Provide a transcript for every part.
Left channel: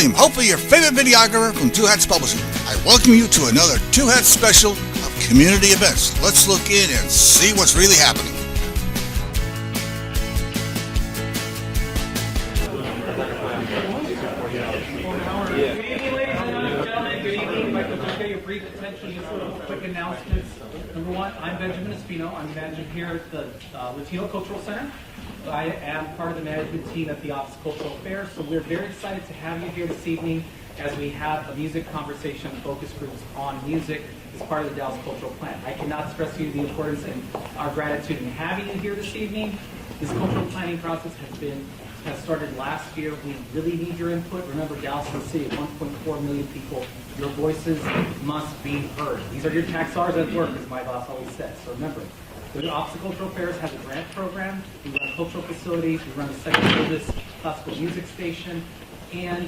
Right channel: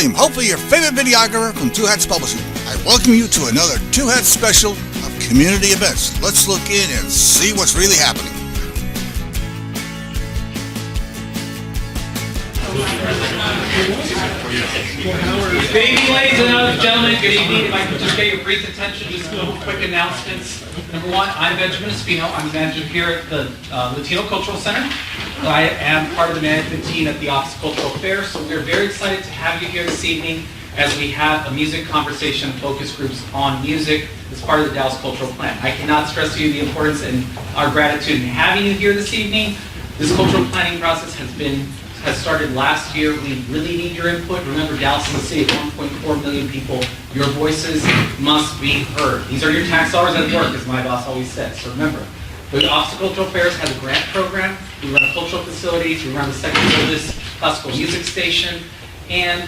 William, hopefully your favorite videographer from Two Hats Publishing. I welcome you to another Two Hats special of community events. Let's look in and see what's really happening. Good evening, ladies and gentlemen. Good evening. If I could just get your brief attention, just a couple quick announcements. Number one, I'm Benjamin Espino. I'm the manager here at the Latino Cultural Center. I am part of the management team at the Office of Cultural Affairs, so we're very excited to have you here this evening as we have a music conversation focus groups on music as part of the Dallas Cultural Plan. I cannot stress to you the importance and our gratitude in having you here this evening. This cultural planning process has started last year. We really need your input. Remember, Dallas is a city of 1.4 million people. Your voices must be heard. These are your tax dollars at work, as my boss always says. So remember, the Office of Cultural Affairs has a grant program. We run cultural facilities. We run the second oldest classical music station. And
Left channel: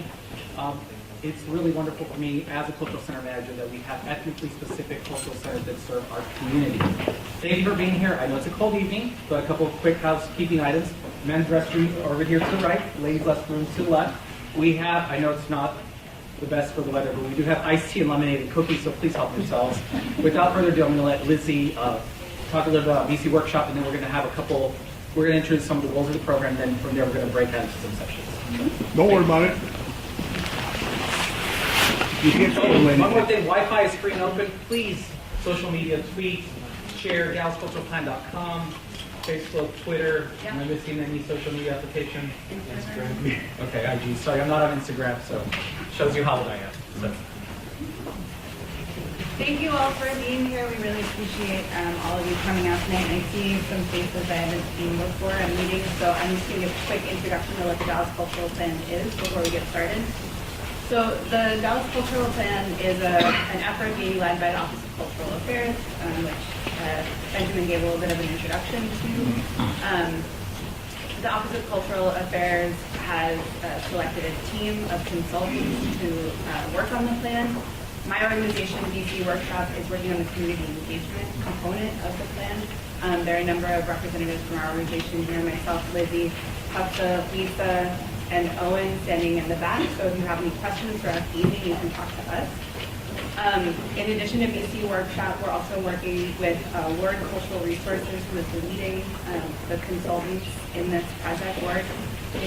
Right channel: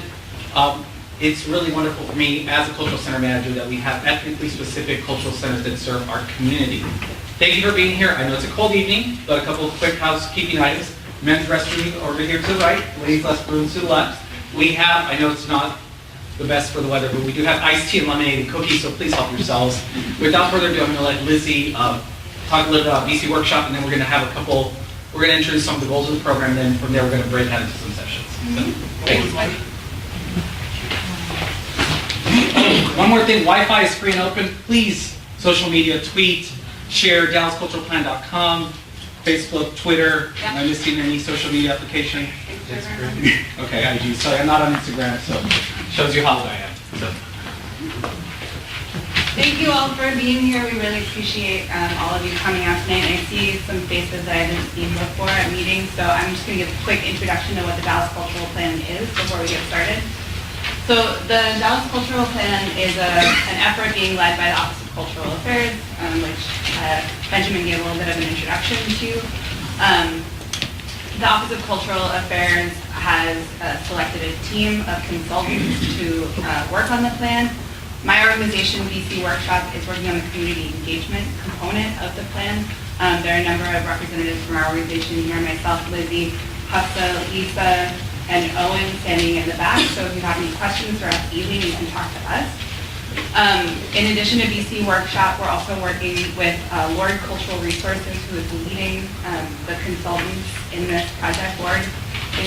it's really wonderful for me as a cultural center manager that we have ethnically specific cultural centers that serve our community. Thank you for being here. I know it's a cold evening, but a couple of quick housekeeping items. Men's restroom over here to the right, ladies' restroom to the left. We have, I know it's not the best for the weather, but we do have iced tea and lemonade and cookies, so please help yourselves. Without further ado, I'm going to let Lizzie talk a little bit about VC Workshop, and then we're going to have we're going to introduce some of the goals of the program, and then from there we're going to break out into some sessions. Don't worry about it. One more thing, Wi-Fi is free and open. Please, social media, tweet, share, DallasCulturalPlan.com. Facebook, Twitter, am I missing any social media application? Instagram. Okay, IG. Sorry, I'm not on Instagram, so shows you how old I am. So. Thank you all for being here. We really appreciate all of you coming out tonight. I see some faces that I haven't seen before at meetings, so I'm just going to give a quick introduction to what the Dallas Cultural Plan is before we get started. So the Dallas Cultural Plan is an effort being led by the Office of Cultural Affairs, which Benjamin gave a little bit of an introduction to. The Office of Cultural Affairs has selected a team of consultants to work on the plan. My organization, VC Workshop, is working on the community engagement component of the plan. There are a number of representatives from our organization here, myself, Lizzie, Hafsa, Lisa, and Owen standing in the back. So if you have any questions throughout the evening, you can talk to us. In addition to VC Workshop, we're also working with Lord Cultural Resources, who is leading the consultants in this project. Lord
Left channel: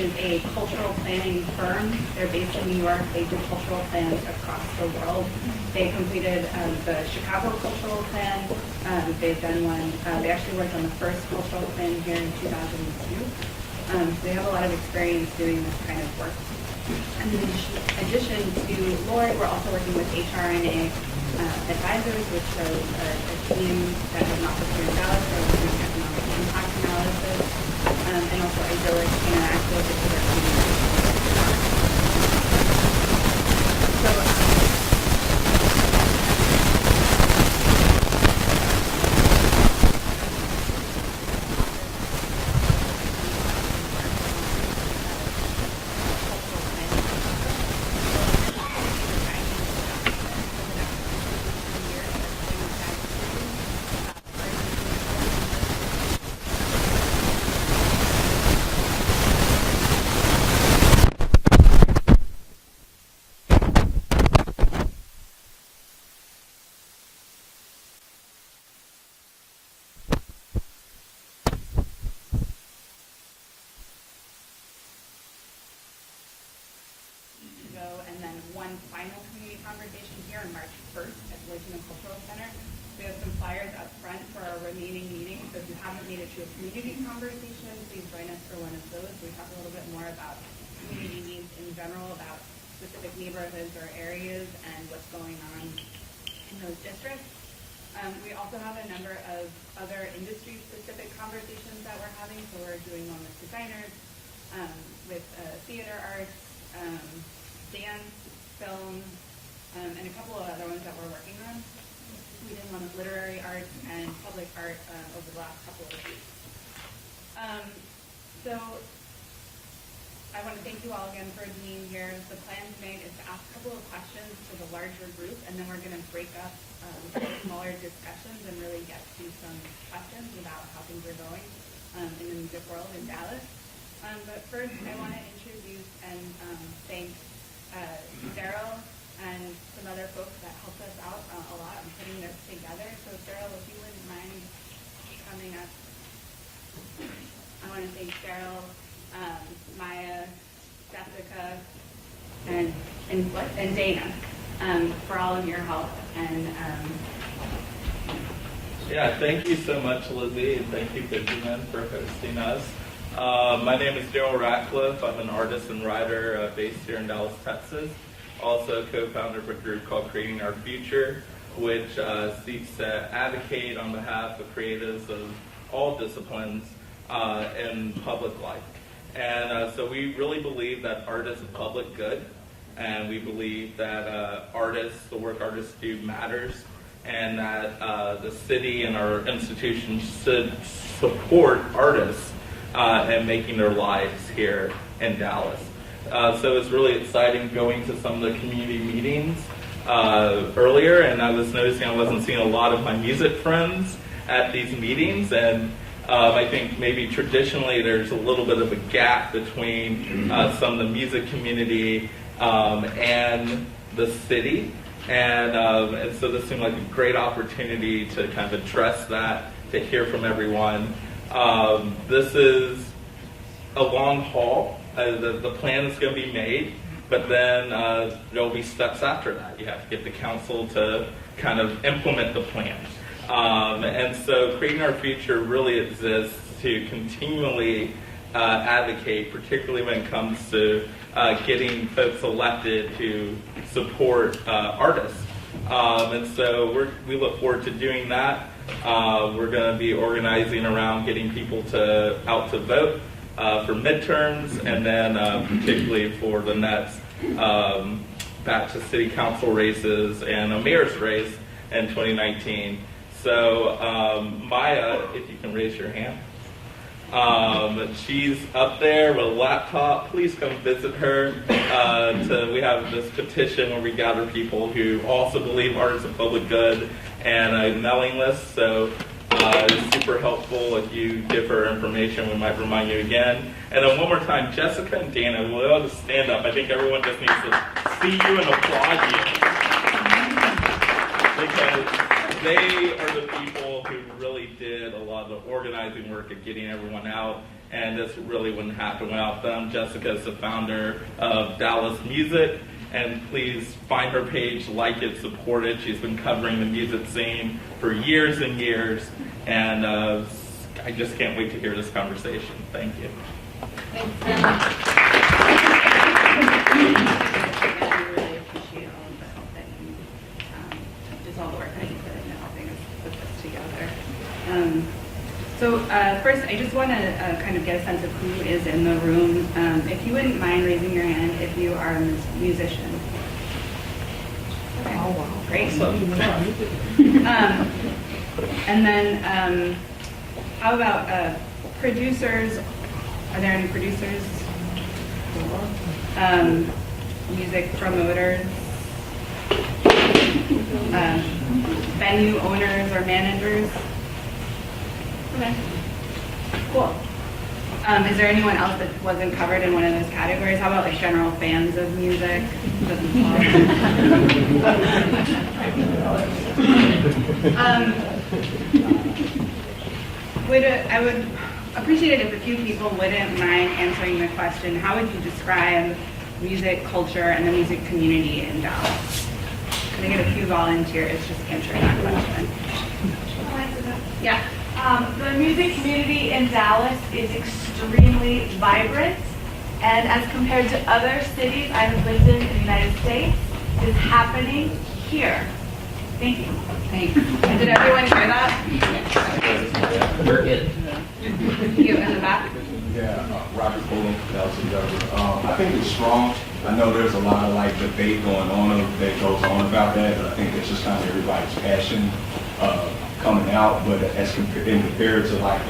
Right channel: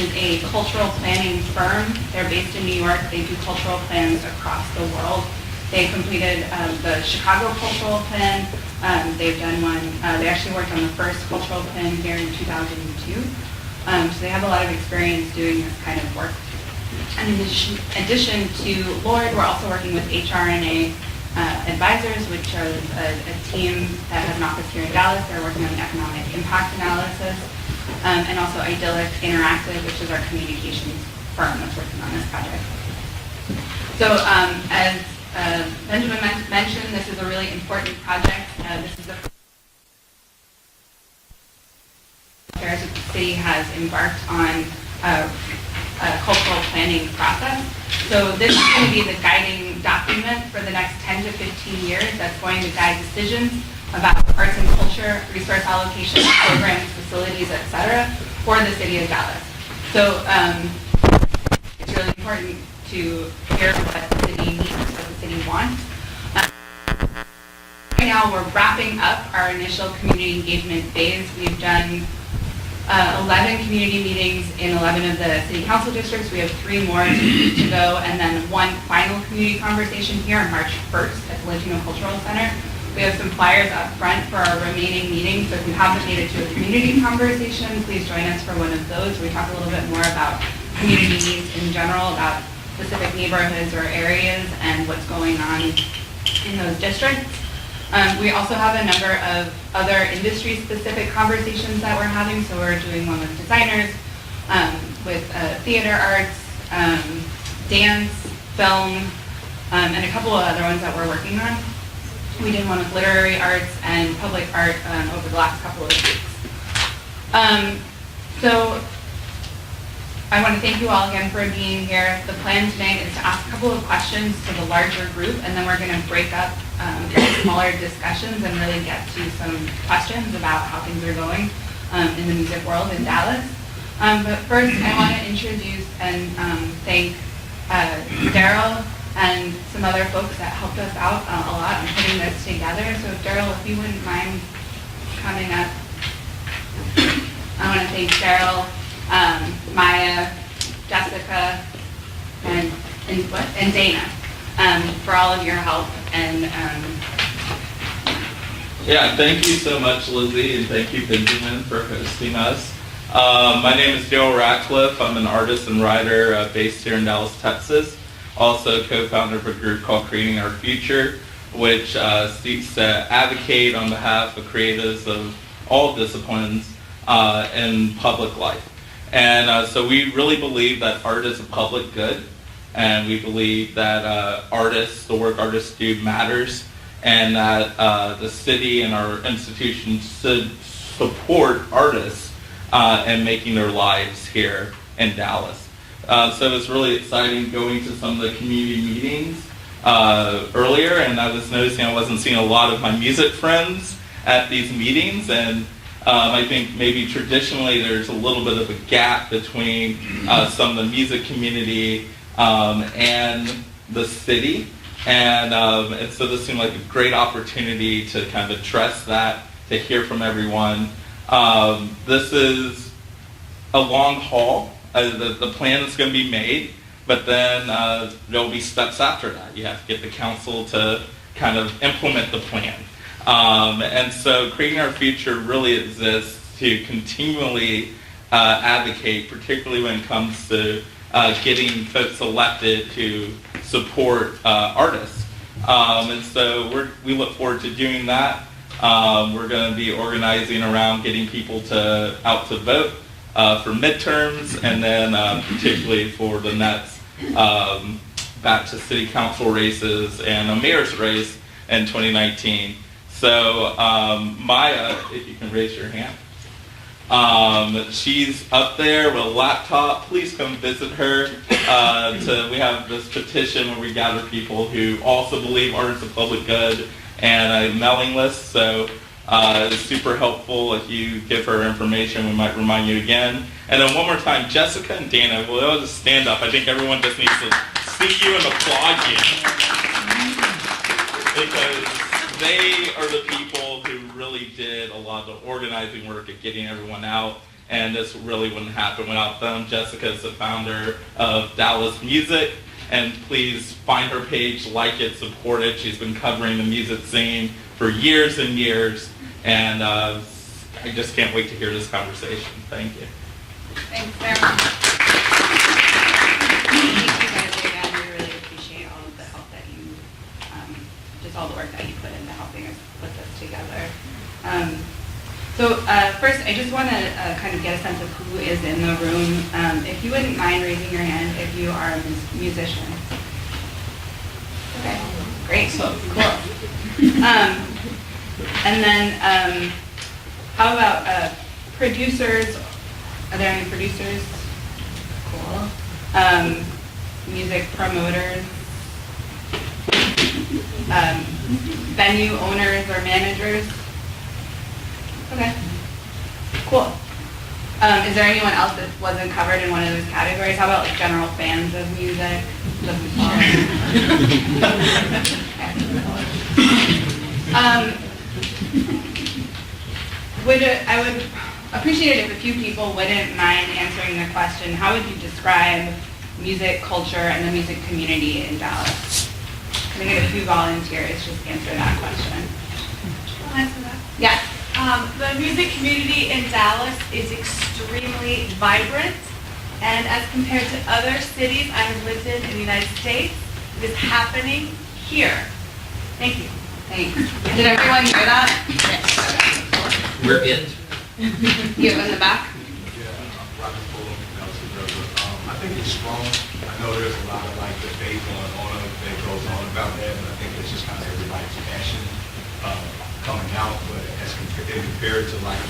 is a cultural planning firm. They're based in New York. They do cultural plans across the world. They completed the Chicago Cultural Plan. They've done one. They actually worked on the first cultural plan here in 2002. So they have a lot of experience doing this kind of work. And in addition to Lord, we're also working with HRNA Advisors, which are a team that has an office here in Dallas. They're working on economic impact analysis, and also Idyllic Interactive, which is our communications firm. So as Benjamin mentioned, this is a really important project. The city has embarked on a cultural planning process. So this is going to be the guiding document for the next 10 to 15 years that's going to guide decisions about arts and culture, resource allocation, programs, facilities, etc. for the city of Dallas. So it's really important to hear what the city needs, what the city wants. Right now we're wrapping up our initial community engagement phase. We've done 11 community meetings in 11 of the city council districts. We have 3 more to go, and then one final community conversation here on March 1st at the Latino Cultural Center. We have some flyers up front for our remaining meetings, so if you haven't made it to a community conversation, please join us for one of those. We talk a little bit more about community needs in general, about specific neighborhoods or areas and what's going on in those districts. We also have a number of other industry-specific conversations that we're having. So we're doing one with designers, with theater arts, dance, film, and a couple of other ones that we're working on. We did one with literary arts and public art over the last couple of weeks. So I want to thank you all again for being here. The plan tonight is to ask a couple of questions to the larger group, and then we're going to break up smaller discussions and really get to some questions about how things are going in the music world in Dallas. But first, I want to introduce and thank Daryl and some other folks that helped us out a lot in putting this together. So Daryl, if you wouldn't mind coming up. I want to thank Daryl, Maya, Jessica, and Dana for all of your help. And yeah, thank you so much, Lizzie, and thank you, Benjamin, for hosting us. My name is Joe Ratcliffe. I'm an artist and writer based here in Dallas, Texas. Also co-founder of a group called Creating Our Future, which seeks to advocate on behalf of creatives of all disciplines in public life. And so we really believe that art is a public good, and we believe that artists, the work artists do matters, and that the city and our institutions should support artists in making their lives here in Dallas. So it's really exciting going to some of the community meetings earlier, and I was noticing I wasn't seeing a lot of my music friends at these meetings, and I think maybe traditionally there's a little bit of a gap between some of the music community and the city, and so this seemed like a great opportunity to kind of address that, to hear from everyone. This is a long haul. The plan is going to be made, but then there'll be steps after that. You have to get the council to kind of implement the plan. And so Creating Our Future really exists to continually advocate, particularly when it comes to getting folks elected to support artists. And so we look forward to doing that. We're going to be organizing around getting people out to vote for midterms, and then particularly for the next back to city council races and a mayor's race in 2019. So Maya, if you can raise your hand. She's up there with a laptop. Please come visit her. We have this petition where we gather people who also believe art is a public good, and a mailing list. So it's super helpful if you give her information. We might remind you again. And then one more time, Jessica and Dana, will y'all just stand up? I think everyone just needs to see you and applaud you. Because they are the people who really did a lot of the organizing work of getting everyone out. And this really wouldn't happen without them. Jessica is the founder of Dallas Music. And please find her page, like it, support it. She's been covering the music scene for years and years, and I just can't wait to hear this conversation. Thank you. thanks very much. I really appreciate all of the help that you, just all the work that you put into helping us put this together. So first, I just want to kind of get a sense of who is in the room. If you wouldn't mind raising your hand if you are a musician. Okay, great. And then how about producers? Are there any producers? Cool. Music promoters? Venue owners or managers? Okay, cool. Is there anyone else that wasn't covered in one of those categories? How about like general fans of music? I would appreciate it if a few people wouldn't mind answering the question, how would you describe music culture and the music community in Dallas? Can I get a few volunteers just answer that question? I'll answer that. Yeah. The music community in Dallas is extremely vibrant, and as compared to other cities I've lived in the United States, it is happening here. Thank you. Thanks. Did everyone hear that? We're it. You in the back? Yeah, Roger Pulling, I think it's strong. I know there's a lot of like debate going on that goes on about that, but I think it's just kind of everybody's passion coming out. But as compared to like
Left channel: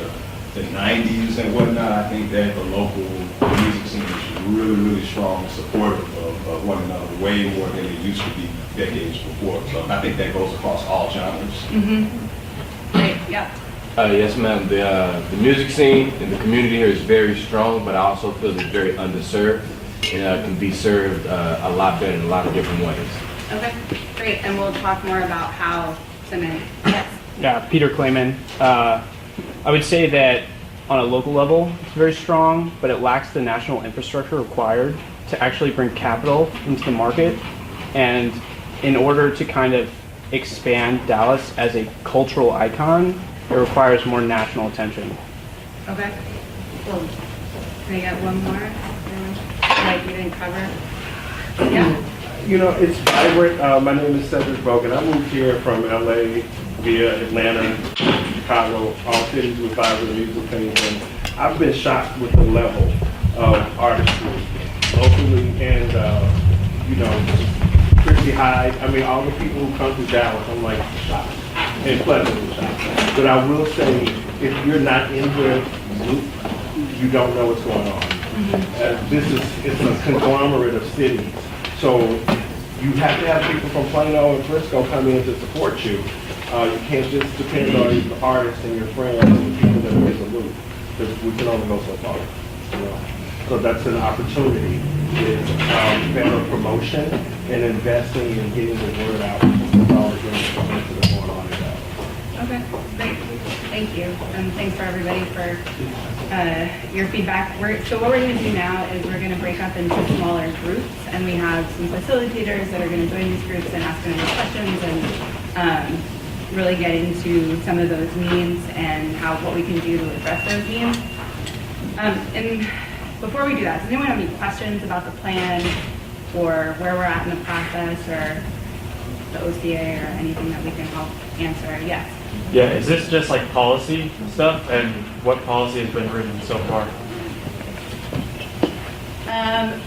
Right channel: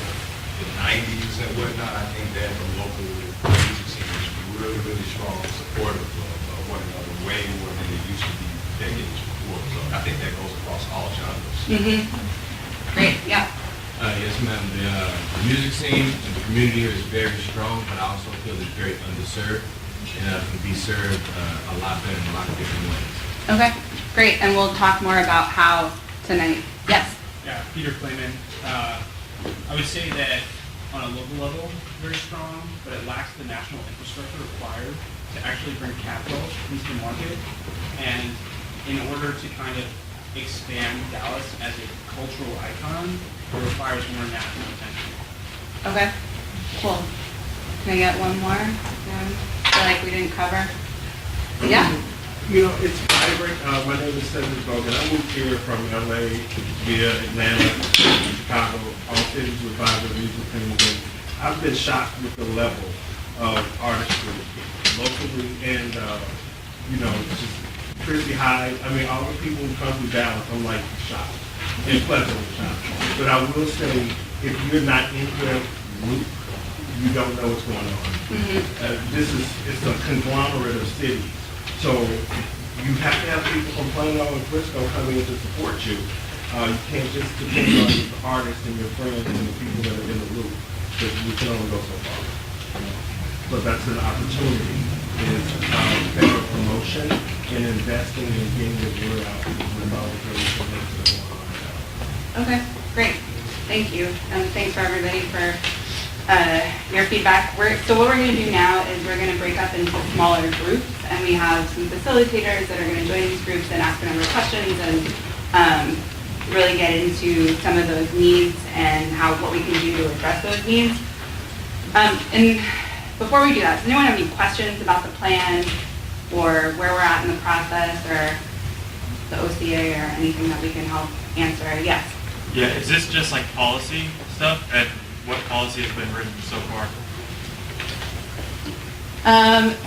the 90s and whatnot, I think that the local music scene is really, really strong, supportive of one another, way more than it used to be decades before. So I think that goes across all genres. Mm-hmm. Great, yeah. Yes, ma'am. The music scene in the community here is very strong, but I also feel it's very underserved. It can be served a lot better in a lot of different ways. Okay, great, and we'll talk more about how tonight. Yes. Yeah, Peter Clayman. I would say that on a local level, it's very strong, but it lacks the national infrastructure required to actually bring capital into the market. And in order to kind of expand Dallas as a cultural icon, it requires more national attention. Okay, cool. Can I get one more? Like we didn't cover? Yeah. You know, it's vibrant. My name is Cedric Bogan. I moved here from LA via Atlanta, Chicago, all cities with vibrant music things. And I've been shocked with the level of artistry locally and, you know, pretty high. I mean, all the people who come to Dallas, I'm like shocked and pleasantly shocked. But I will say, if you're not into the loop, you don't know what's going on. It's a conglomerate of cities. So you have to have people from Plano and Frisco come in to support you. You can't just depend on the artists and your friends and the people that are in the loop. Because we can only go so far. You know? So that's an opportunity, is better promotion and investing in getting the word out. That's all the information that's going on now. Okay, great. Thank you. And thanks for everybody for your feedback. So what we're going to do now is we're going to break up into smaller groups, and we have some facilitators that are going to join these groups and ask them questions and really get into some of those needs and what we can do to address those needs. And before we do that, does anyone have any questions about the plan or where we're at in the process or the OCA or anything that we can help answer? Yes. Yeah, is this just like policy stuff, and what policy has been written so far?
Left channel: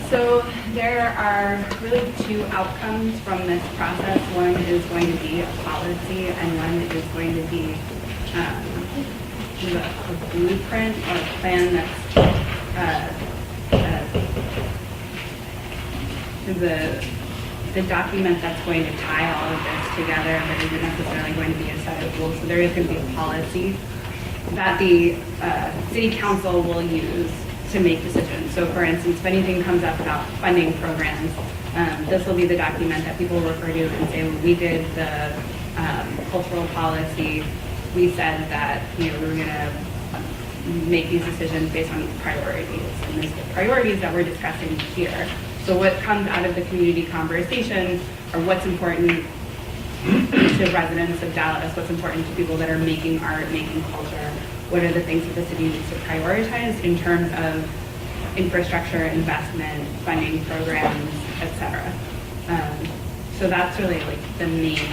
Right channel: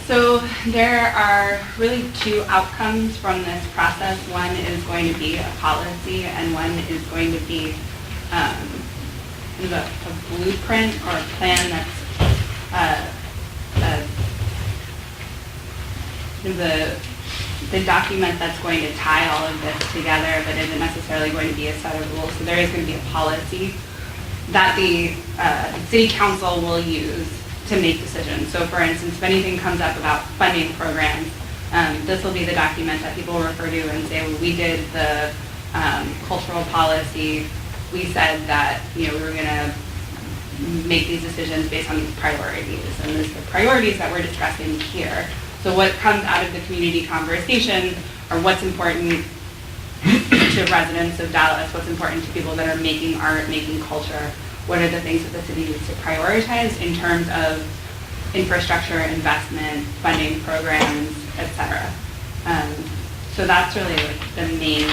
So there are really two outcomes from this process. One is going to be a policy, and one is going to be either a blueprint or a plan that's the document that's going to tie all of this together, but isn't necessarily going to be a set of rules. So there is going to be a policy that the city council will use to make decisions. So for instance, if anything comes up about funding programs, this will be the document that people refer to and say, well, we did the cultural policy. We said that, you know, we were going to make these decisions based on these priorities, and these are the priorities that we're discussing here. So what comes out of the community conversation are what's important to residents of Dallas, what's important to people that are making art, making culture, what are the things that the city needs to prioritize in terms of infrastructure, investment, funding programs, et cetera. So that's really like the main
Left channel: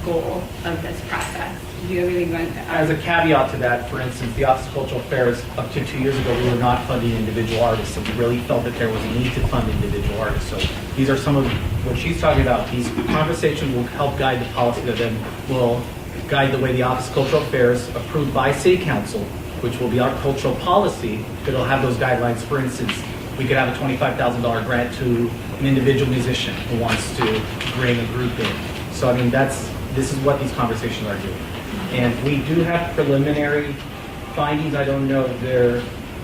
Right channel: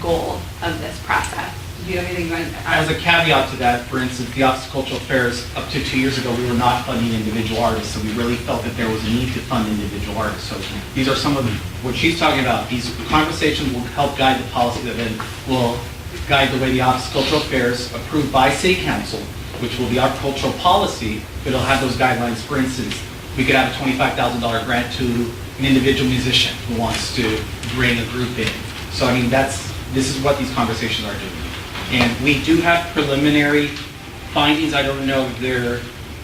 goal of this process. Do you have anything you want to add? As a caveat to that, for instance, the Office of Cultural Affairs, up to 2 years ago, we were not funding individual artists, so we really felt that there was a need to fund individual artists. So these are some of what she's talking about. These conversations will help guide the policy that then will guide the way the Office of Cultural Affairs, approved by City Council, which will be our cultural policy, it'll have those guidelines. For instance, we could have a $25,000 grant to an individual musician who wants to bring a group in. So I mean, this is what these conversations are doing. And we do have preliminary findings. I don't know if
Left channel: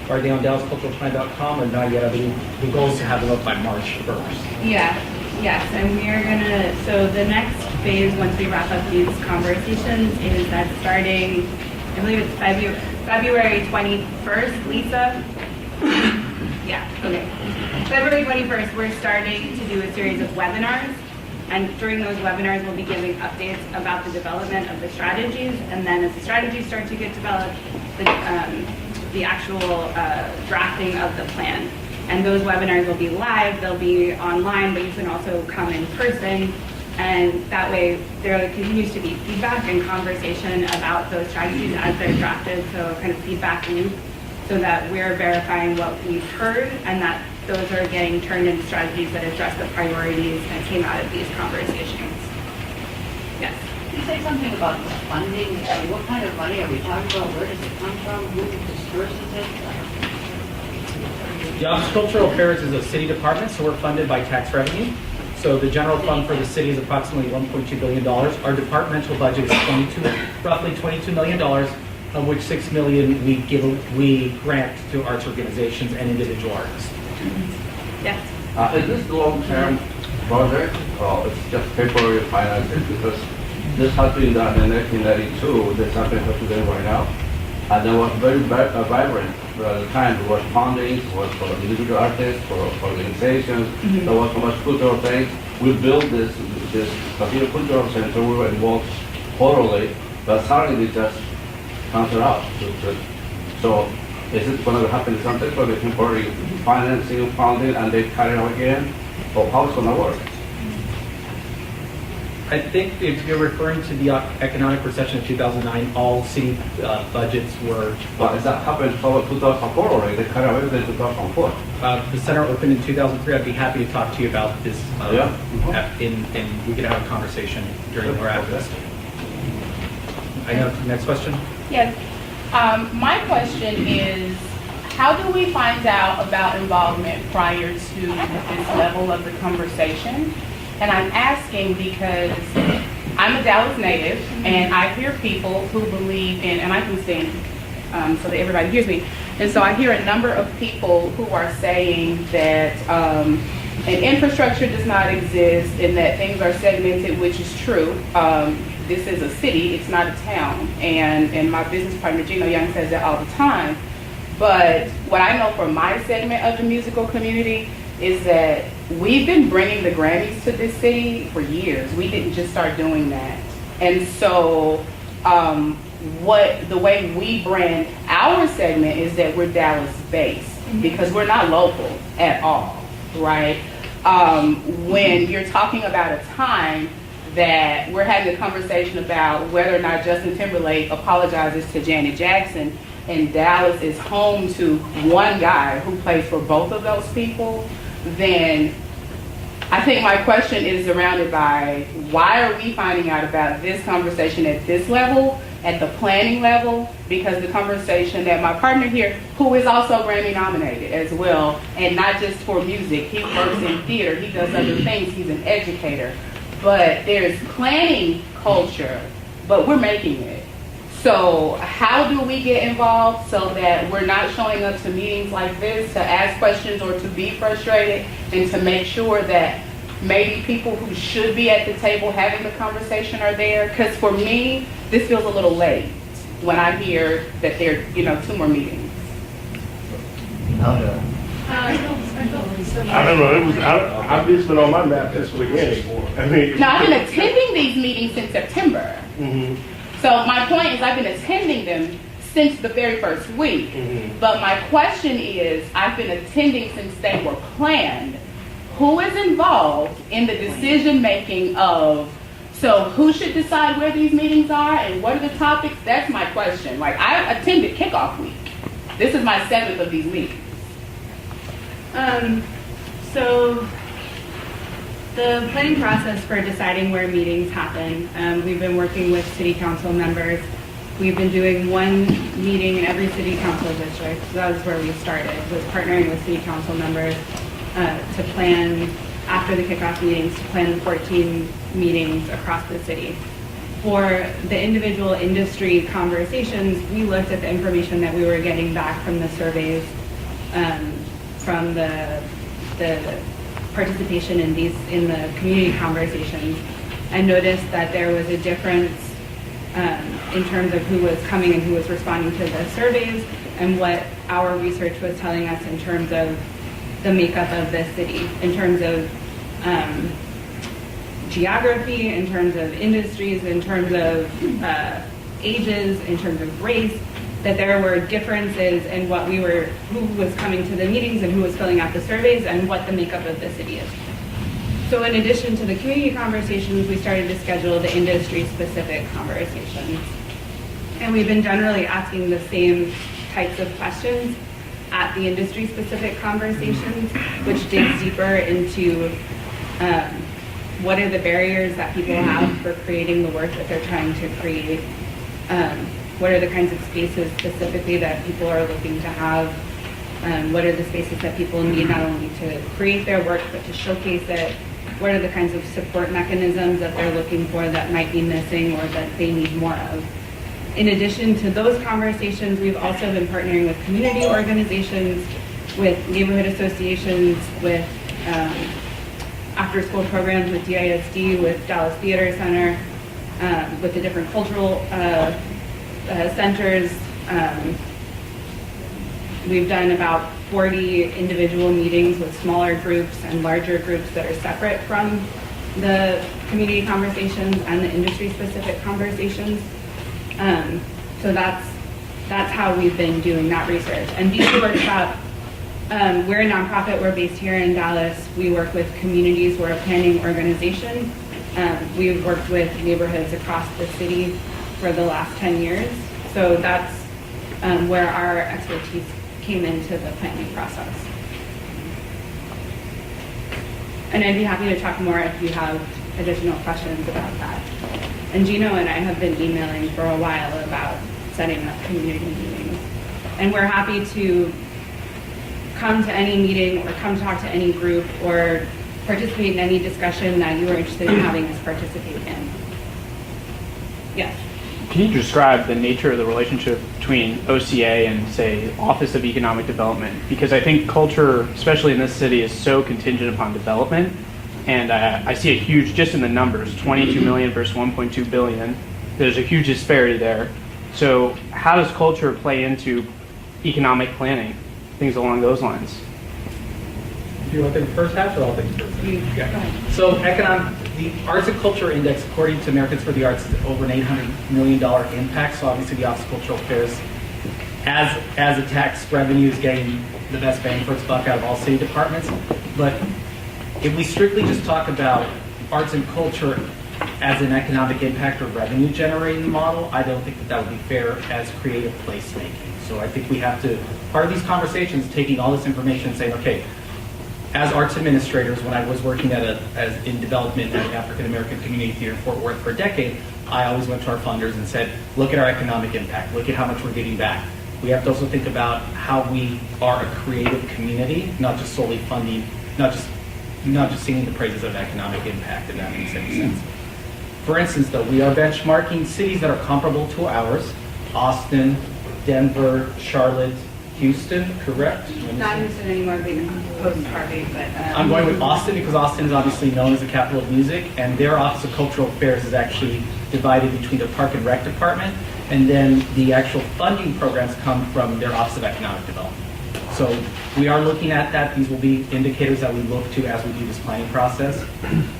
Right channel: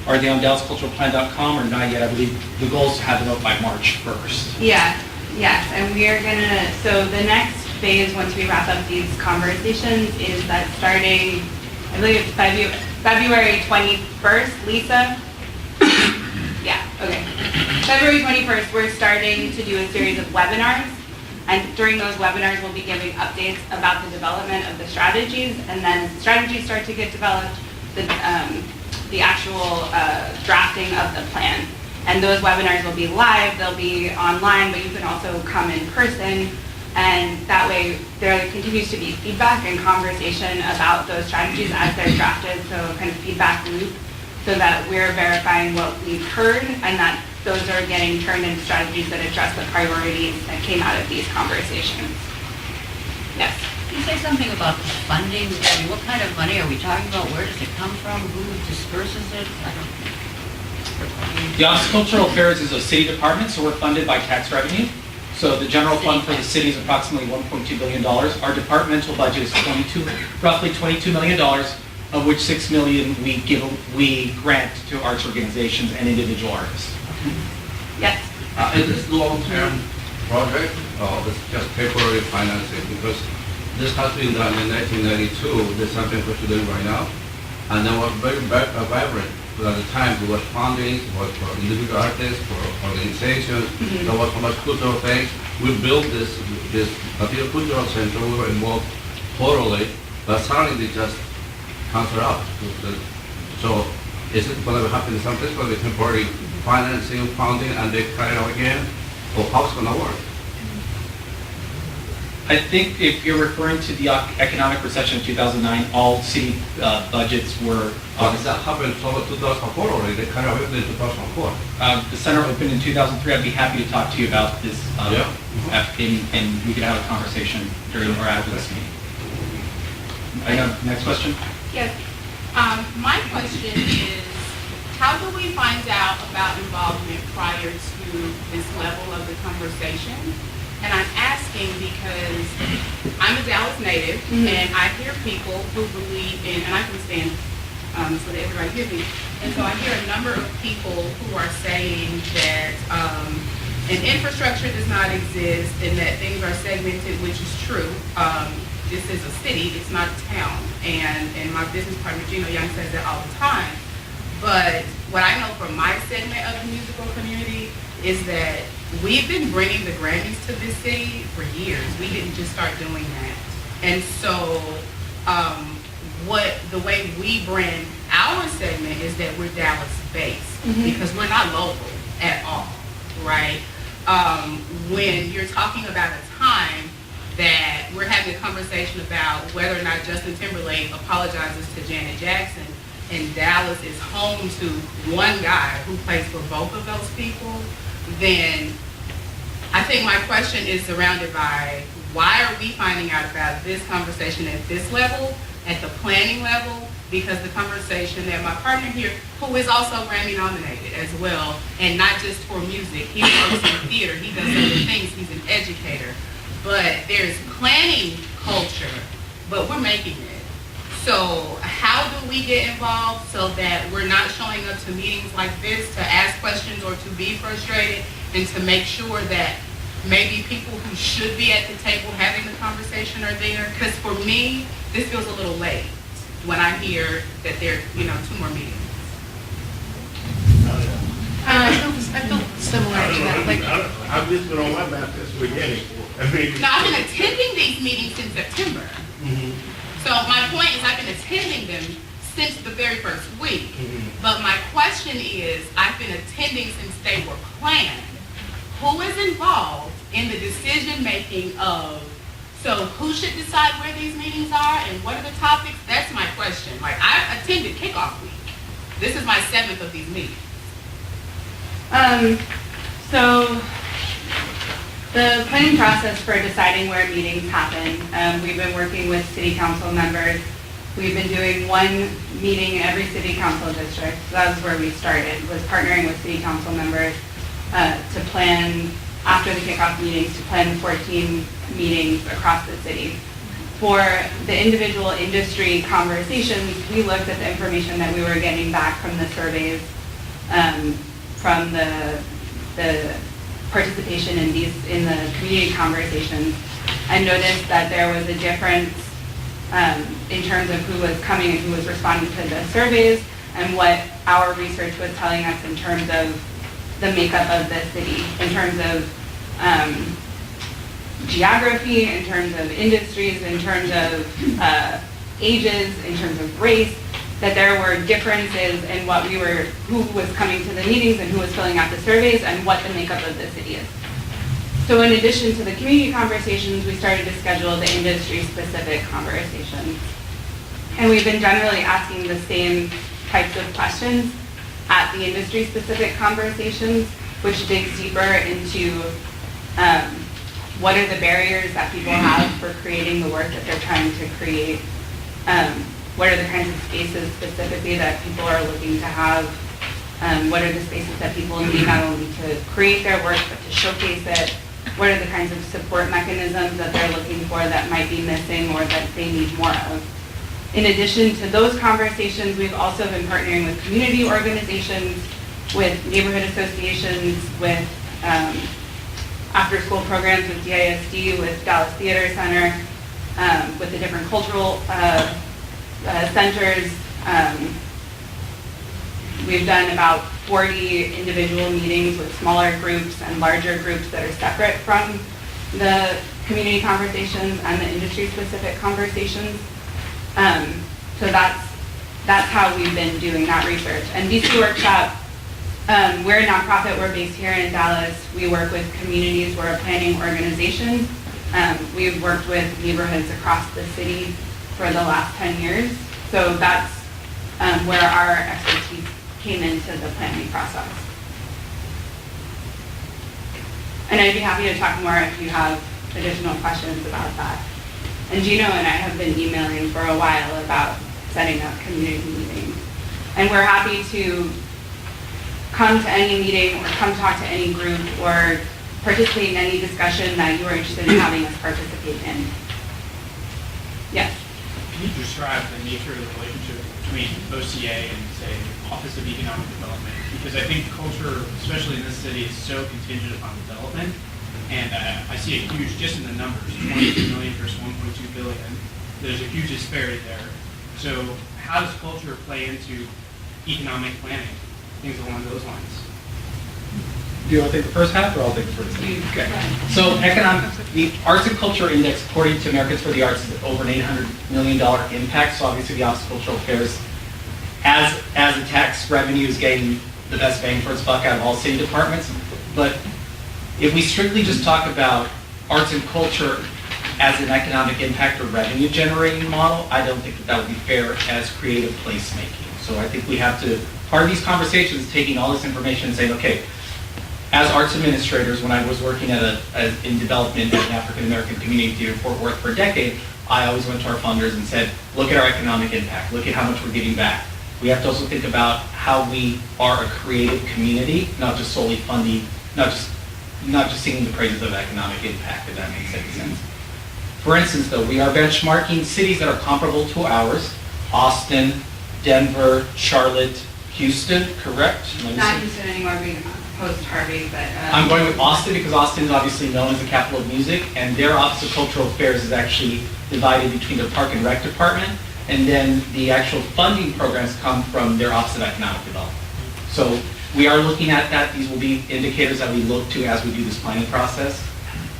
are they on DallasCulturalPlan.com or not yet. I believe the goal is to have them up by March 1st. Yeah, yes, and we are gonna, so the next phase, once we wrap up these conversations, is that starting, I believe it's February 21st, Lisa? Yeah, okay. February 21st, we're starting to do a series of webinars. And during those webinars, we'll be giving updates about the development of the strategies. And then as the strategies start to get developed, the actual drafting of the plan. And those webinars will be live, they'll be online, but you can also come in person. And that way, there continues to be feedback and conversation about those strategies as they're drafted, so kind of feedback loop, so that we're verifying what we've heard and that those are getting turned into strategies that address the priorities that came out of these conversations. Yes? Can you say something about funding? I mean, what kind of money are we talking about? Where does it come from? Who disperses it? The Office of Cultural Affairs is a city department, so we're funded by tax revenue. So the general fund for the city is approximately $1.2 billion. Our departmental budget is roughly $22 million, of which $6 million we grant to arts organizations and individual artists. Is this a long-term project or it's just temporary financing? Because this has been done in 1992, there's something what you're doing right now. And they were very vibrant at the time. There was funding, it was for individual artists, for organizations, there was so much cultural things. We built this Latino Cultural Center, we were involved totally, but suddenly they just cancel out. So is it going to happen something for the temporary financing, funding, and they carry out again? Or how it's going to work? I think if you're referring to the economic recession of 2009, all city budgets were. But that happened for 2004 already, they carry out in 2004. The center opened in 2003. I'd be happy to talk to you about this. Yeah. And we could have a conversation during or after this meeting. I know, next question? Yes. My question is, how do we find out about involvement prior to this level of the conversation? And I'm asking because I'm a Dallas native, and I hear people who believe in, and I can stand so that everybody hears me, and so I hear a number of people who are saying that an infrastructure does not exist and that things are segmented, which is true. This is a city, it's not a town, and my business partner Gino Young says that all the time. But what I know from my segment of the musical community is that we've been bringing the Grammys to this city for years. We didn't just start doing that. And so the way we brand our segment is that we're Dallas based because we're not local at all, right? When you're talking about a time that we're having a conversation about whether or not Justin Timberlake apologizes to Janet Jackson, and Dallas is home to one guy who plays for both of those people, then I think my question is surrounded by why are we finding out about this conversation at this level, at the planning level, because the conversation that my partner here, who is also Grammy nominated as well, and not just for music, he works in theater, he does other things, he's an educator, but there's planning culture, but we're making it. So how do we get involved so that we're not showing up to meetings like this to ask questions or to be frustrated, and to make sure that maybe people who should be at the table having the conversation are there? Because for me, this feels a little late when I hear that there are 2 more meetings. I don't know, I've just been on my map this weekend. Now, I've been attending these meetings since September. So my point is I've been attending them since the very first week. But my question is, I've been attending since they were planned. Who is involved in the decision making of, so who should decide where these meetings are and what are the topics? That's my question. Like, I attended kickoff week. This is my 7th of these meetings. So the planning process for deciding where meetings happen, we've been working with city council members. We've been doing one meeting in every city council district. So that was where we started, was partnering with city council members to plan, after the kickoff meetings, to plan 14 meetings across the city. For the individual industry conversations, we looked at the information that we were getting back from the surveys, from the participation in the community conversations. I noticed that there was a difference in terms of who was coming and who was responding to the surveys, and what our research was telling us in terms of the makeup of the city, in terms of geography, in terms of industries, in terms of ages, in terms of race, that there were differences in who was coming to the meetings and who was filling out the surveys and what the makeup of the city is. So in addition to the community conversations, we started to schedule the industry-specific conversations. And we've been generally asking the same types of questions at the industry-specific conversations, which digs deeper into what are the barriers that people have for creating the work that they're trying to create. What are the kinds of spaces specifically that people are looking to have? What are the spaces that people need not only to create their work, but to showcase it? What are the kinds of support mechanisms that they're looking for that might be missing or that they need more of? In addition to those conversations, we've also been partnering with community organizations, with neighborhood associations, with after-school programs with DISD, with Dallas Theater Center, with the different cultural centers. We've done about 40 individual meetings with smaller groups and larger groups that are separate from the community conversations and the industry-specific conversations. So that's how we've been doing that research. And these workshops, we're a nonprofit, we're based here in Dallas. We work with communities, we're a planning organization. We've worked with neighborhoods across the city for the last 10 years. So that's where our expertise came into the planning process. And I'd be happy to talk more if you have additional questions about that. And Gino and I have been emailing for a while about setting up community meetings. And we're happy to come to any meeting or come talk to any group or participate in any discussion that you are interested in having us participate in. Yes. Can you describe the nature of the relationship between OCA and, say, Office of Economic Development? Because I think culture, especially in this city, is so contingent upon development. And I see a huge, just in the numbers, 22 million versus 1.2 billion. There's a huge disparity there. So how does culture play into economic planning, things along those lines? Do you want to take the first half, or I'll take the first half? Okay. So the Arts and Culture Index, according to Americans for the Arts, is over an $800 million impact. So obviously the Office of Cultural Affairs, as the tax revenue is getting the best bang for its buck out of all city departments. But if we strictly just talk about arts and culture as an economic impact or revenue generating model, I don't think that would be fair as creative placemaking. So I think we have to, part of these conversations, taking all this information and saying, okay, as arts administrators, when I was working in development at an African American community theater in Fort Worth for a decade, I always went to our funders and said, look at our economic impact, look at how much we're giving back. We have to also think about how we are a creative community, not just solely funding, not just singing the praises of economic impact, if that makes any sense. For instance, though, we are benchmarking cities that are comparable to ours: Austin, Denver, Charlotte, Houston, correct? Not Houston anymore, being post-Harvey, but... I'm going with Austin because Austin is obviously known as the capital of music, and their Office of Cultural Affairs is actually divided between their Park and Rec department, and then the actual funding programs come from their Office of Economic Development. So we are looking at that. These will be indicators that we look to as we do this planning process.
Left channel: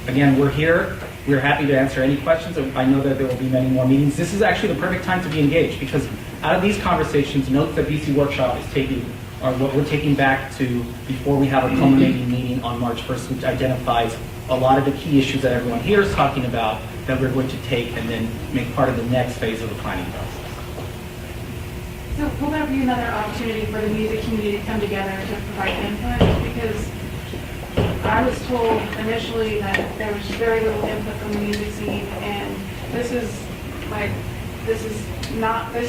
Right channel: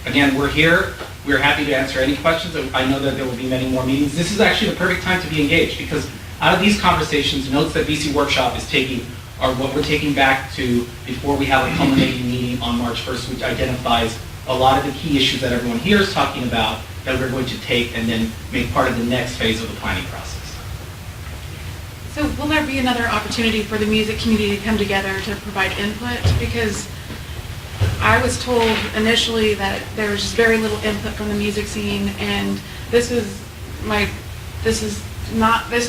Again, we're here. We're happy to answer any questions. I know that there will be many more meetings. This is actually the perfect time to be engaged because out of these conversations, notes that BC Workshop is taking are what we're taking back to before we have a culminating meeting on March 1st, which identifies a lot of the key issues that everyone here is talking about that we're going to take and then make part of the next phase of the planning process. So will there be another opportunity for the music community to come together to provide input? Because I was told initially that there's very little input from the music scene, and this is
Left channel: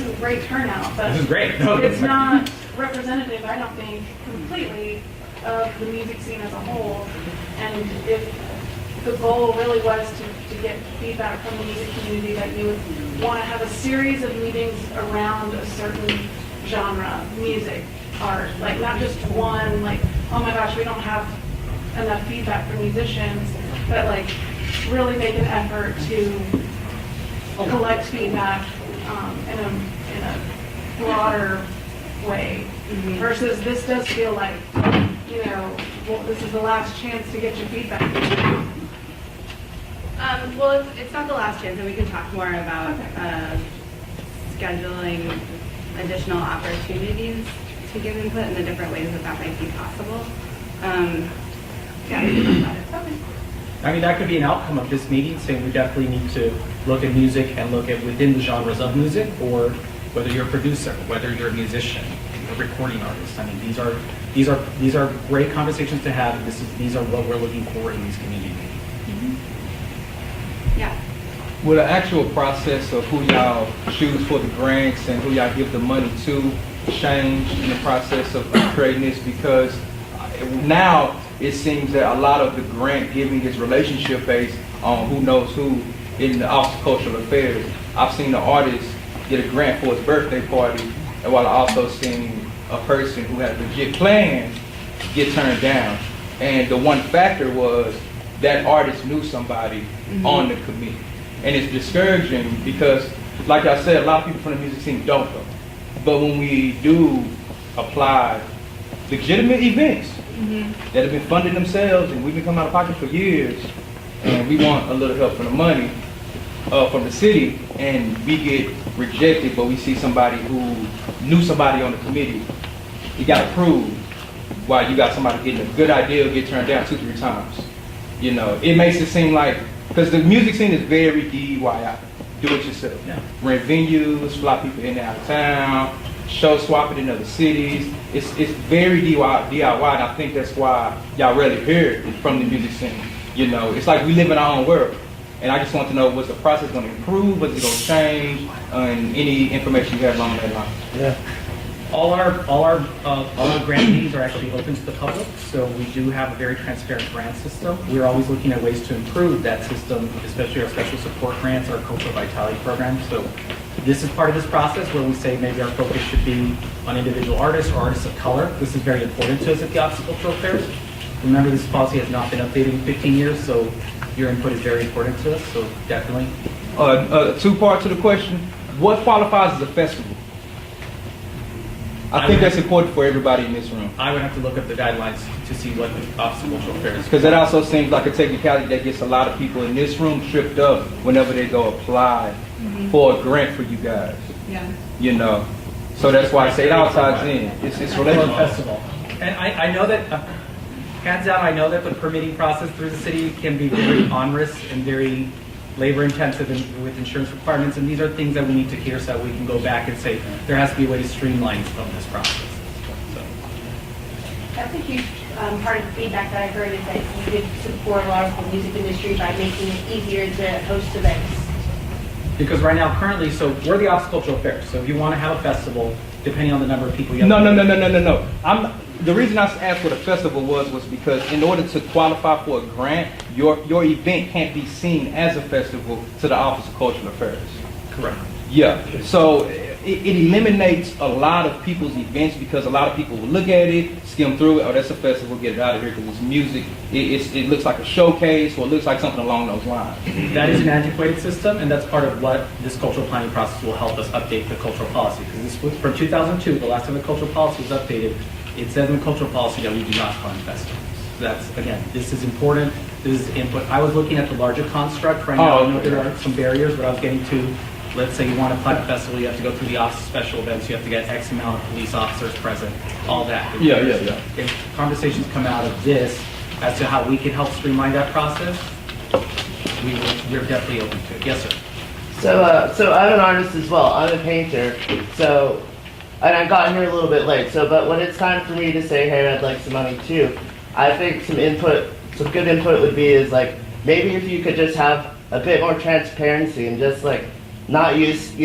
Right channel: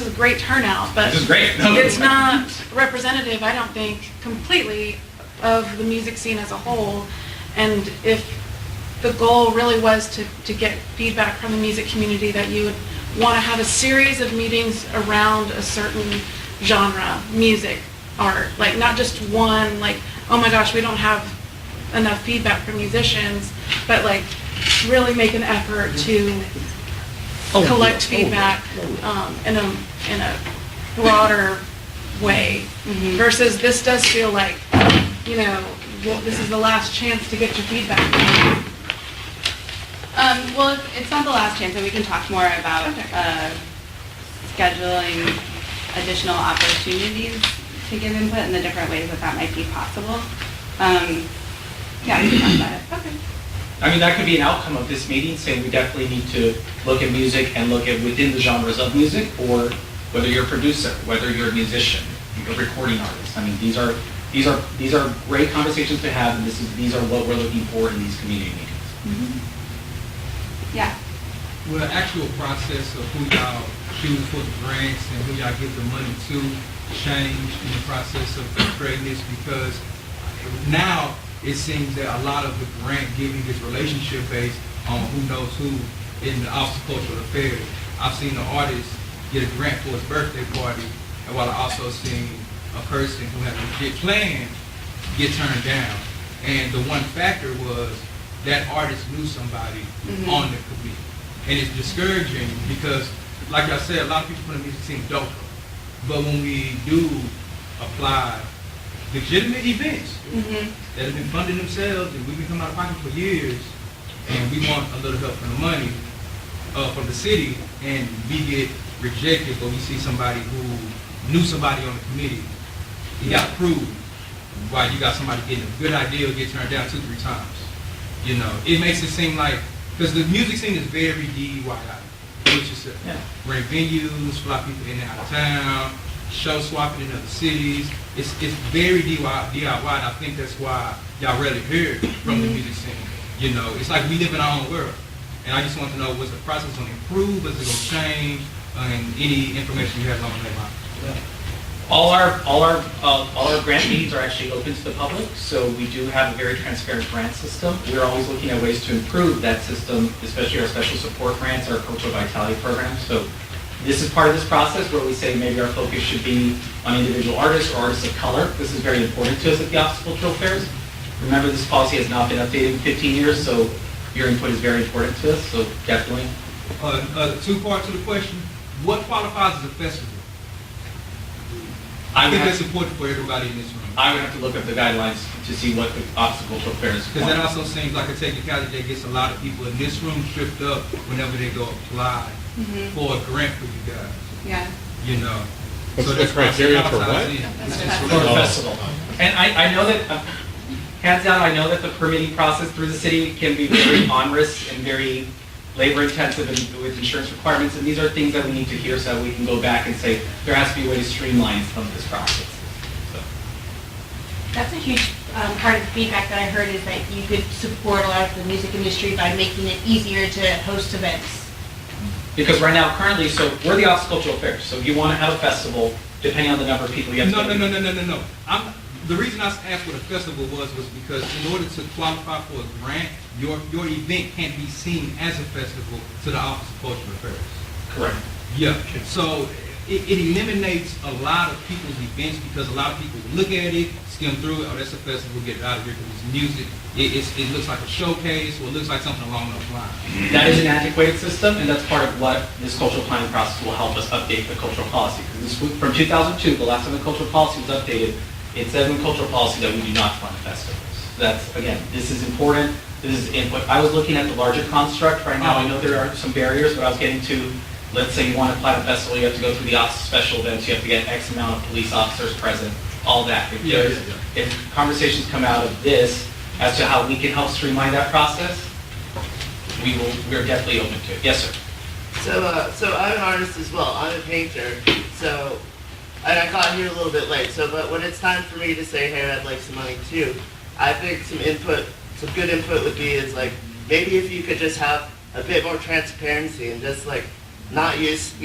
a great turnout, but this is great. It's not representative, I don't think, completely of the music scene as a whole. And if the goal really was to get feedback from the music community, that you would want to have a series of meetings around a certain genre, music, art, like not just one, like, oh my gosh, we don't have enough feedback from musicians, but like really make an effort to collect feedback in a broader way, versus this does feel like, this is the last chance to get your feedback. Well, it's not the last chance, and we can talk more about scheduling additional opportunities to give input in the different ways that might be possible. Yeah, we can talk about it. Okay. I mean, that could be an outcome of this meeting, saying we definitely need to look at music and look at within the genres of music, or whether you're a producer, whether you're a musician, a recording artist. I mean, these are great conversations to have, and these are what we're looking for in these community meetings. Yeah. With the actual process of who y'all choose for the grants and who y'all give the money to change in the process of creating this? Because now it seems that a lot of the grant giving is relationship based on who knows who in the Office of Cultural Affairs. I've seen an artist get a grant for his birthday party, and while I also seen a person who had legit plans get turned down. And the one factor was that artist knew somebody on the committee. And it's discouraging because, like I said, a lot of people from the music scene don't know. But when we do apply legitimate events that have been funded themselves and we've been coming out of pocket for years, and we want a little help from the money from the city, and we get rejected, but we see somebody who knew somebody on the committee, you got to prove why you got somebody getting a good idea get turned down 2-3 times. You know, it makes it seem like, because the music scene is very DIY, do it yourself. Rent venues, fly people in and out of town, show swap it in other cities. It's very DIY, and I think that's why y'all rarely hear it from the music scene. You know, it's like we live in our own world. And I just want to know, was the process going to improve, was it going to change, and any information you have along that line? Yeah. All our grant meetings are actually open to the public, so we do have a very transparent grant system. We're always looking at ways to improve that system, especially our special support grants, our cultural vitality program. So this is part of this process where we say maybe our focus should be on individual artists or artists of color. This is very important to us at the Office of Cultural Affairs. Remember, this policy has not been updated in 15 years, so your input is very important to us, so definitely. 2 parts to the question. What qualifies as a festival? I think that's important for everybody in this room. I would have to look up the guidelines to see what the Office of Cultural Affairs. Because that also seems like a technicality that gets a lot of people in this room tripped up whenever they go apply for a grant for you guys. Yeah. You know, so that's why I say outside in. It's just for a festival. And I know that, hands down, I know that the permitting process through the city can be very onerous and very labor intensive and with insurance requirements, and these are things that we need to hear so we can go back and say there has to be a way to streamline some of this process. So. That's a huge part of the feedback that I heard is that you would support a lot of the music industry by making it easier to host events. Because right now, currently, so we're the Office of Cultural Affairs, so if you want to have a festival, depending on the number of people you have. No. The reason I asked what a festival was because in order to qualify for a grant, your event can't be seen as a festival to the Office of Cultural Affairs. Correct. Yeah. So it eliminates a lot of people's events because a lot of people will look at it, skim through it, oh, that's a festival, get it out of here because it's music. It looks like a showcase or it looks like something along those lines. That is an antiquated system, and that's part of what this cultural planning process will help us update the cultural policy. Because this, for 2002, the last time the cultural policy was updated, it says in the cultural policy that we do not fund festivals. That's, again, this is important. This is input. I was looking at the larger construct. Right now, I know there are some barriers, but I was getting to, let's say you want to plan a festival, you have to go through the Office of Special Events, you have to get X amount of police officers present, all that. If conversations come out of this as to how we can help streamline that process, we're definitely open to it. Yes, sir. So I'm an artist as well. I'm a painter. So, and I got here a little bit late. So, but when it's time for me to say, hey, I'd like some money too, I think some good input would be is like, maybe if you could just have a bit more transparency and just like, not use,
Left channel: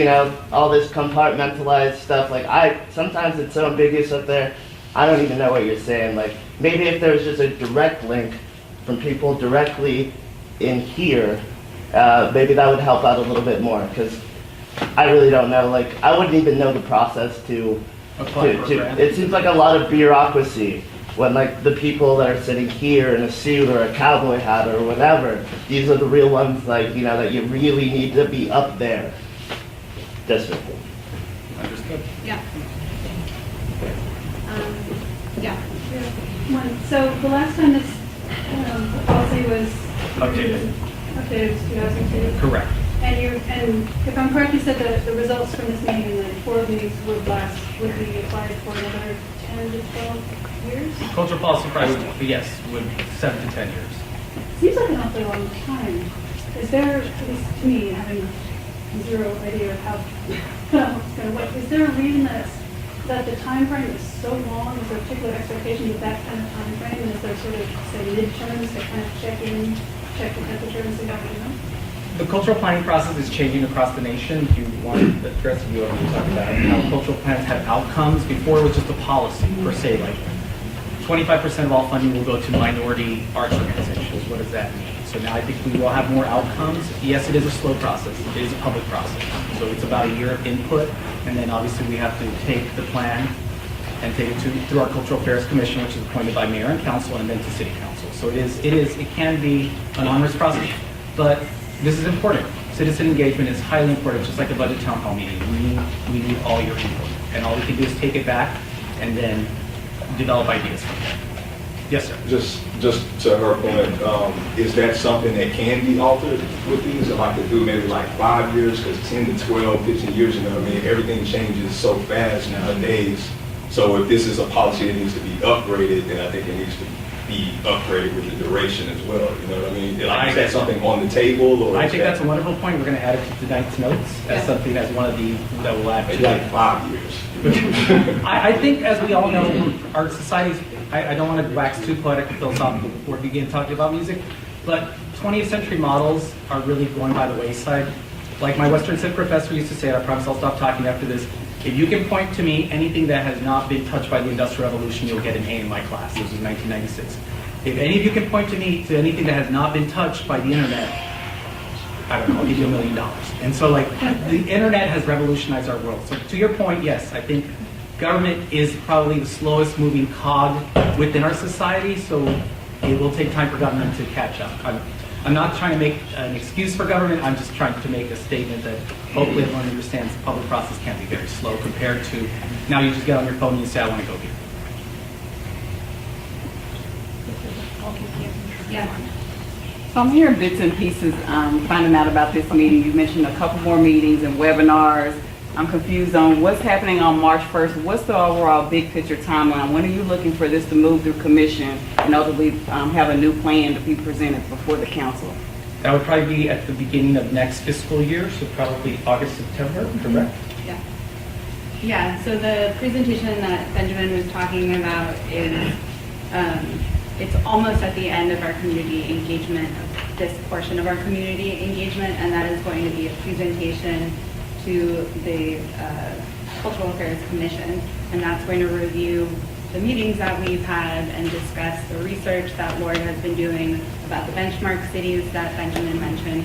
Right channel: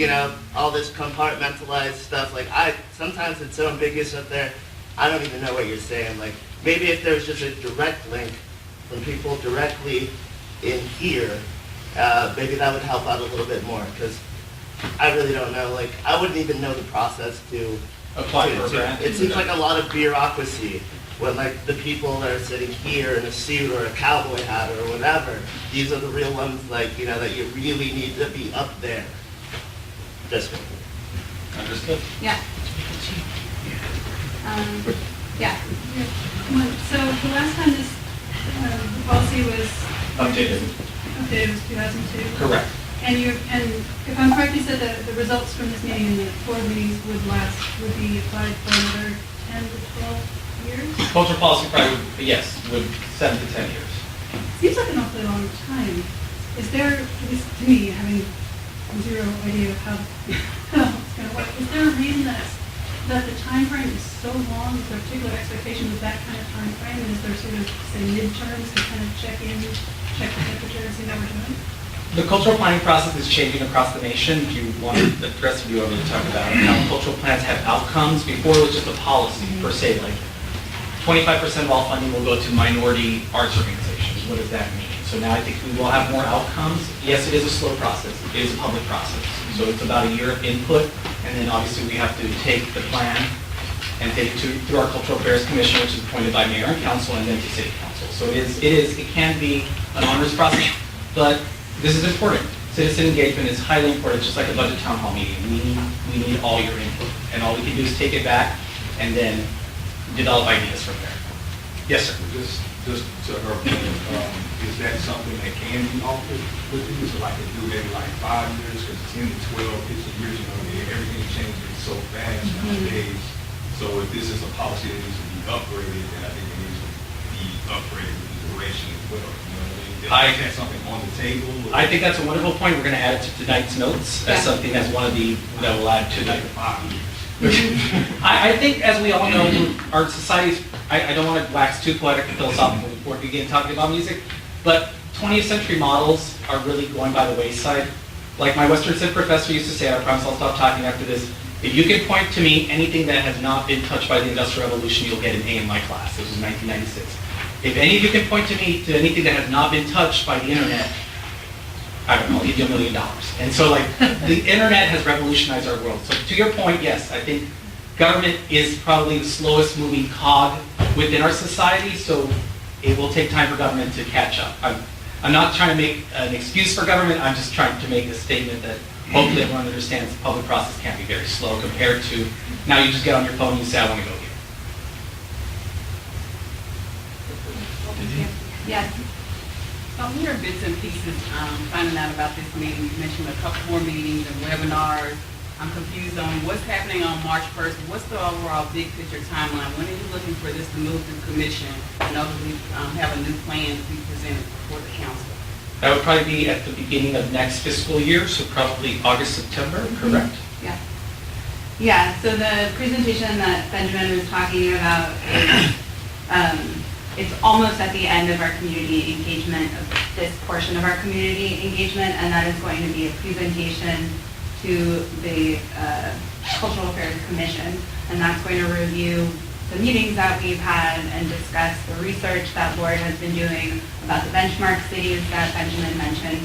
all this compartmentalized stuff. Like sometimes it's so ambiguous up there, I don't even know what you're saying. Like maybe if there was just a direct link from people directly in here, maybe that would help out a little bit more because I really don't know. Like I wouldn't even know the process to it seems like a lot of bureaucracy when like the people that are sitting here in a suit or a cowboy hat or whatever, these are the real ones like, that you really need to be up there. Just Understood. Yeah. Yeah. So the last time this policy was Updated. was 2002? Correct. And if I'm correct, you said that the results from this meeting and the board meetings would be applied for another 10 to 12 years? Cultural policy probably, yes, would 7 to 10 years. Seems like an awfully long time. Is there, at least to me, having zero idea of how it's going to work, is there a reason that the time frame is so long with a particular expectation with that kind of time frame? And is there sort of, say, midterms to kind of check the temperature and see how we're doing? The cultural planning process is changing across the nation. Do you want the rest of you over to talk about how cultural plans have outcomes? Before it was just a policy per se, like 25% of all funding will go to minority arts organizations. What does that mean? So now I think we will have more outcomes. Yes, it is a slow process. It is a public process. So it's about a year of input, and then obviously we have to take the plan and take it to our Cultural Affairs Commission, which is appointed by mayor and council, and then to city council. So it can be an onerous process, but this is important. Citizen engagement is highly important, just like a budget town hall meeting. We need all your input, and all we can do is take it back and then develop ideas from there. Yes, sir. Just to her point, is that something that can be altered with these? Or like to do maybe like 5 years, because 10 to 12, 15 years, you know what I mean? Everything changes so fast nowadays. So if this is a policy that needs to be upgraded, then I think it needs to be upgraded with the duration as well. You know what I mean? Is that something on the table? Or I think that's a wonderful point. We're going to add it to tonight's notes as something as one of the that will add to like it. 5 years. I think, as we all know, our society's, I don't want to wax too poetic and philosophical before we begin talking about music, but 20th century models are really going by the wayside. Like my Western Civ professor used to say, I promise I'll stop talking after this, if you can point to me anything that has not been touched by the Industrial Revolution, you'll get an A in my class. This was 1996. If any of you can point to me to anything that has not been touched by the internet, I don't know, I'll give you $1 million. And so like, the internet has revolutionized our world. So to your point, yes, I think government is probably the slowest moving cog within our society, so it will take time for government to catch up. I'm not trying to make an excuse for government, I'm just trying to make a statement that hopefully everyone understands the public process can be very slow compared to, now you just get on your phone and you say, I want to go here. Yes. So I'm hearing bits and pieces, finding out about this meeting. You mentioned a couple more meetings and webinars. I'm confused on what's happening on March 1st. What's the overall big picture timeline? When are you looking for this to move through commission and ultimately have a new plan to be presented before the council? That would probably be at the beginning of next fiscal year, so probably August, September, correct? Yeah. Yeah, so the presentation that Benjamin was talking about is, it's almost at the end of our community engagement, of this portion of our community engagement, and that is going to be a presentation to the Cultural Affairs Commission, and that's going to review the meetings that we've had and discuss the research that Lauren has been doing about the benchmark cities that Benjamin mentioned,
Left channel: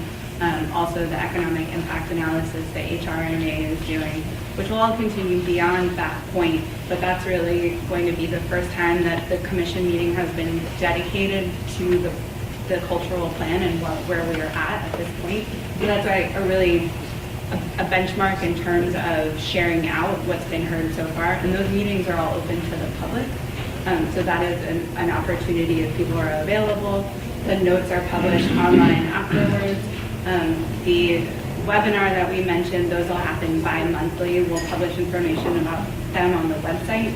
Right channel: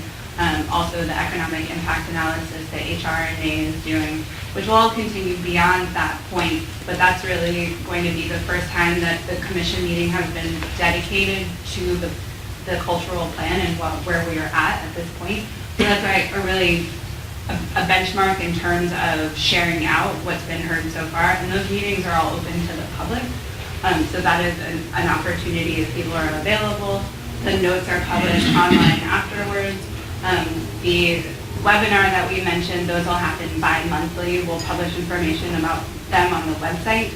also the economic impact analysis that HRMA is doing, which will all continue beyond that point, but that's really going to be the first time that the commission meeting has been dedicated to the cultural plan and where we're at this point. So that's like a really a benchmark in terms of sharing out what's been heard so far, and those meetings are all open to the public. So that is an opportunity if people are available. The notes are published online afterwards. The webinar that we mentioned, those will happen bi-monthly. We'll publish information about them on the website.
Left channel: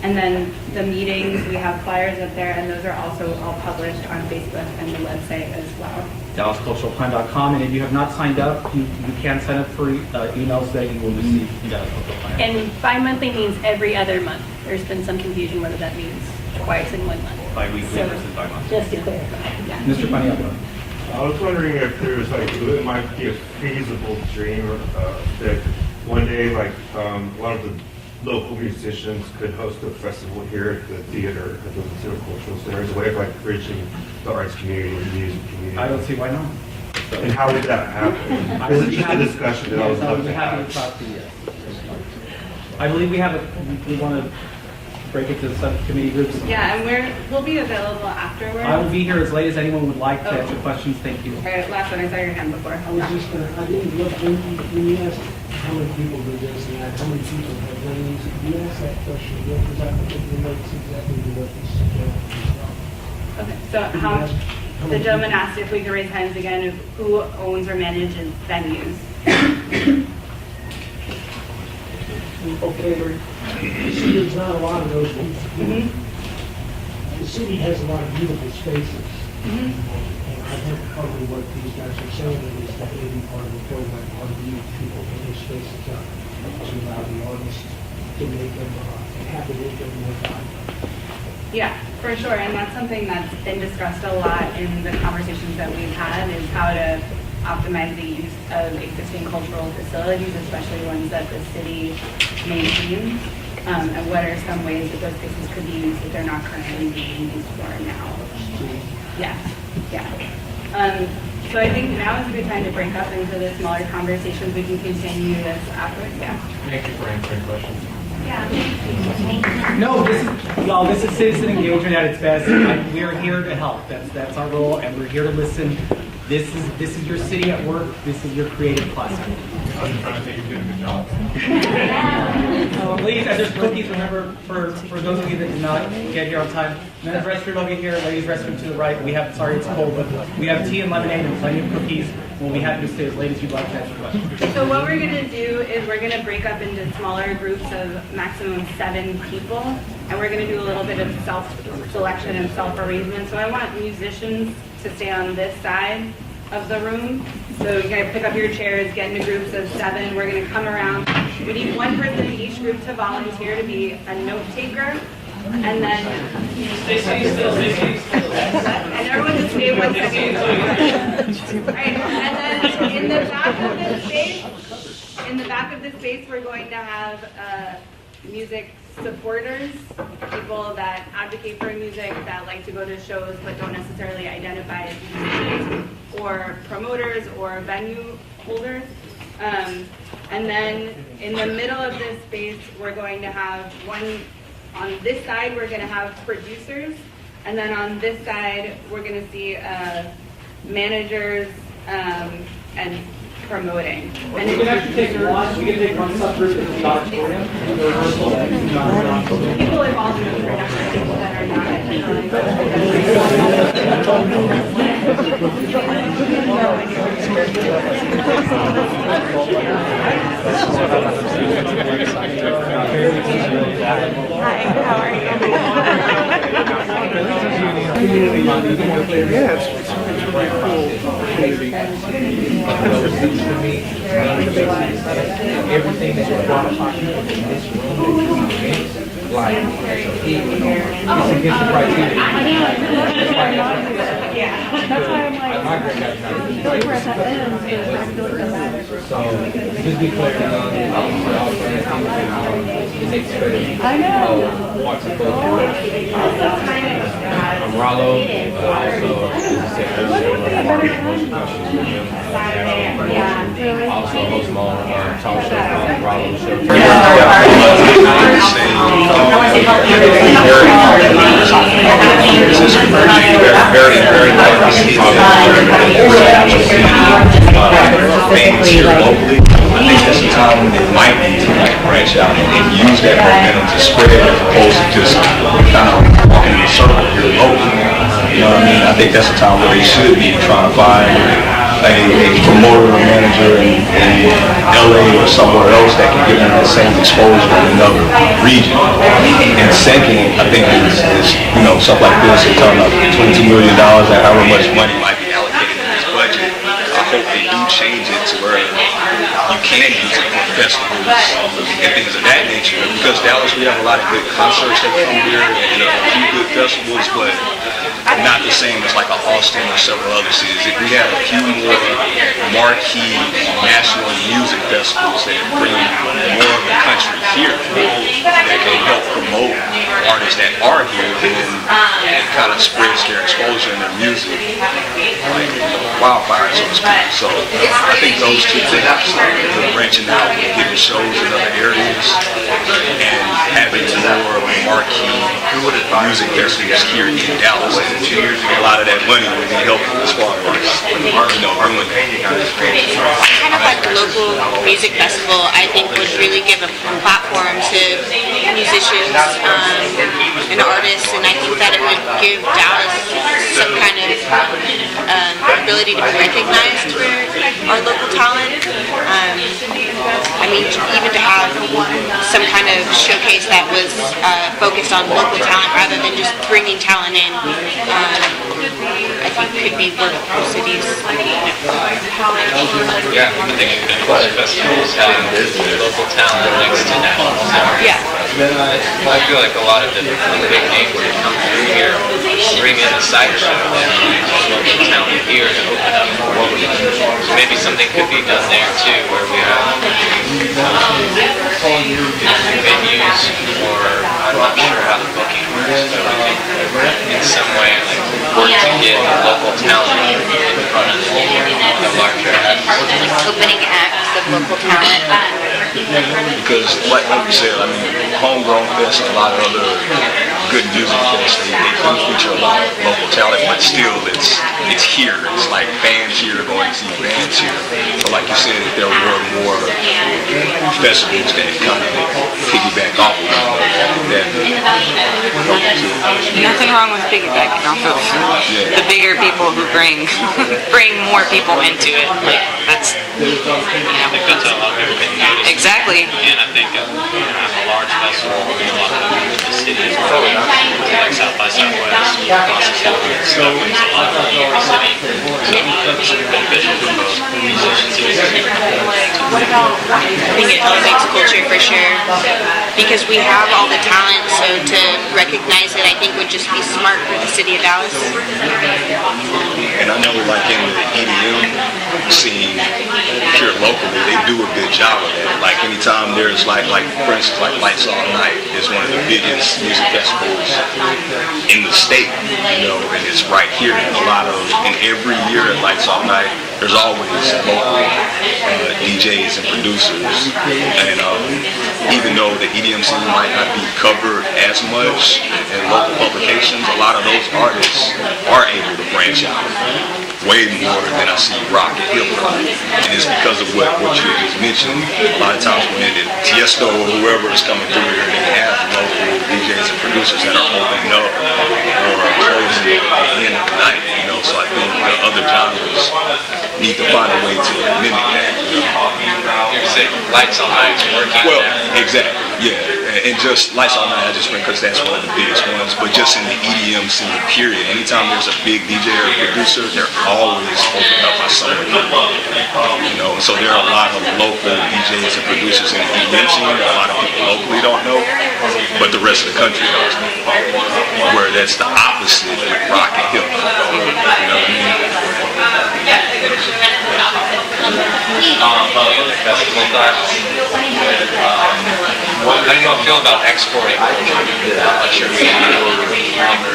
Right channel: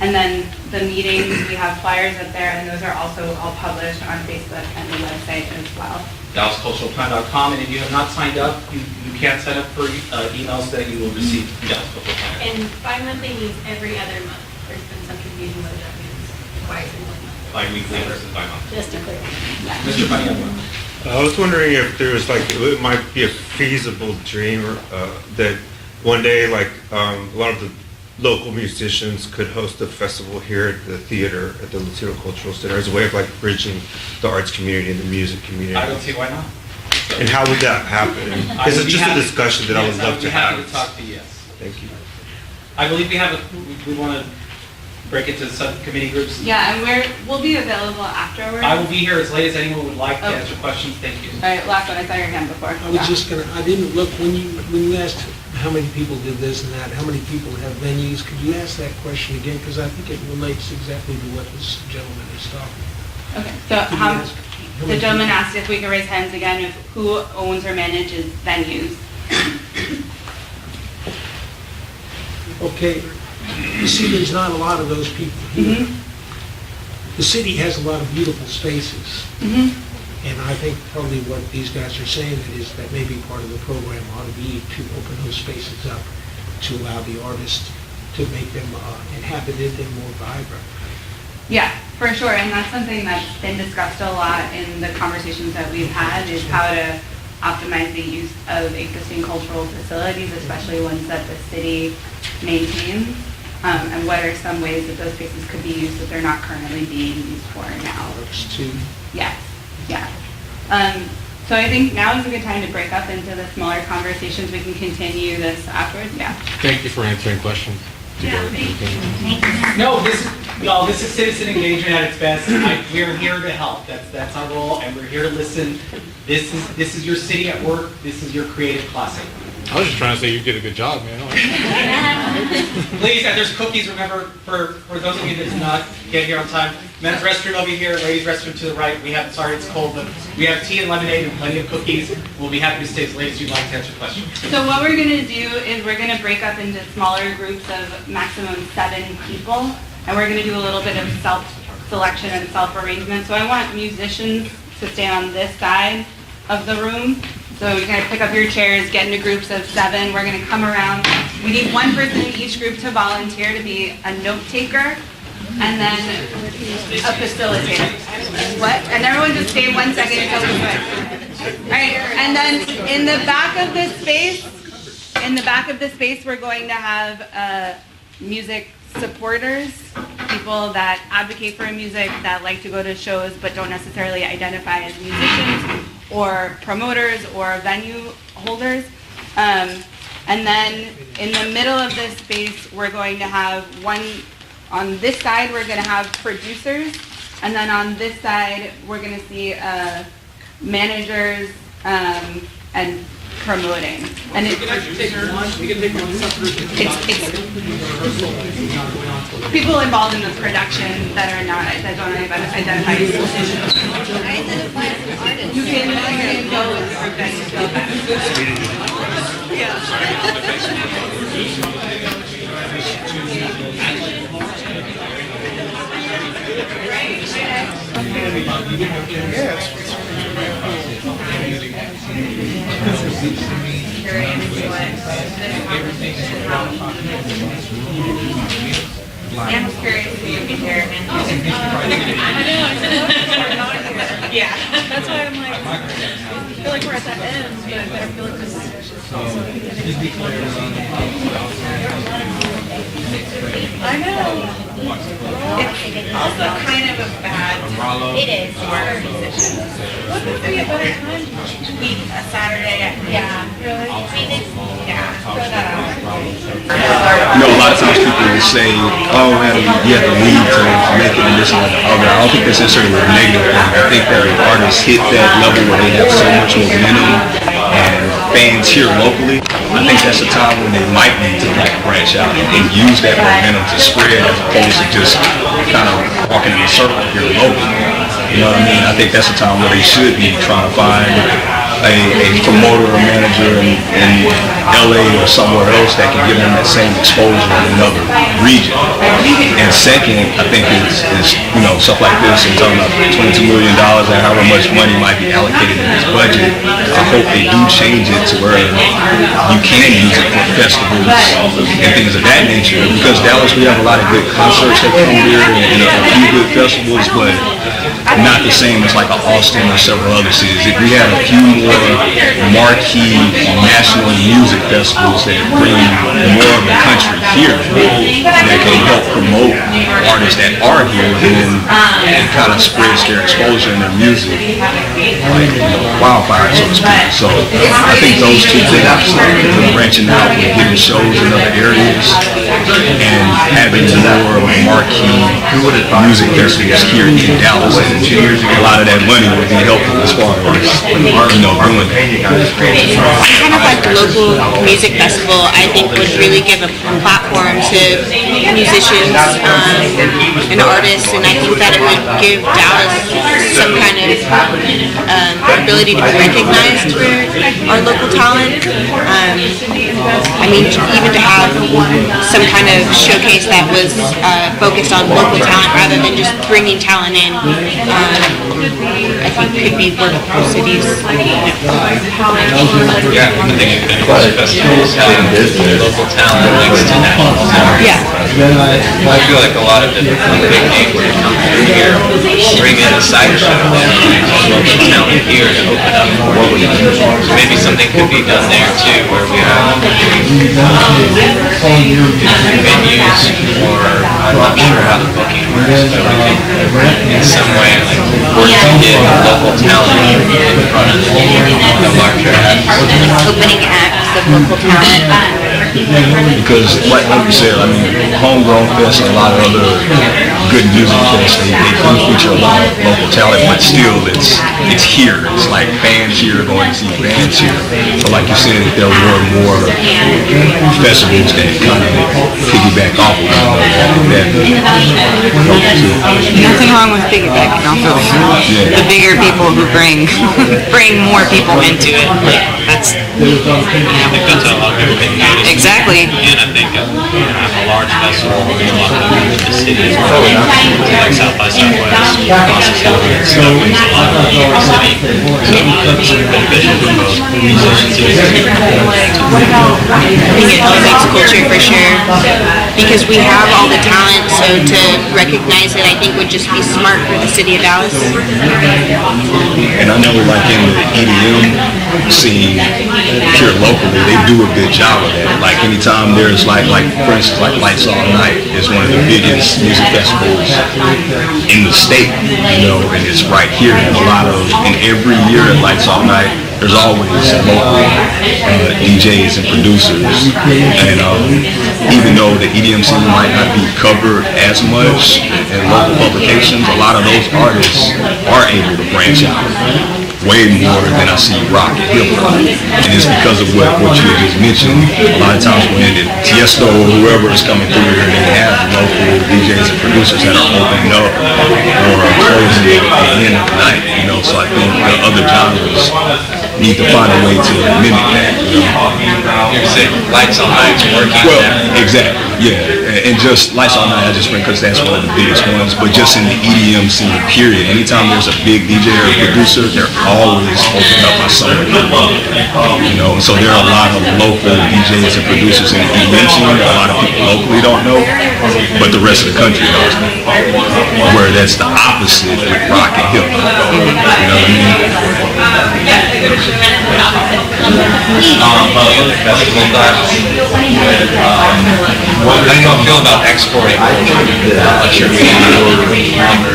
And then the meetings, we have flyers up there, and those are also all published on Facebook and the website as well. DallasCulturalPlan.com, and if you have not signed up, you can sign up for emails that you will receive from Dallas Cultural Plan. And bi-monthly means every other month. There's been some confusion whether that means twice in 1 month. Like weekly versus bi-monthly. Just to clarify. Mr. Paniagua. I was wondering if there's like, it might be a feasible dream that one day, like a lot of the local musicians could host a festival here at the theater, at the Latino Cultural Center, as a way of like bridging the arts community and the music community. I don't see why not. And how would that happen? Is it just a discussion that I would love to have? I would be happy to talk to you, yes. Thank you. I believe we want to break into subcommittee groups. Yeah, and we'll be available afterwards. I will be here as late as anyone would like to answer questions. Thank you. All right, last one, I saw your hand before. I was just gonna, I didn't look, when you asked how many people did this and that, how many people have venues, could you ask that question again? Because I think it relates exactly to what this gentleman is talking. Okay, so the gentleman asked if we could raise hands again of who owns or manages venues. Okay, you see, there's not a lot of those people. The city has a lot of beautiful spaces. And I think probably what these guys are saying is that maybe part of the program ought to be to open those spaces up, to allow the artists to make them inhabited and more vibrant. Yeah, for sure, and that's something that's been discussed a lot in the conversations that we've had, is how to optimize the use of existing cultural facilities, especially ones that the city maintains, and what are some ways that those spaces could be used that they're not currently being used for now. Yeah. Yeah. So I think now is a good time to break up into the smaller conversations. We can continue this afterwards. Yeah. Thank you for answering questions. No, this is citizen engagement at its best. We're here to help. That's our role, and we're here to listen. This is your city at work. This is your creative process. I was just trying to say you did a good job, man. Please, and there's cookies, remember, for those of you that did not get here on time. Men's restroom over here, ladies' restroom to the right. We have, sorry it's cold, but we have tea and lemonade and plenty of cookies. We'll be happy to stay as late as you'd like to answer questions. So what we're gonna do is we're gonna break up into smaller groups of maximum 7 people, and we're gonna do a little bit of self-selection and self-arrangement. So I want musicians to stay on this side of the room. So you're gonna pick up your chairs, get into groups of 7. We're gonna come around. We need one person in each group to volunteer to be a note taker, and then a facilitator. What? And everyone just stay 1 second. All right, and then in the back of this space, we're going to have music supporters, people that advocate for music, that like to go to shows but don't necessarily identify as musicians, or promoters or venue holders. And then in the middle of this space, we're going to have on this side, we're going to have producers, and then on this side, we're going to see managers and promoting. And We can actually take one subgroup. People involved in the production that are not identified. Everything that you're qualifying in this room, like, yeah. That's why I'm like, I feel like we're at that end, but I feel like that's I know. It's also kind of a bad. It is. A Saturday. Yeah. Really? Fans here locally, I think that's a time when they might need to branch out and use that momentum to spread as opposed to just kind of walking in a circle here locally. You know what I mean? I think that's a time where they should be trying to find a promoter or manager in LA or somewhere else that can give them that same exposure in another region. And second, I think is stuff like this. You're talking about $22 million and however much money might be allocated in this budget. I hope they do change it to where you can use it for festivals and things of that nature. Because Dallas, we have a lot of good concerts that come here and a few good festivals, but not the same as like Austin or several other cities. If we had a few more marquee national music festivals that bring more of the country here that can help promote artists that are here, then it kind of spreads their exposure and their music, wildfire, so to speak. So I think those two things, branching out and getting shows in other areas and having more of a marquee music festivals here in Dallas, and a lot of that money would be helpful as far as doing Like the local music festival, I think would really give a platform to musicians and artists, and I think that it would give Dallas some kind of ability to be recognized for our local talent. I mean, even to have some kind of showcase that was focused on local talent rather than just bringing talent in, I think could be what our cities I feel like a lot of different bring in a side shot talent here to open up maybe something could be done there too, where we have venues or booking in some way where you can get local talent in front of the local talent. Because like you said, I mean, Homegrown Fest and a lot of other good music fests, they do feature a lot of local talent, but still it's here. It's like fans here going to see bands here. But like you said, if there were more festivals that kind of piggyback off of Nothing wrong with piggybacking off of the bigger people who bring more people into it. That's exactly. A large festival in the city, like South by Southwest, That's a picture for sure. Because we have all the talent, so to recognize it, I think would just be smart for the city of Dallas. And I know like in the EDM scene here locally, they do a good job of that. Like anytime there's like for instance, like Lights All Night is one of the biggest music festivals in the state, you know, and it's right here. And every year at Lights All Night, there's always local DJs and producers. And even though the EDM scene might not be covered as much in local publications, a lot of those artists are able to branch out way more than I see rock and hip hop. And it's because of what you just mentioned. A lot of times when Tiesto or whoever is coming through here, they have local DJs and producers that are opening up or closing at the end of the night, you know. So I think the other genres need to find a way to mimic that. Well, exactly, yeah. And just Lights All Night, I just went because that's one of the biggest ones. But just in the EDM scene, period. Anytime there's a big DJ or producer, they're always opening up on something they love. You know, so there are a lot of local DJs and producers in the EDM scene that a lot of people locally don't know, but the rest of the country knows. Where that's the opposite with rock and hip hop. You know what I mean? What do you feel about exporting? I think that your media and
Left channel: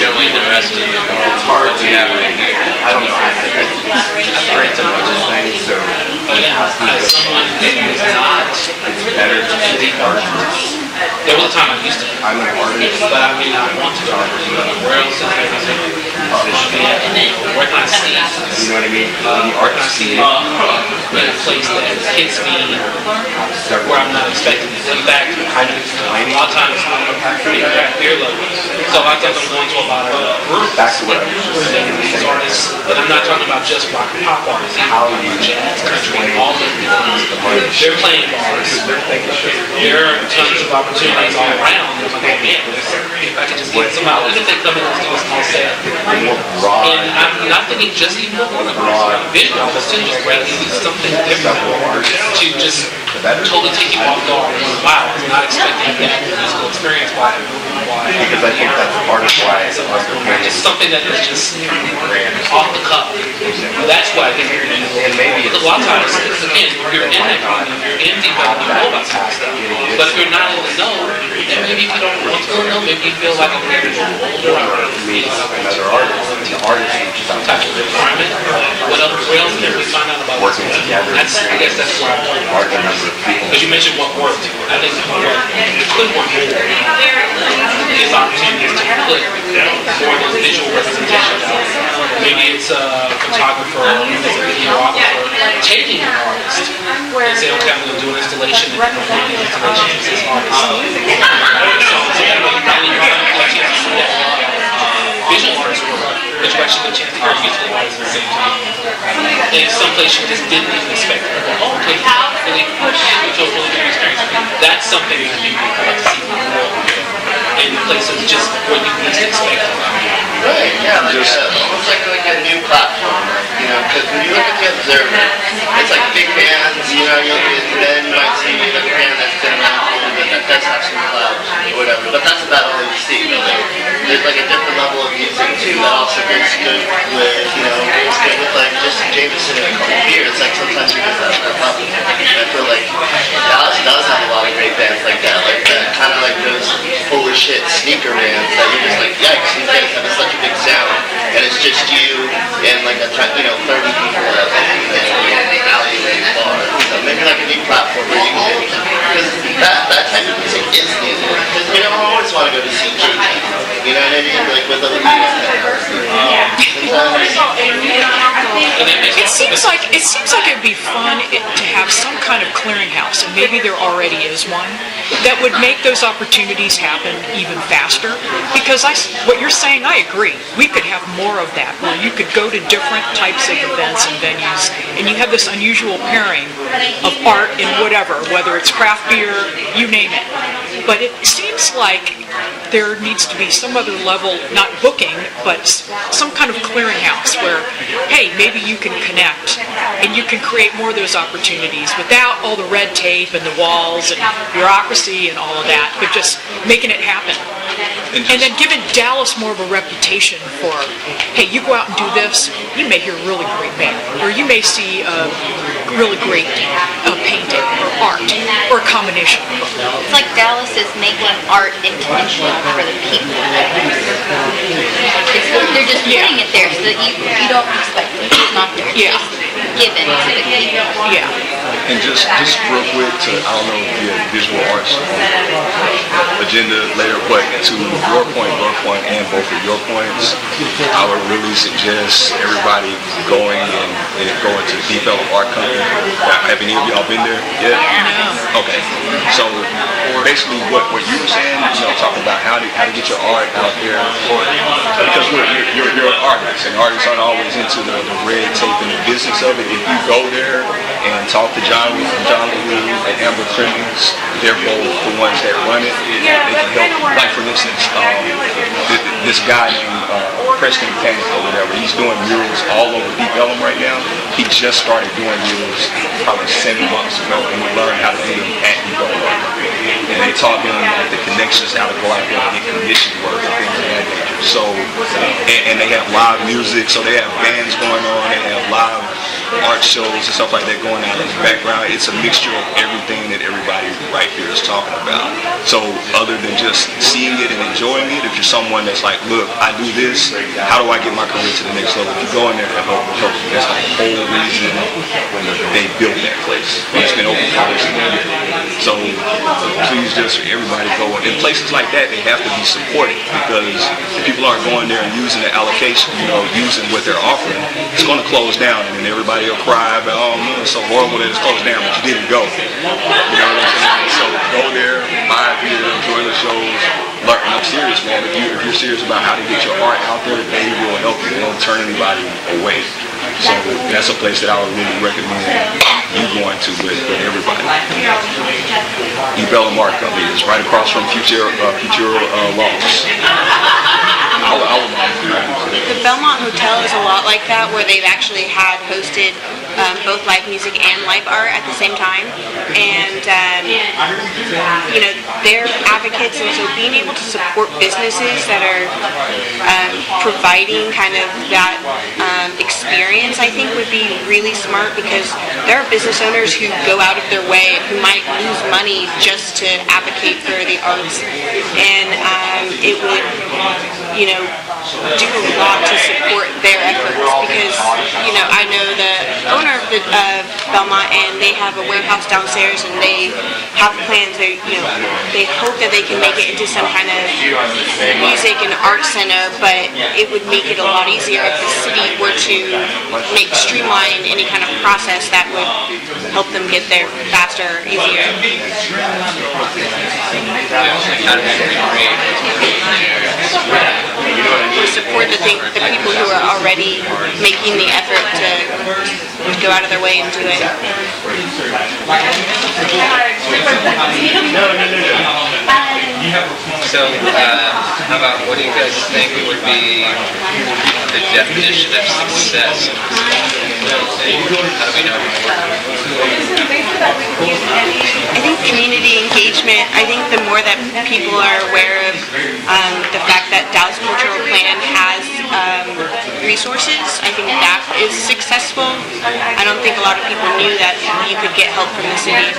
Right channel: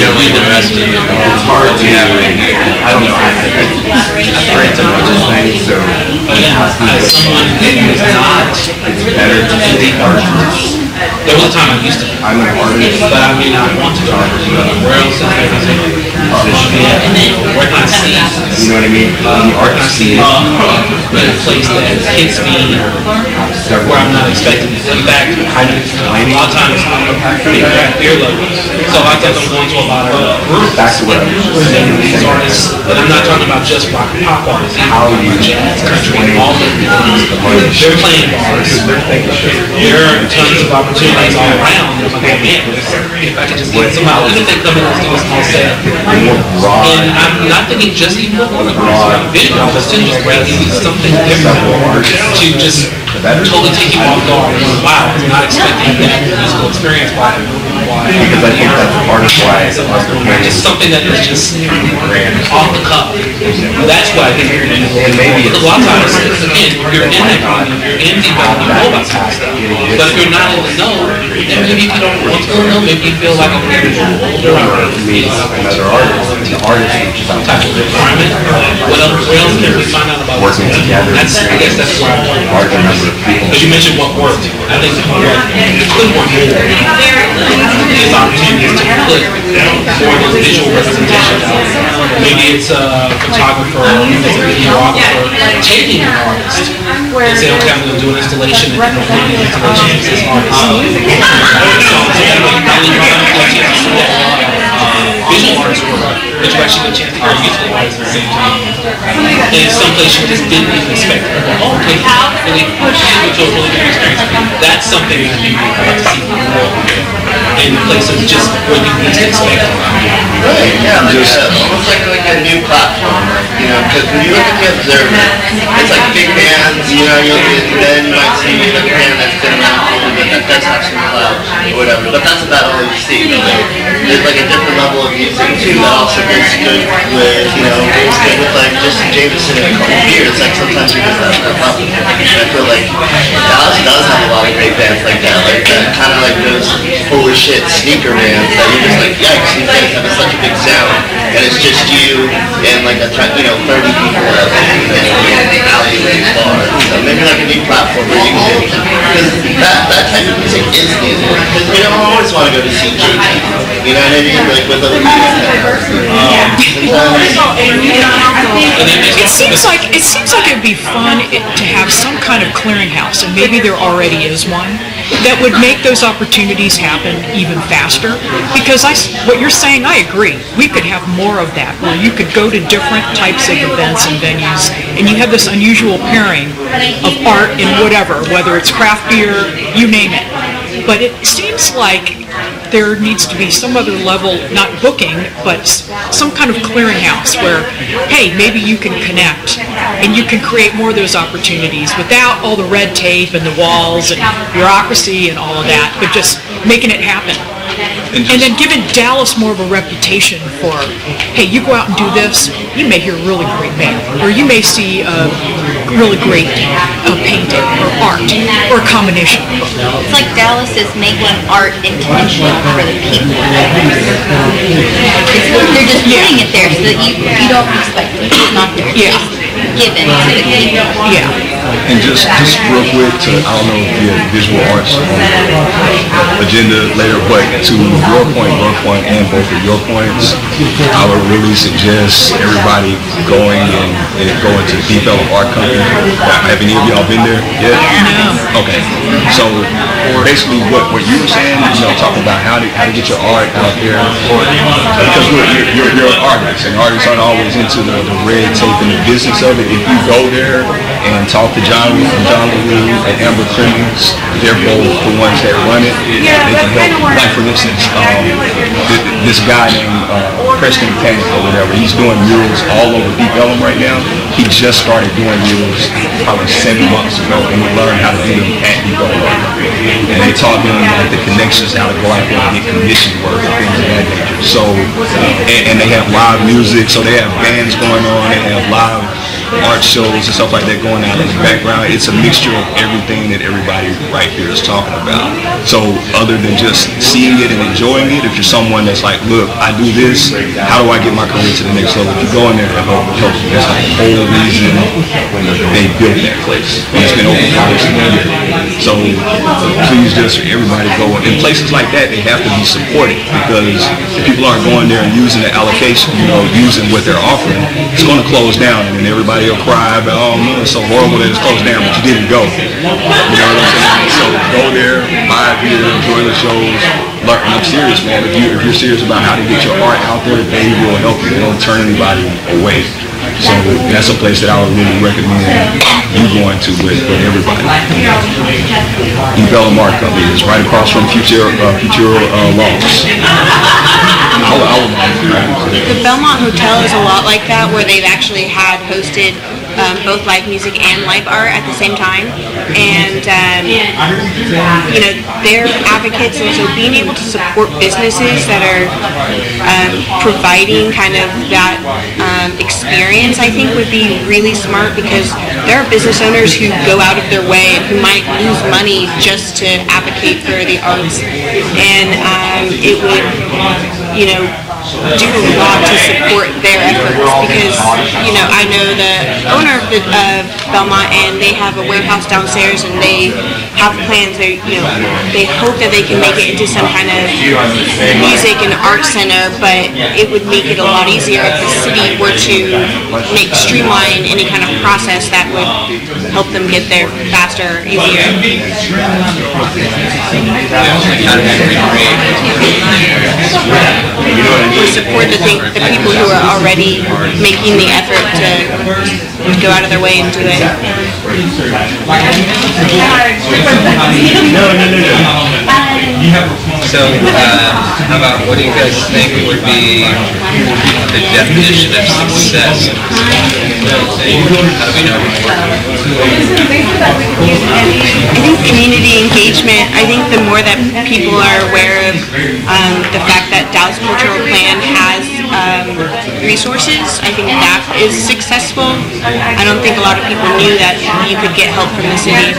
showing the rest of you. It's hard to, I don't know, I think it's straight to other things, so it's better to see artists. The only time I used to, I'm an artist, but I may not want to be an artist. Where else am I you know what I mean? The art scene, the place that hits me, where I'm not expecting to come back. A lot of times, I have earlobes, so I tell them going to a lot of that's what these artists, but I'm not talking about just rock and pop artists. How you all they're playing bars. There are tons of opportunities all around. Somehow, even if they're coming to a small set, and I'm not thinking just equal, but just rather something different to just totally take you off guard and go, wow, I'm not expecting that musical experience by just something that is just off the cuff. That's what I think you're going to do. Maybe it's a lot of times, again, you're in the know about some stuff. Because you're not in the know, and maybe you don't want to know, maybe you feel like you're another artist. Working together. I guess that's why you mentioned what worked. I think the opportunity to put more visual representation. Maybe it's a photographer, maybe it's a videographer, taking an artist. Instead of having them do an installation and doing an installation as artists. Visual artists work. There's actually a chance to go utilize the same time. And some place you just didn't even expect. And they push you into a really good experience. That's something that you see more in place of just what you least expect. Yeah, just almost like a new platform, you know, because when you look at the Observer, it's like big bands, you know, you look at it, then you might see a band that's been around for a little bit, that does have some clout, or whatever, but that's about all you see. There's like a different level of music too that also goes good with, you know, goes good with like Justin Jameson in a couple of years, like sometimes he does that stuff up. I feel like Dallas does have a lot of great bands like that kind of like those holy shit sneaker bands that you're just like, yes, you guys have such a big sound, but it's just you and like a 30 people are alleyway bar. And maybe like a new platform where you can, because that type of music is good. Because we don't always want to go to see JT. You know, maybe you're like with other It seems like it'd be fun to have some kind of clearinghouse, and maybe there already is one, that would make those opportunities happen even faster. Because what you're saying, I agree. We could have more of that, where you could go to different types of events and venues, and you have this unusual pairing of art and whatever, whether it's craft beer, you name it. But it seems like there needs to be some other level, not booking, but some kind of clearinghouse where, hey, maybe you can connect and you can create more of those opportunities without all the red tape and the walls and bureaucracy and all of that, but just making it happen. And then giving Dallas more of a reputation for, hey, you go out and do this, you may hear a really great band, or you may see a really great painting or art or a combination. It's like Dallas is making art intentional for the people. You're just putting it there so that you don't expect it not to be given to the people. Yeah. And just real quick, I don't know if you're visual arts on the agenda later, but to your point, and both of your points, I would really suggest everybody going and going to Develop Art Company. Have any of y'all been there yet? No. Okay. So basically what you were saying, talking about how to get your art out there, because you're an artist, and artists aren't always into the red tape and the business of it. If you go there and talk to John Lee and Amber Clemens, they're both the ones that run it. They can help. Like for instance, this guy named Preston Payne or whatever, he's doing murals all over Deep Ellum right now. He just started doing murals, I was 7 months ago, and he learned how to do them at Deep Ellum. And they taught them like the connections, how to go out there and get commission work and things of that nature. So, and they have live music, so they have bands going on, they have live art shows and stuff like that going on in the background. It's a mixture of everything that everybody right here is talking about. So other than just seeing it and enjoying it, if you're someone that's like, look, I do this, how do I get my career to the next level? If you go in there and help you, that's like the whole reason they built that place. And it's been open for almost a year. So please just everybody go. In places like that, they have to be supported, because if people aren't going there and using the allocation, using what they're offering, it's going to close down, and then everybody will cry, but oh no, it's so horrible that it's closed down, but you didn't go. You know what I'm saying? So go there, buy a beer, enjoy the shows. But I'm serious, man. If you're serious about how to get your art out there, they will help you. They don't turn anybody away. So that's a place that I would really recommend you going to with everybody. Deep Ellum Art Company is right across from Future Laws. The Belmont Hotel is a lot like that, where they've actually had hosted both live music and live art at the same time, and they're advocates, and so being able to support businesses that are providing kind of that experience, I think would be really smart, because there are business owners who go out of their way and who might lose money just to advocate for the arts, and it would, do a lot to support their efforts, because, I know the owner of Belmont, and they have a warehouse downstairs, and they have plans, they hope that they can make it into some kind of music and art center, but it would make it a lot easier if the city were to streamline any kind of process that would help them get there faster, easier. Or support the people who are already making the effort to go out of their way and do it. So, how about, what do you guys think would be the definition of success? I think community engagement, I think the more that people are aware of the fact that Dallas Cultural Plan has resources. I think that is successful. I don't think a lot of people knew that you could get help from the city. I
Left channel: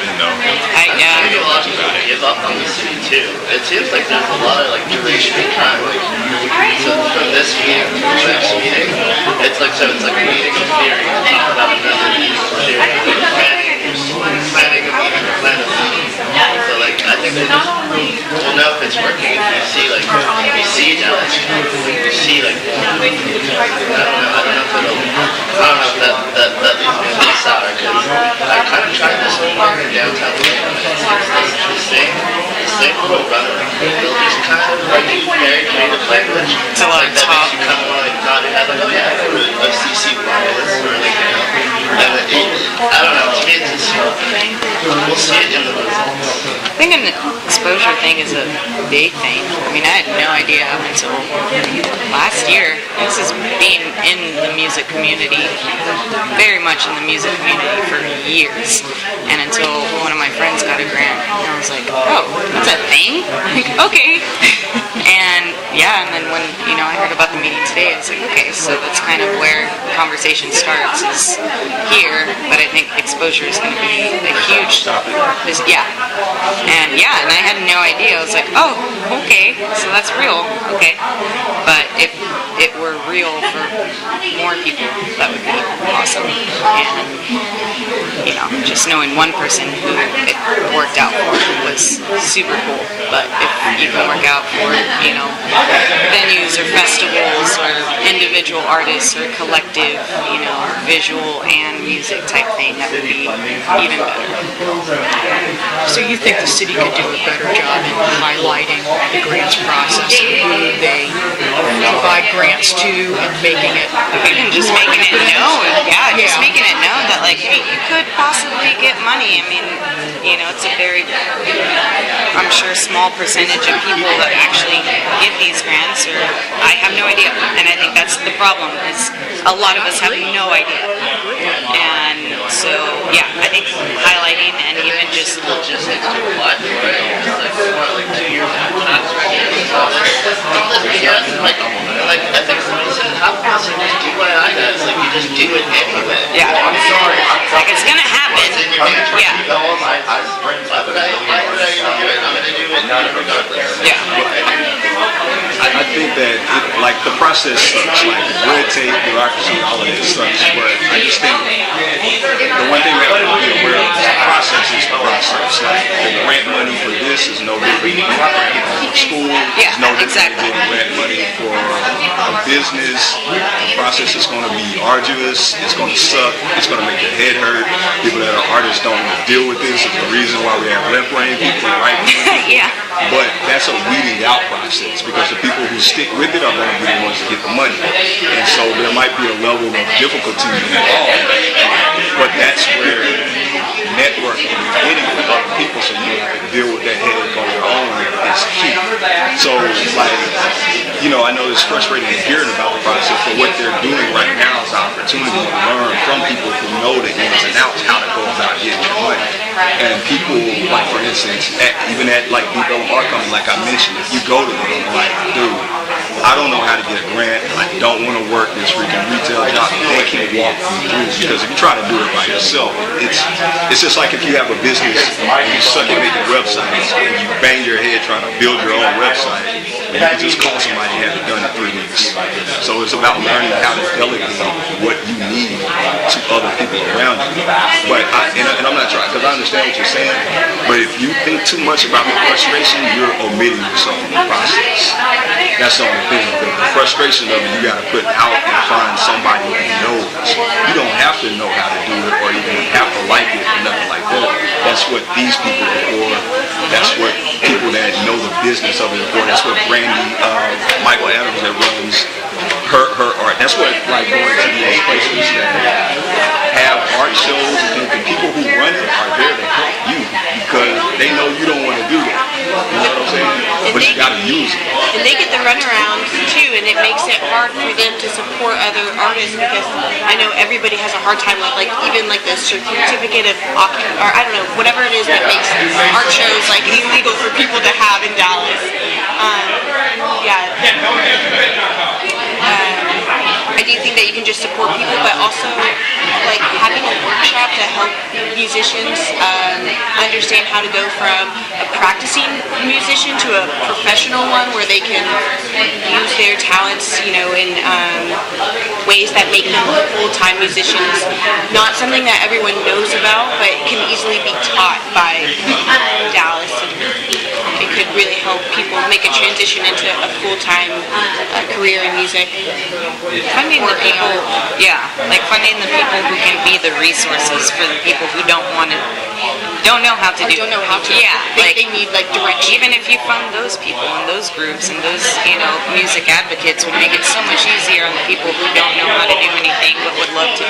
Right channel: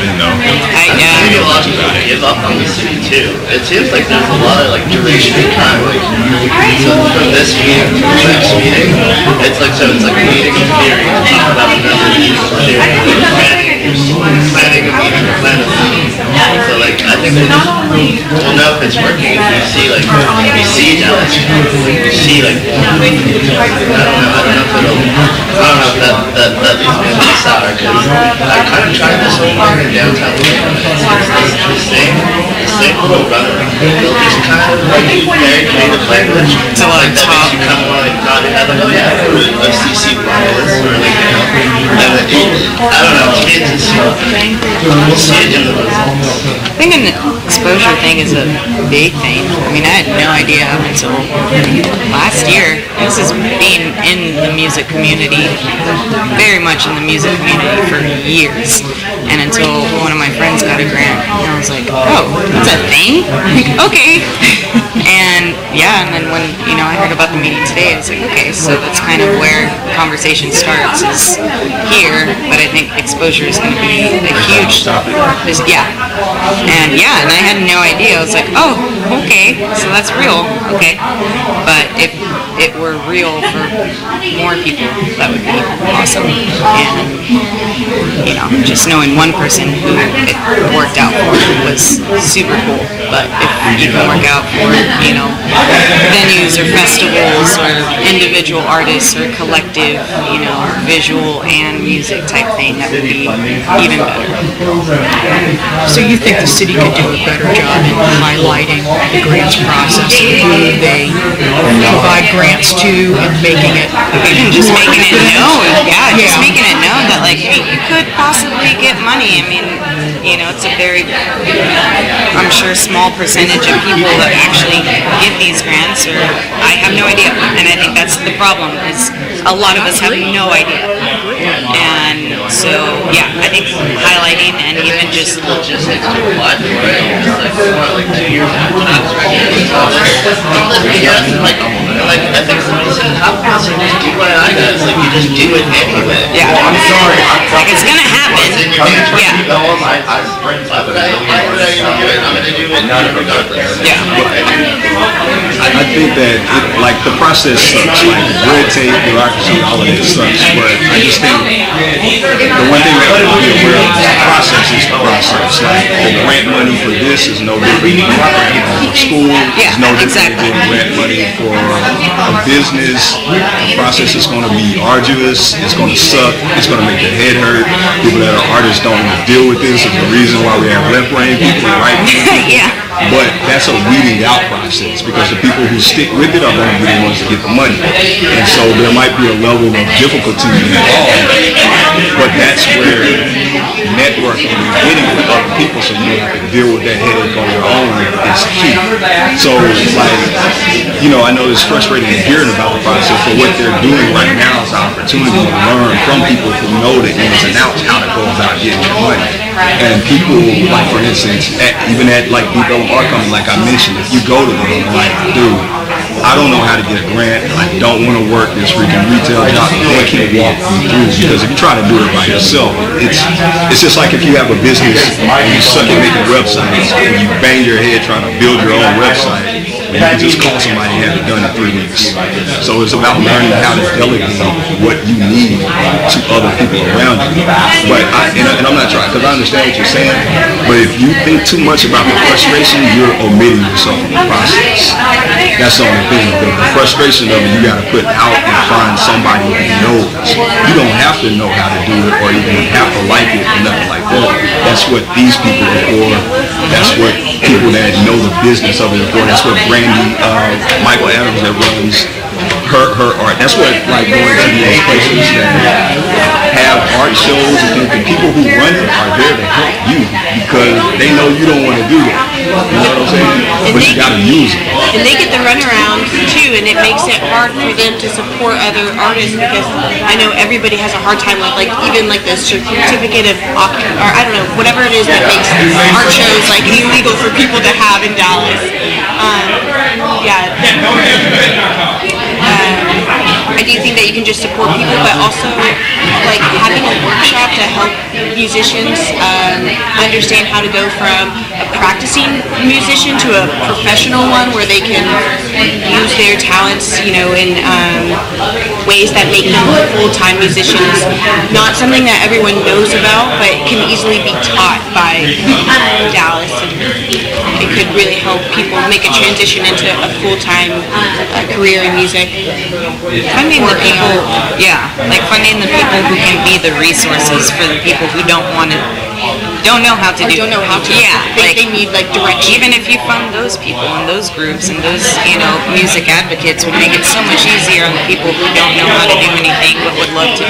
didn't know. I think a lot of people give up on the city too. It seems like there's a lot of like duration time. Like from this meeting to the next meeting, it's like so. It's like a meeting in theory. Talk about another meeting. Planning a meeting. So like I think I don't know if it's working. If you see like you see now it's you see like I don't know if that is really sour because I kind of tried this whole thing in downtown. It's the same little runner. Just kind of like very creative language. So like that makes you kind of want to like nod your head like, oh yeah, FCC bias or like I don't know. I think the exposure thing is a big thing. I mean, I had no idea until last year. This has been in the music community, very much in the music community for years. And until one of my friends got a grant, and I was like, oh, that's a thing? Okay. And yeah, and then when I heard about the meeting today, I was like, okay, so that's kind of where conversation starts is here, but I think exposure is going to be a huge, and I had no idea. I was like, oh, okay, so that's real, okay, but if it were real for more people, that would be awesome, and just knowing one person who it worked out for was super cool, but if it didn't work out for, venues or festivals or individual artists or collective, visual and music type thing, that would be even better. So you think the city could do a better job of highlighting the grants process, who they provide grants to, and making it just making it known, just making it known that like you could possibly get money. I mean, it's a very, I'm sure, small percentage of people that actually get these grants, or I have no idea. And I think that's the problem, is a lot of us have no idea. And so, I think highlighting and even just apply for it. I think somebody said, how possible is do what I got? It's like you just do it anyway. Yeah, I'm sorry. It's going to happen. I think that the process sucks. Like red tape, bureaucracy, all of it sucks. But I just think the one thing that will be the process is the process. Like the grant money for this is no different than for school. It's no different than grant money for a business. The process is going to be arduous. It's going to suck. It's going to make your head hurt. People that are artists don't want to deal with this. It's the reason why we have left brain people and right brain people. But that's a weeding out process, because the people who stick with it are going to be the ones that get the money. And so there might be a level of difficulty involved, but that's where networking and getting with other people so you don't have to deal with that headache on your own is key. So, I know it's frustrating hearing about the process, but what they're doing right now is an opportunity to learn from people who know the ins and outs, how to go about getting their money. And people, like for instance, even at like Depot Art Company, like I mentioned, if you go to them, like, dude, I don't know how to get a grant. I don't want to work this freaking retail job. They can't walk you through, because if you try to do it by yourself, it's just like if you have a business and you suddenly make a website and you bang your head trying to build your own website. You can just call somebody and have it done in 3 weeks. So it's about learning how to delegate what you need to other people around you. But and I'm not trying, because I understand what you're saying, but if you think too much about the frustration, you're omitting yourself from the process. That's the only thing. But the frustration of it, you got to put out and find somebody who knows. You don't have to know how to do it or even have to like it or nothing like that. That's what these people are for. That's what people that know the business of it are for. That's what Brandy, Michael Adams that runs her art. That's what like going to these places that have art shows, and the people who run it are there to help you because they know you don't want to do it. You know what I'm saying? But you gotta use it. And they get the runaround too, and it makes it hard for them to support other artists, because I know everybody has a hard time with even the certificate of, or I don't know, whatever it is that makes art shows illegal for people to have in Dallas. a workshop to help musicians understand how to go from a practicing musician to a professional one where they can use their talents, in ways that make them full-time musicians. Not something that everyone knows about, but can easily be taught by Dallas. It could really help people make a transition into a full-time career in music. Finding the people, finding the people who can be the resources for the people who don't know how to do it. But they need direction. Even if you found those people and those groups and those, music advocates would make it so much easier on the people who don't know how to do anything but would love to.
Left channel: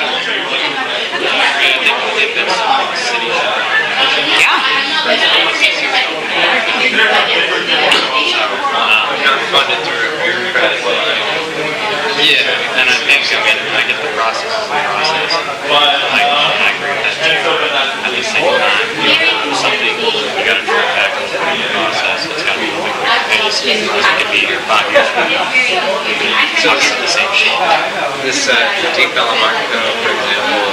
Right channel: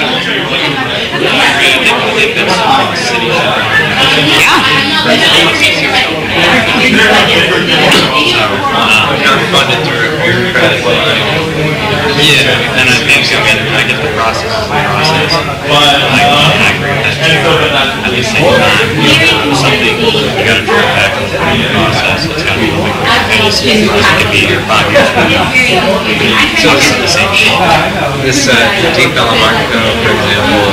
This $8 market, for example,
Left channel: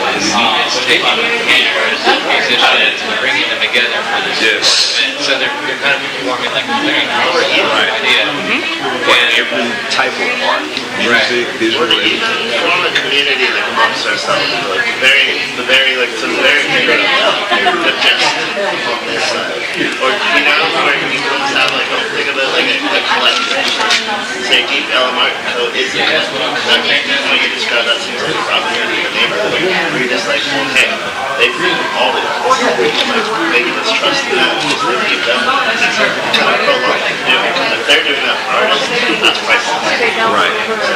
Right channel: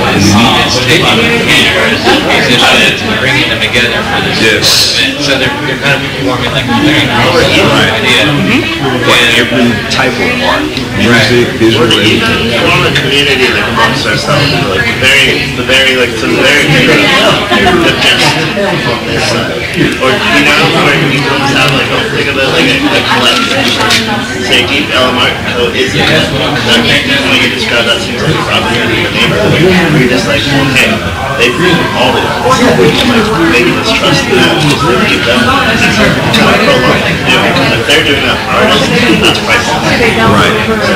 is bringing them together for this. Yes. So they're kind of forming like a every type of art, music, visual, anything. The community, the process,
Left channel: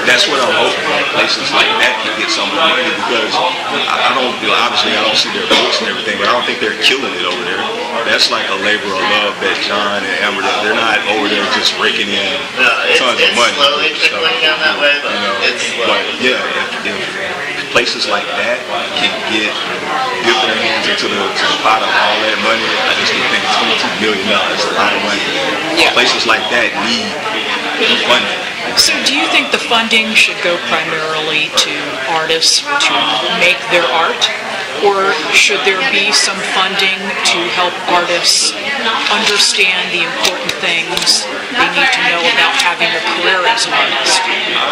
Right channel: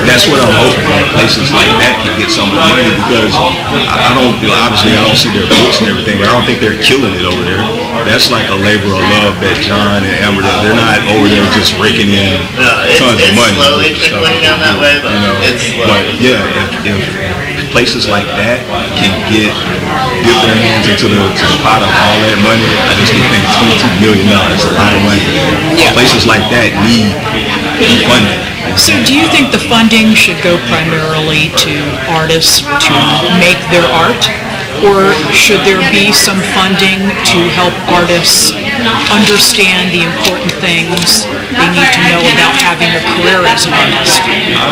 That's what I'm hoping places like that can get some money because obviously I don't see their books and everything. I don't think they're killing it over there. That's like a labor of love that John and Amber, they're not over there just raking in tons of money. But yeah, if places like that can get their hands into the pot of all that money, I just think $22 million is a lot of money. Places like that need funding. So do you think the funding should go primarily to artists to make their art? Or should there be some funding to help artists understand the important things they need to know about having a career as an artist?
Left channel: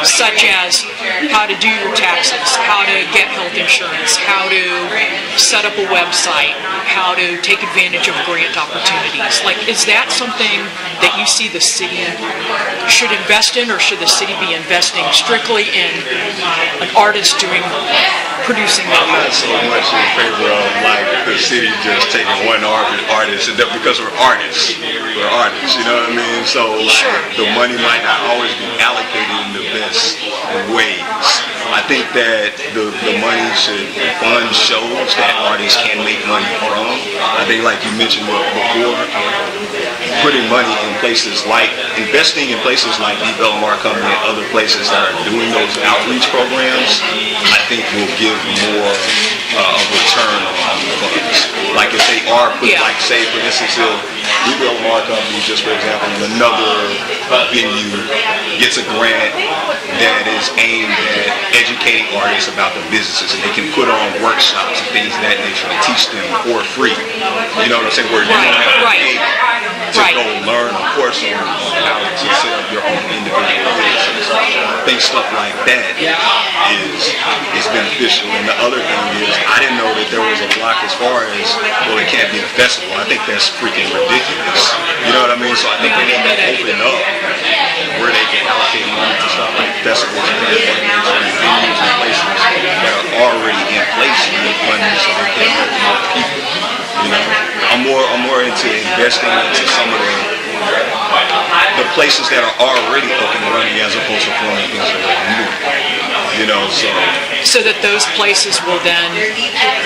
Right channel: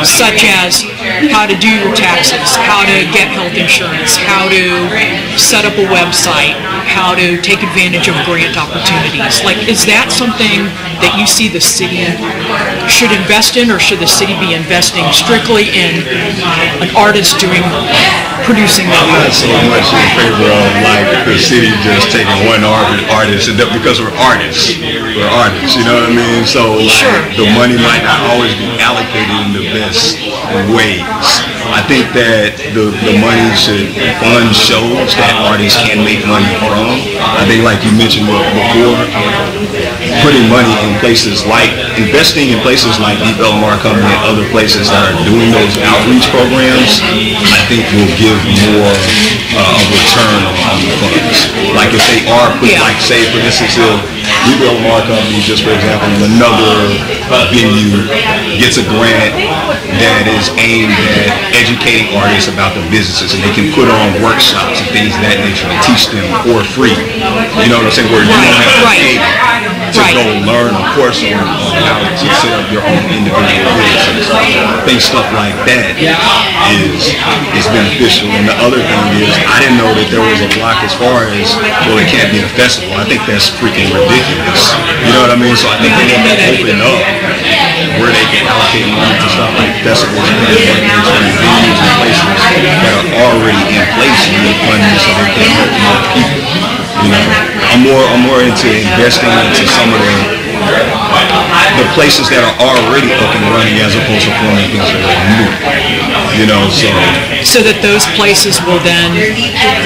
Such as how to do your taxes, how to get health insurance, how to set up a website, how to take advantage of grant opportunities. Is that something that you see the city should invest in, or should the city be investing strictly in an artist producing their I'm not so much in favor of the city just taking one artist because we're artists. We're artists, you know what I mean? So the money might not always be allocated in the best ways. I think that the money should fund shows that artists can make money from. I think like you mentioned before, putting money in places investing in places like Deep Elmore Company and other places that are doing those outreach programs, I think will give more return on the funds. Like if they are say for instance, if Deep Elmore Company, just for example, in another venue gets a grant that is aimed at educating artists about the businesses, and they can put on workshops and things of that nature and teach them for free. You know what I'm saying? Where you don't have to pay to go learn a course on how to set up your own individual businesses. I think stuff like that is beneficial. And the other thing is, I didn't know that there was a block as far as, well, it can't be a festival. I think that's freaking ridiculous. You know what I mean? So I think they want to open up where they can allocate money to stuff like festivals and venues and places that are already in place and they fund this so they can help more people. You know, I'm more into investing into some of the places that are already up and running as opposed to forming things that are new. You know, so that those places will then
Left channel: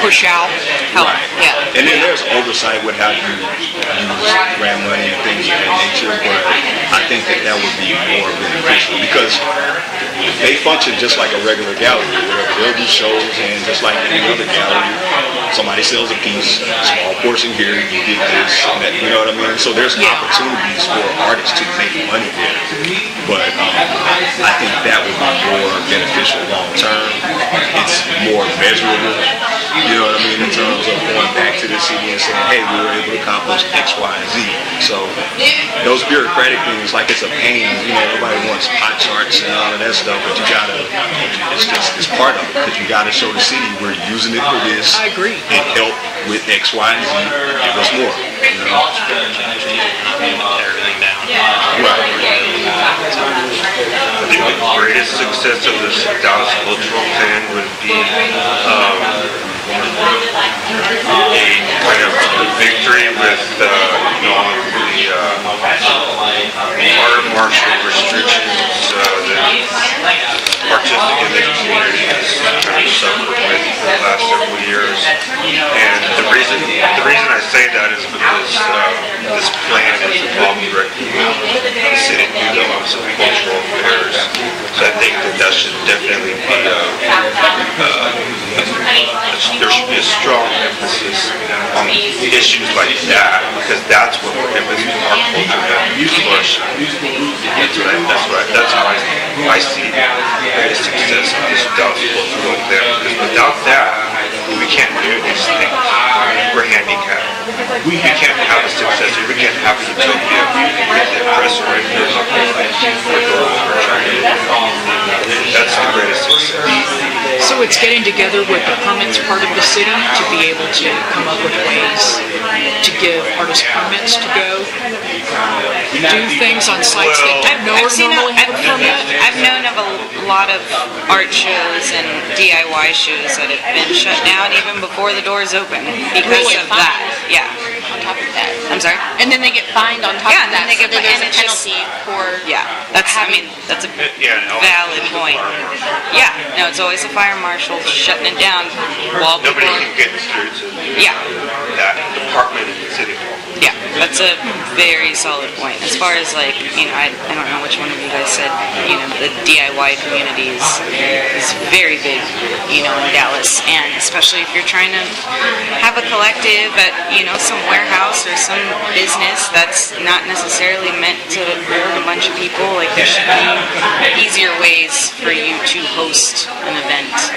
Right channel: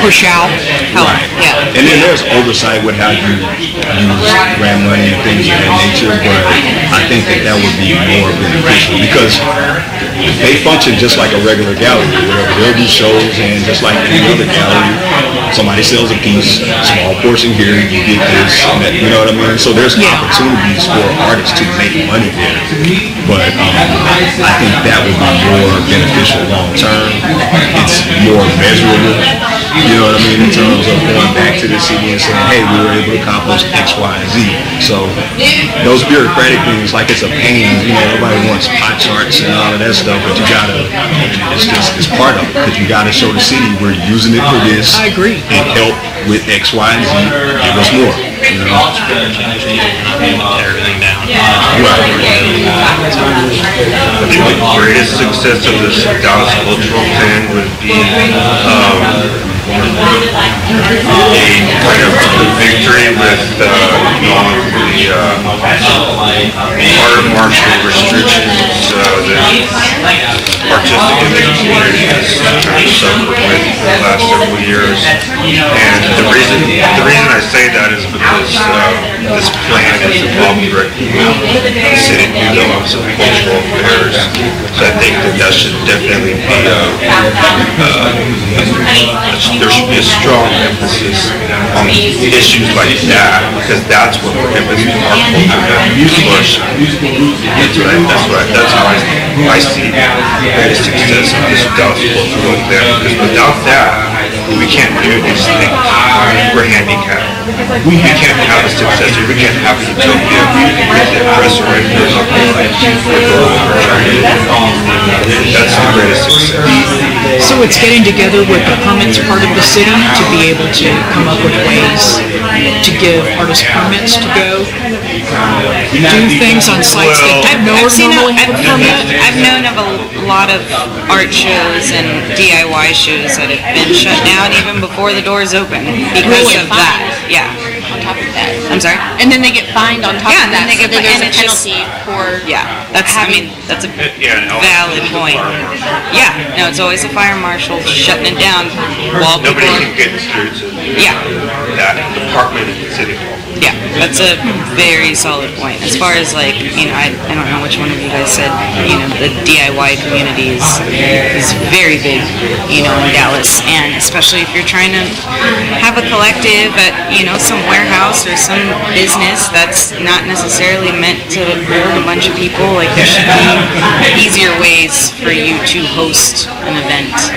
push out. Right. Yeah. And then there's oversight with how you use grant money and things of that nature, but I think that would be more beneficial because they function just like a regular gallery. They'll do shows, and just like any other gallery, somebody sells a piece, small portion here, you get this, you know what I mean? So there's opportunities for artists to make money there. But I think that would be more beneficial long term. It's more measurable. You know what I mean? In terms of going back to the city and saying, hey, we were able to accomplish X, Y, and Z. So those bureaucratic things, like it's a pain, you know, everybody wants pie charts and all of that stuff, but you gotta, it's part of it, because you gotta show the city we're using it for this. I agree. And help with X, Y, and Z, give us more, you know? The greatest success of this Dallas cultural plan would be a victory with the water marshal restrictions that artistic community has suffered with the last several years. And the reason I say that is because this plan is involved directly with the city Office of Cultural Affairs. So I think that should definitely be there should be a strong emphasis on issues like that, because that's what prohibits the push. That's how I see the success of this Dallas cultural plan. Because without that, we can't do this thing. We're handicapped. We can't have a success. We can't have a utopia. That's the greatest success. So it's getting together with the permits part of the city to be able to come up with ways to give artists permits to go do things on sites that normally have a permit. I've known of a lot of art shows and DIY shows that have been shut down even before the doors open because of that. Yeah. I'm sorry? And then they get fined on top of that. Then they get there's a it's just penalty for that's a valid point. Yeah, you know, it's always a fire marshal shutting it down while people Yeah, that's a very solid point. As far as like, you know, I don't know which one of you guys said, you know, the DIY community is very big, you know, in Dallas, and especially if you're trying to have a collective at, you know, some warehouse or some business that's not necessarily meant to hold a bunch of people. Like, there should be easier ways for you to host an event.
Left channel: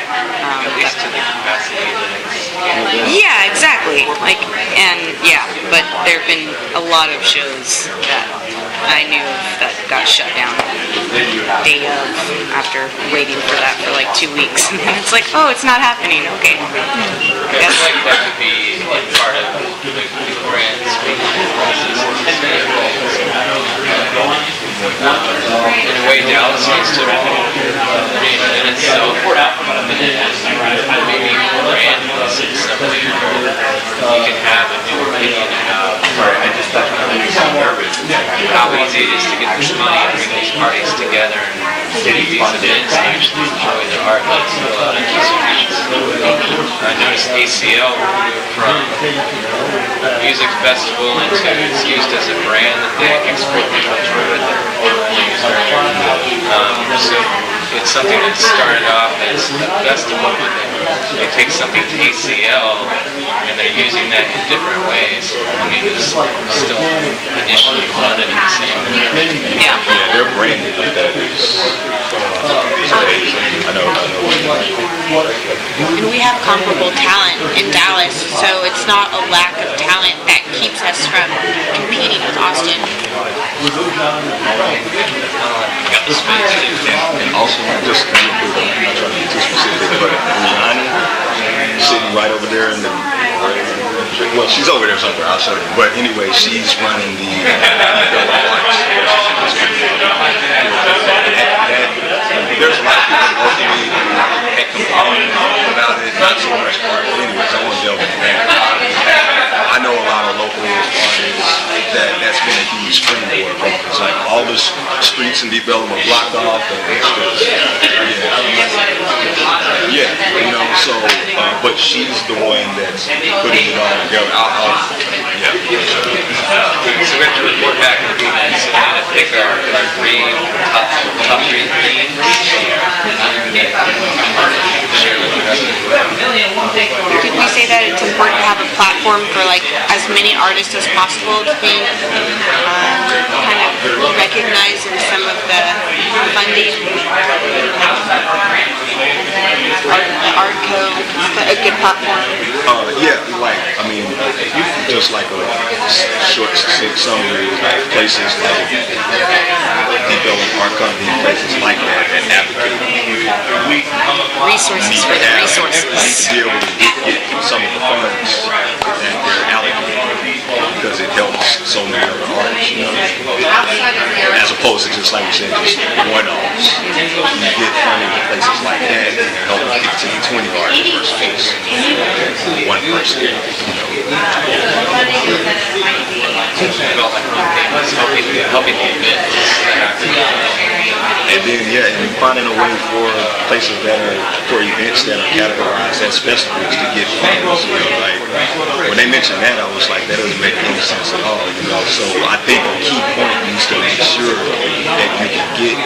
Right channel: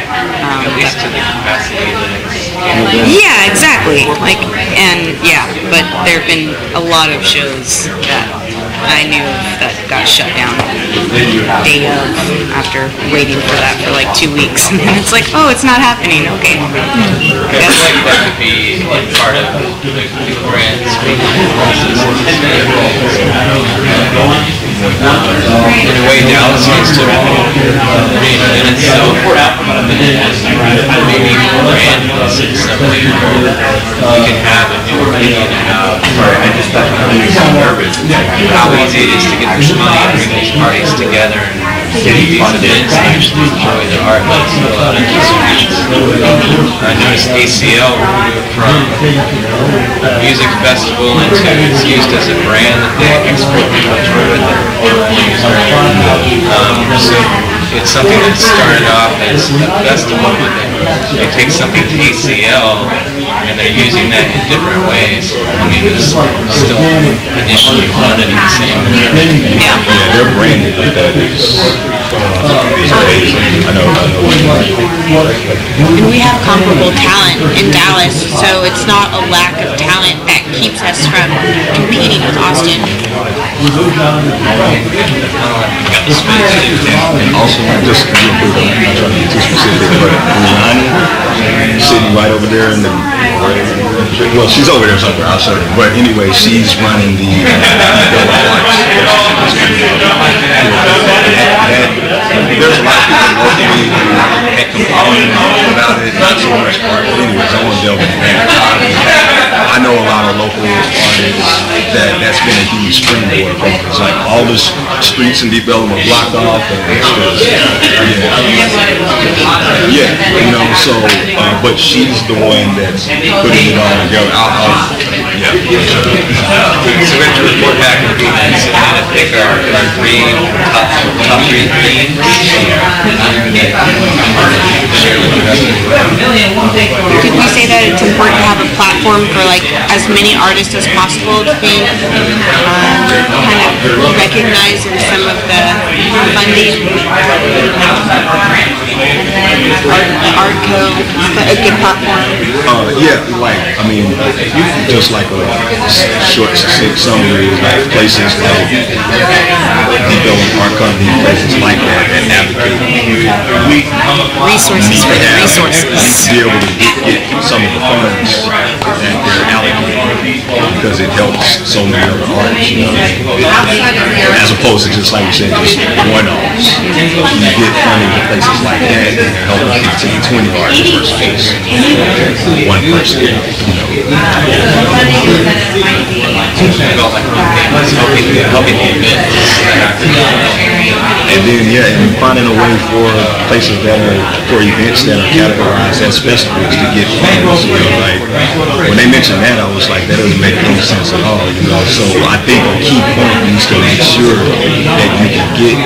Yeah, exactly. Like, and yeah, but there have been a lot of shows that I knew that got shut down day of after waiting for that for like 2 weeks. And then it's like, oh, it's not happening. Okay. That could be part of the grant. The way Dallas is how easy it is to get the parties together and get funded and actually enjoy the art. I noticed ACL from music festival and it's used as a brand. So it's something that started off as a festival, but they take something to ACL and they're using that in different ways. I mean, it's still initially funded in the same way. We have comparable talent in Dallas, so it's not a lack of talent that keeps us from competing with Austin. Also, just sitting right over there in the, well, she's over there somewhere, I'll show her. But anyway, she's running the, because a lot of people locally had complained about it, and so much part of it was almost dealt with. I know a lot of local artists that's been a huge springboard for us. Like all the streets and development blocked off, and you know. So, but she's the one that's putting it all together. So we have to report back to the events and kind of pick our top three themes. Did we say that it's important to have a platform for like as many artists as possible to be kind of recognized in some of the funding? The art code, a good platform. short, succinct summary is like places like our company, places like that advocate Resources for the resources. be able to get some of the funds that they're allocated because it helps so many other artists, as opposed to just like you said, just one artist. You get funding to places like that and it helps continue to art versus one and then, and finding a way for places that are, for events that are categorized as festivals to get funds. Like, when they mentioned that, I was like, that doesn't make any sense at all, So I think a key point is to make sure that you can get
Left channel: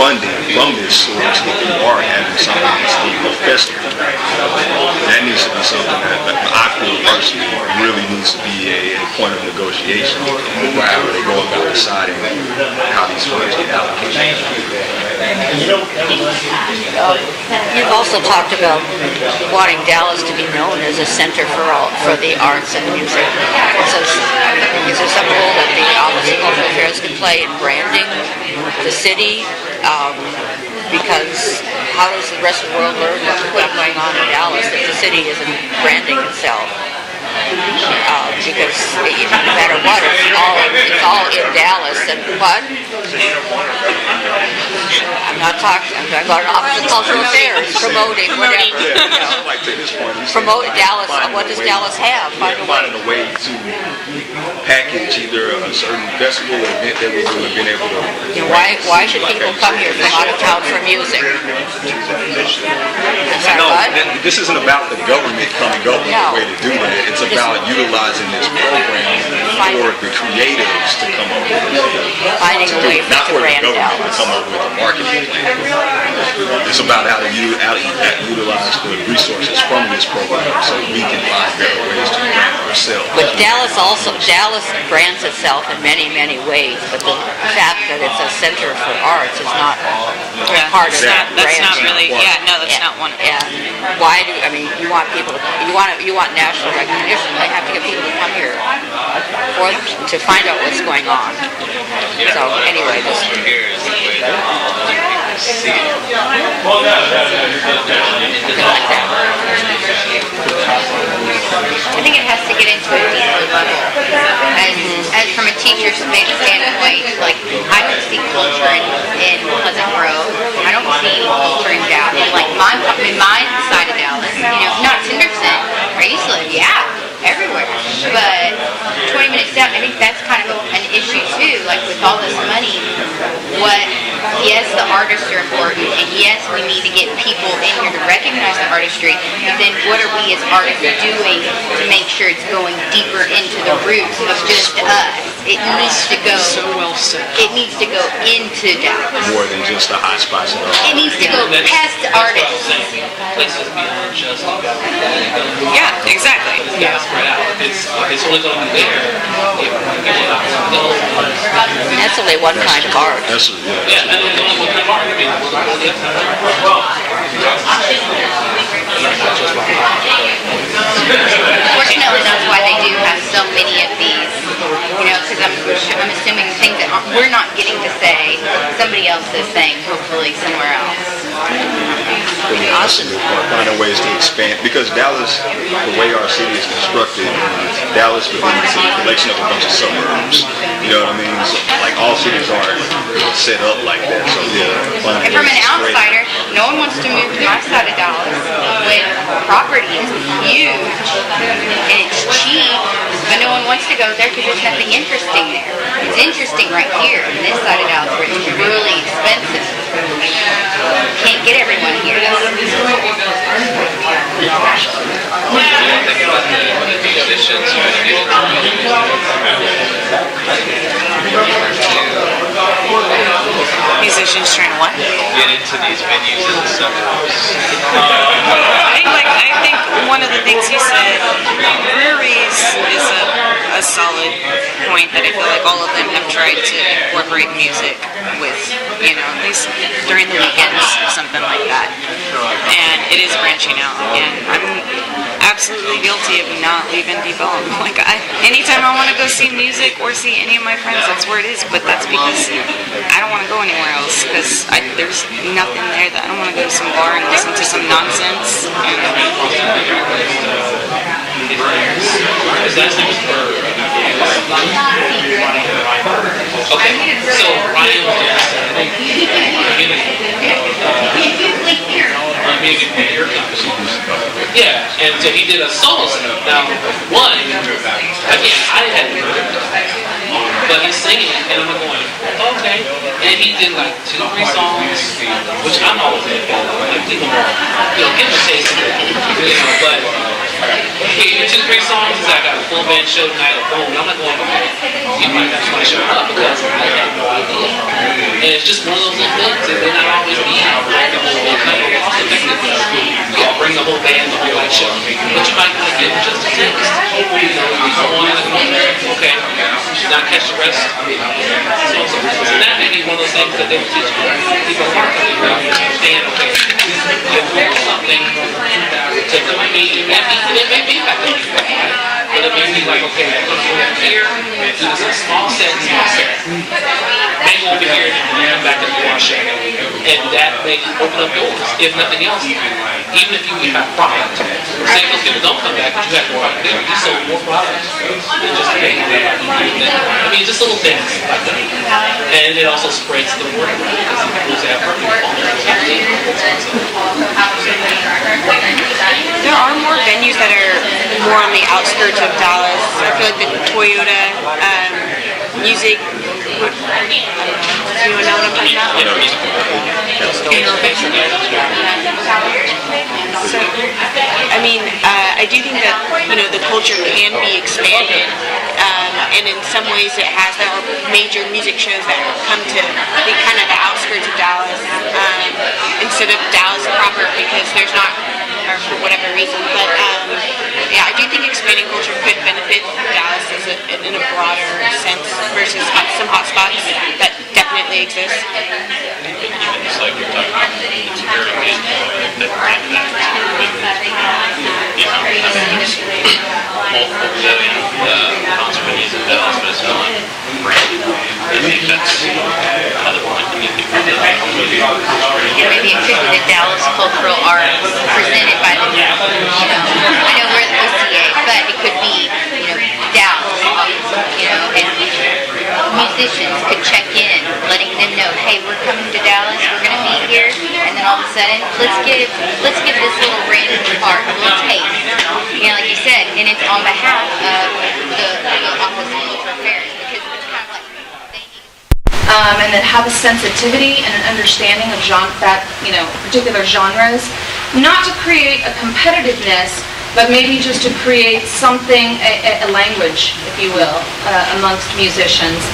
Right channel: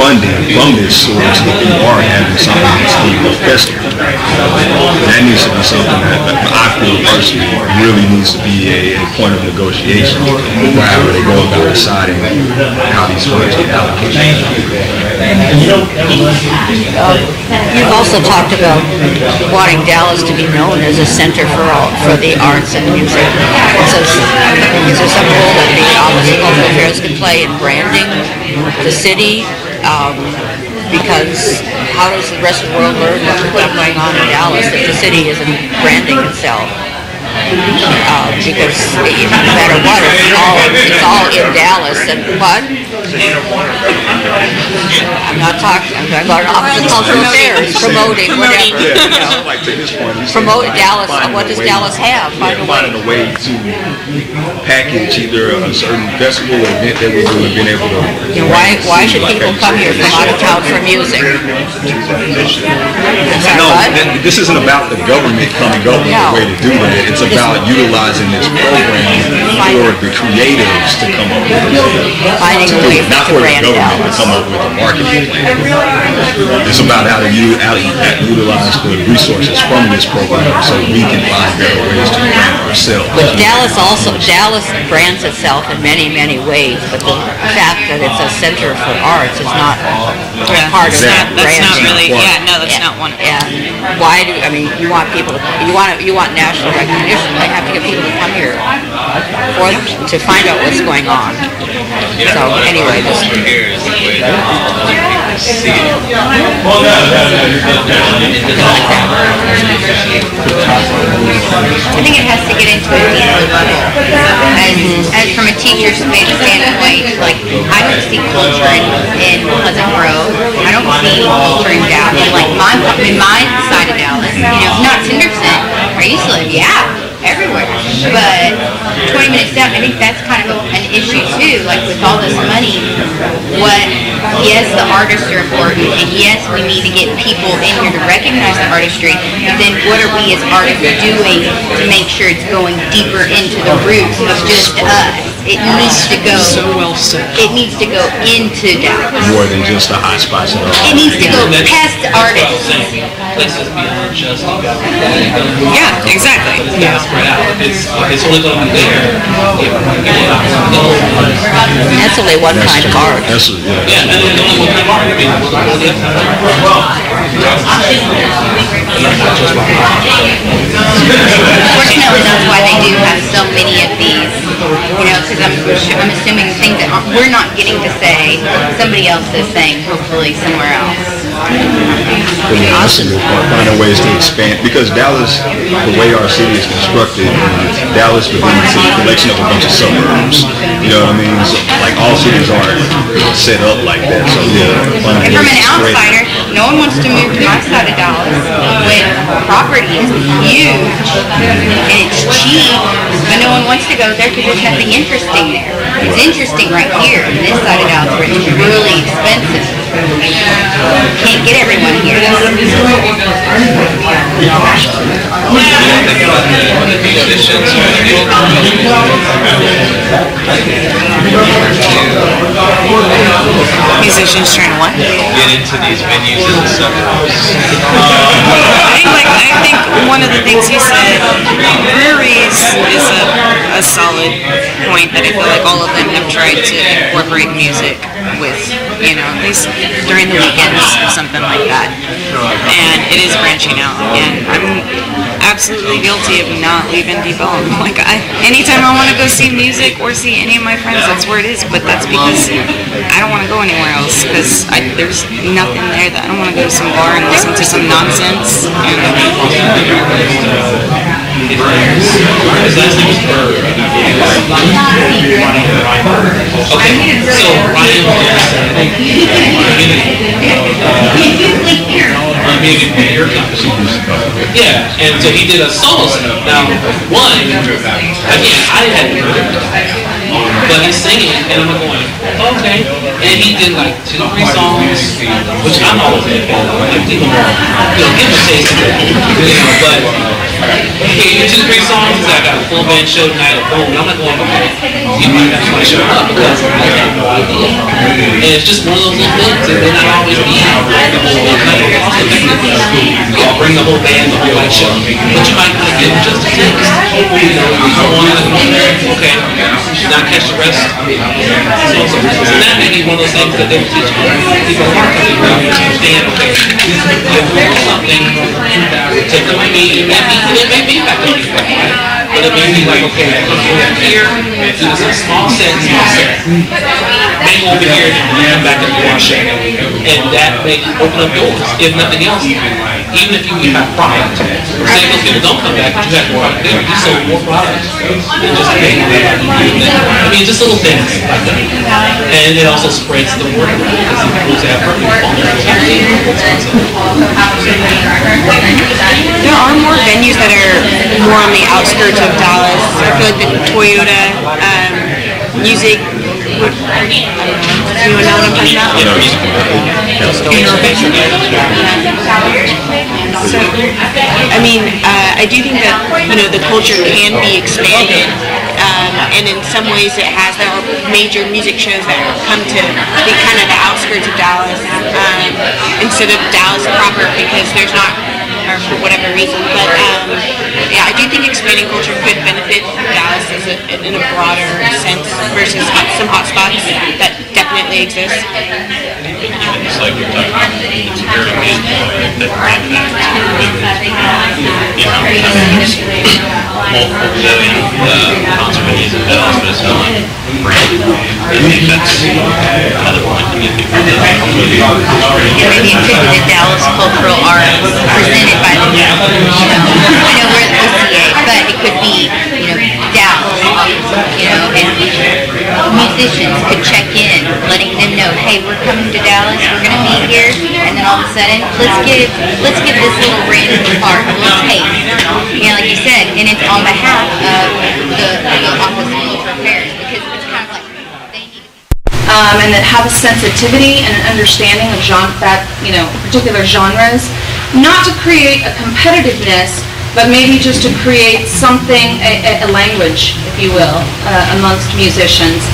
funding from this source if you are having something that's being a festival. That needs to be something that I feel personally really needs to be a point of negotiation for how they go about deciding how these funds are allocated. You've also talked about wanting Dallas to be known as a center for the arts and music. So some role that the Office of Cultural Affairs could play in branding the city? Because how does the rest of the world learn what's going on in Dallas if the city isn't branding itself? Because no matter what, it's all in Dallas. And what? I'm not talking about Office of Cultural Affairs promoting whatever. Promote Dallas. What does Dallas have? Find a way to package either a certain festival or event that we've really been able to. Why should people come here from out of town for music? No, this isn't about the government coming up with a way to do that. It's about utilizing this program for the creatives to come up with it. Not for the government to come up with a marketing plan. It's about how to utilize the resources from this program so we can find better ways to brand ourselves. Dallas brands itself in many, many ways, but the fact that it's a center for arts is not part of that branding. That's not one. And why you want people you want national recognition, they have to get people to come here to find out what's going on. So anyway, I think it has to get into and from a teacher's standpoint, like I don't see culture in Pleasant Grove. I don't see culture in Dallas. Like in my side of Dallas, not Henderson or Eastland, everywhere. But 20 minutes up, I think that's kind of an issue too. Like with all this money, yes, the artists are important, and yes, we need to get people in here to recognize the artistry. Then what are we as artists doing to make sure it's going deeper into the roots of just us? It needs to go. It needs to go into Dallas. More than just the hot spots. It needs to go past artists. Yeah, exactly. That's the way one kind of art. Unfortunately, that's why they do have so many of these. Because I'm assuming things that we're not getting to say, somebody else is saying, hopefully somewhere else. That's a good point. Finding ways to expand, because Dallas, the way our city is constructed, Dallas could be a collection of a bunch of suburbs. You know what I mean? So, like all cities aren't set up like that. So finding ways to spread. No one wants to move to our side of Dallas when property is huge and it's cheap, and no one wants to go there because there's nothing interesting there. It's interesting right here in this side of Dallas where it's really expensive. Can't get everyone here. Musicians trying to what? Get into these venues and stuff. I think one of the things he said, breweries is a a solid point that I feel like all of them have tried to incorporate music with, you know, at least during the weekends or something like that. And it is branching out. And I'm absolutely guilty of not leaving people alone. Like, anytime I want to go see music or see any of my friends, that's where it is. But that's because I don't want to go anywhere else. Because there's nothing there that I don't want to go to some bar and listen to some nonsense. Yeah, and so he did a solo stuff. Now, one, I hadn't heard it, but I sang it, and I'm going, okay. And he did like 2-3 songs, which I'm always a fan of. Like, people say but okay, you 2-3 songs, I got a full band show tonight at 4, and I'm not going to show up because and it's just one of those little things, and then I always need I'll bring the whole band to the show. But you might want to get just a taste. You know, okay, not catch the rest. So that may be one of those things that they'll teach people understand, okay, this is something to maybe back on you. But it may be like, okay, I'm going to go back here, do this in a small sense, hang over here, and come back and wash it. And that may open up doors, if nothing else. Even if you have product, say if people don't come back, you have product there, you sell more product. I mean, just little things. And it also spreads the word because it goes out. There are more venues that are more on the outskirts of Dallas. I feel like the Toyota music. You know what I'm talking about? So, I mean, I do think that, you know, the culture can be expanded, and in some ways it has. There are major music shows that come to be kind of the outskirts of Dallas instead of Dallas proper because there's not, or for whatever reason. But yeah, I do think expanding culture could benefit Dallas in a broader sense versus some hot spots that definitely exist. It's like Dallas cultural art presented by the but it could be, you know, Dallas, you know, and musicians could check in, letting them know, hey, we're coming to Dallas, we're going to meet here, and then all of a sudden, let's give this little random part a little taste. Yeah, like you said, and it's on behalf of the Office of Cultural Affairs, because it's kind of like, and that have a sensitivity and understanding of particular genres, not to create a competitiveness, but maybe just to create something, a language, if you will, amongst musicians.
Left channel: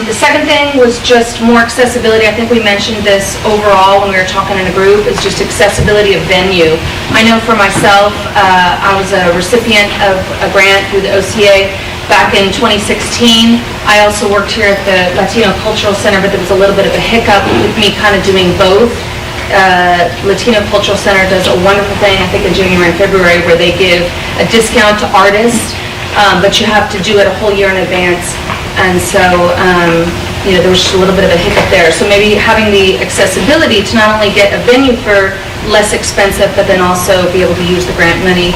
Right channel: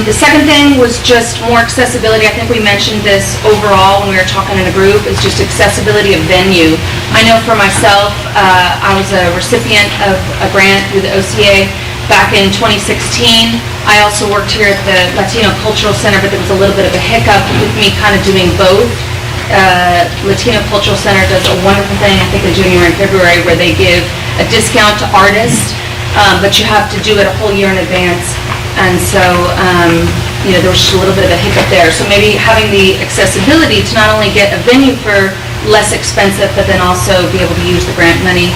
The second thing was just more accessibility. I think we mentioned this overall when we were talking in the group. It's just accessibility of venue. I know for myself, I was a recipient of a grant through the OCA back in 2016. I also worked here at the Latino Cultural Center, but there was a little bit of a hiccup with me kind of doing both. Latino Cultural Center does a wonderful thing, I think in January and February, where they give a discount to artists, but you have to do it a whole year in advance. And so, there was just a little bit of a hiccup there. So maybe having the accessibility to not only get a venue for less expensive, but then also be able to use the grant money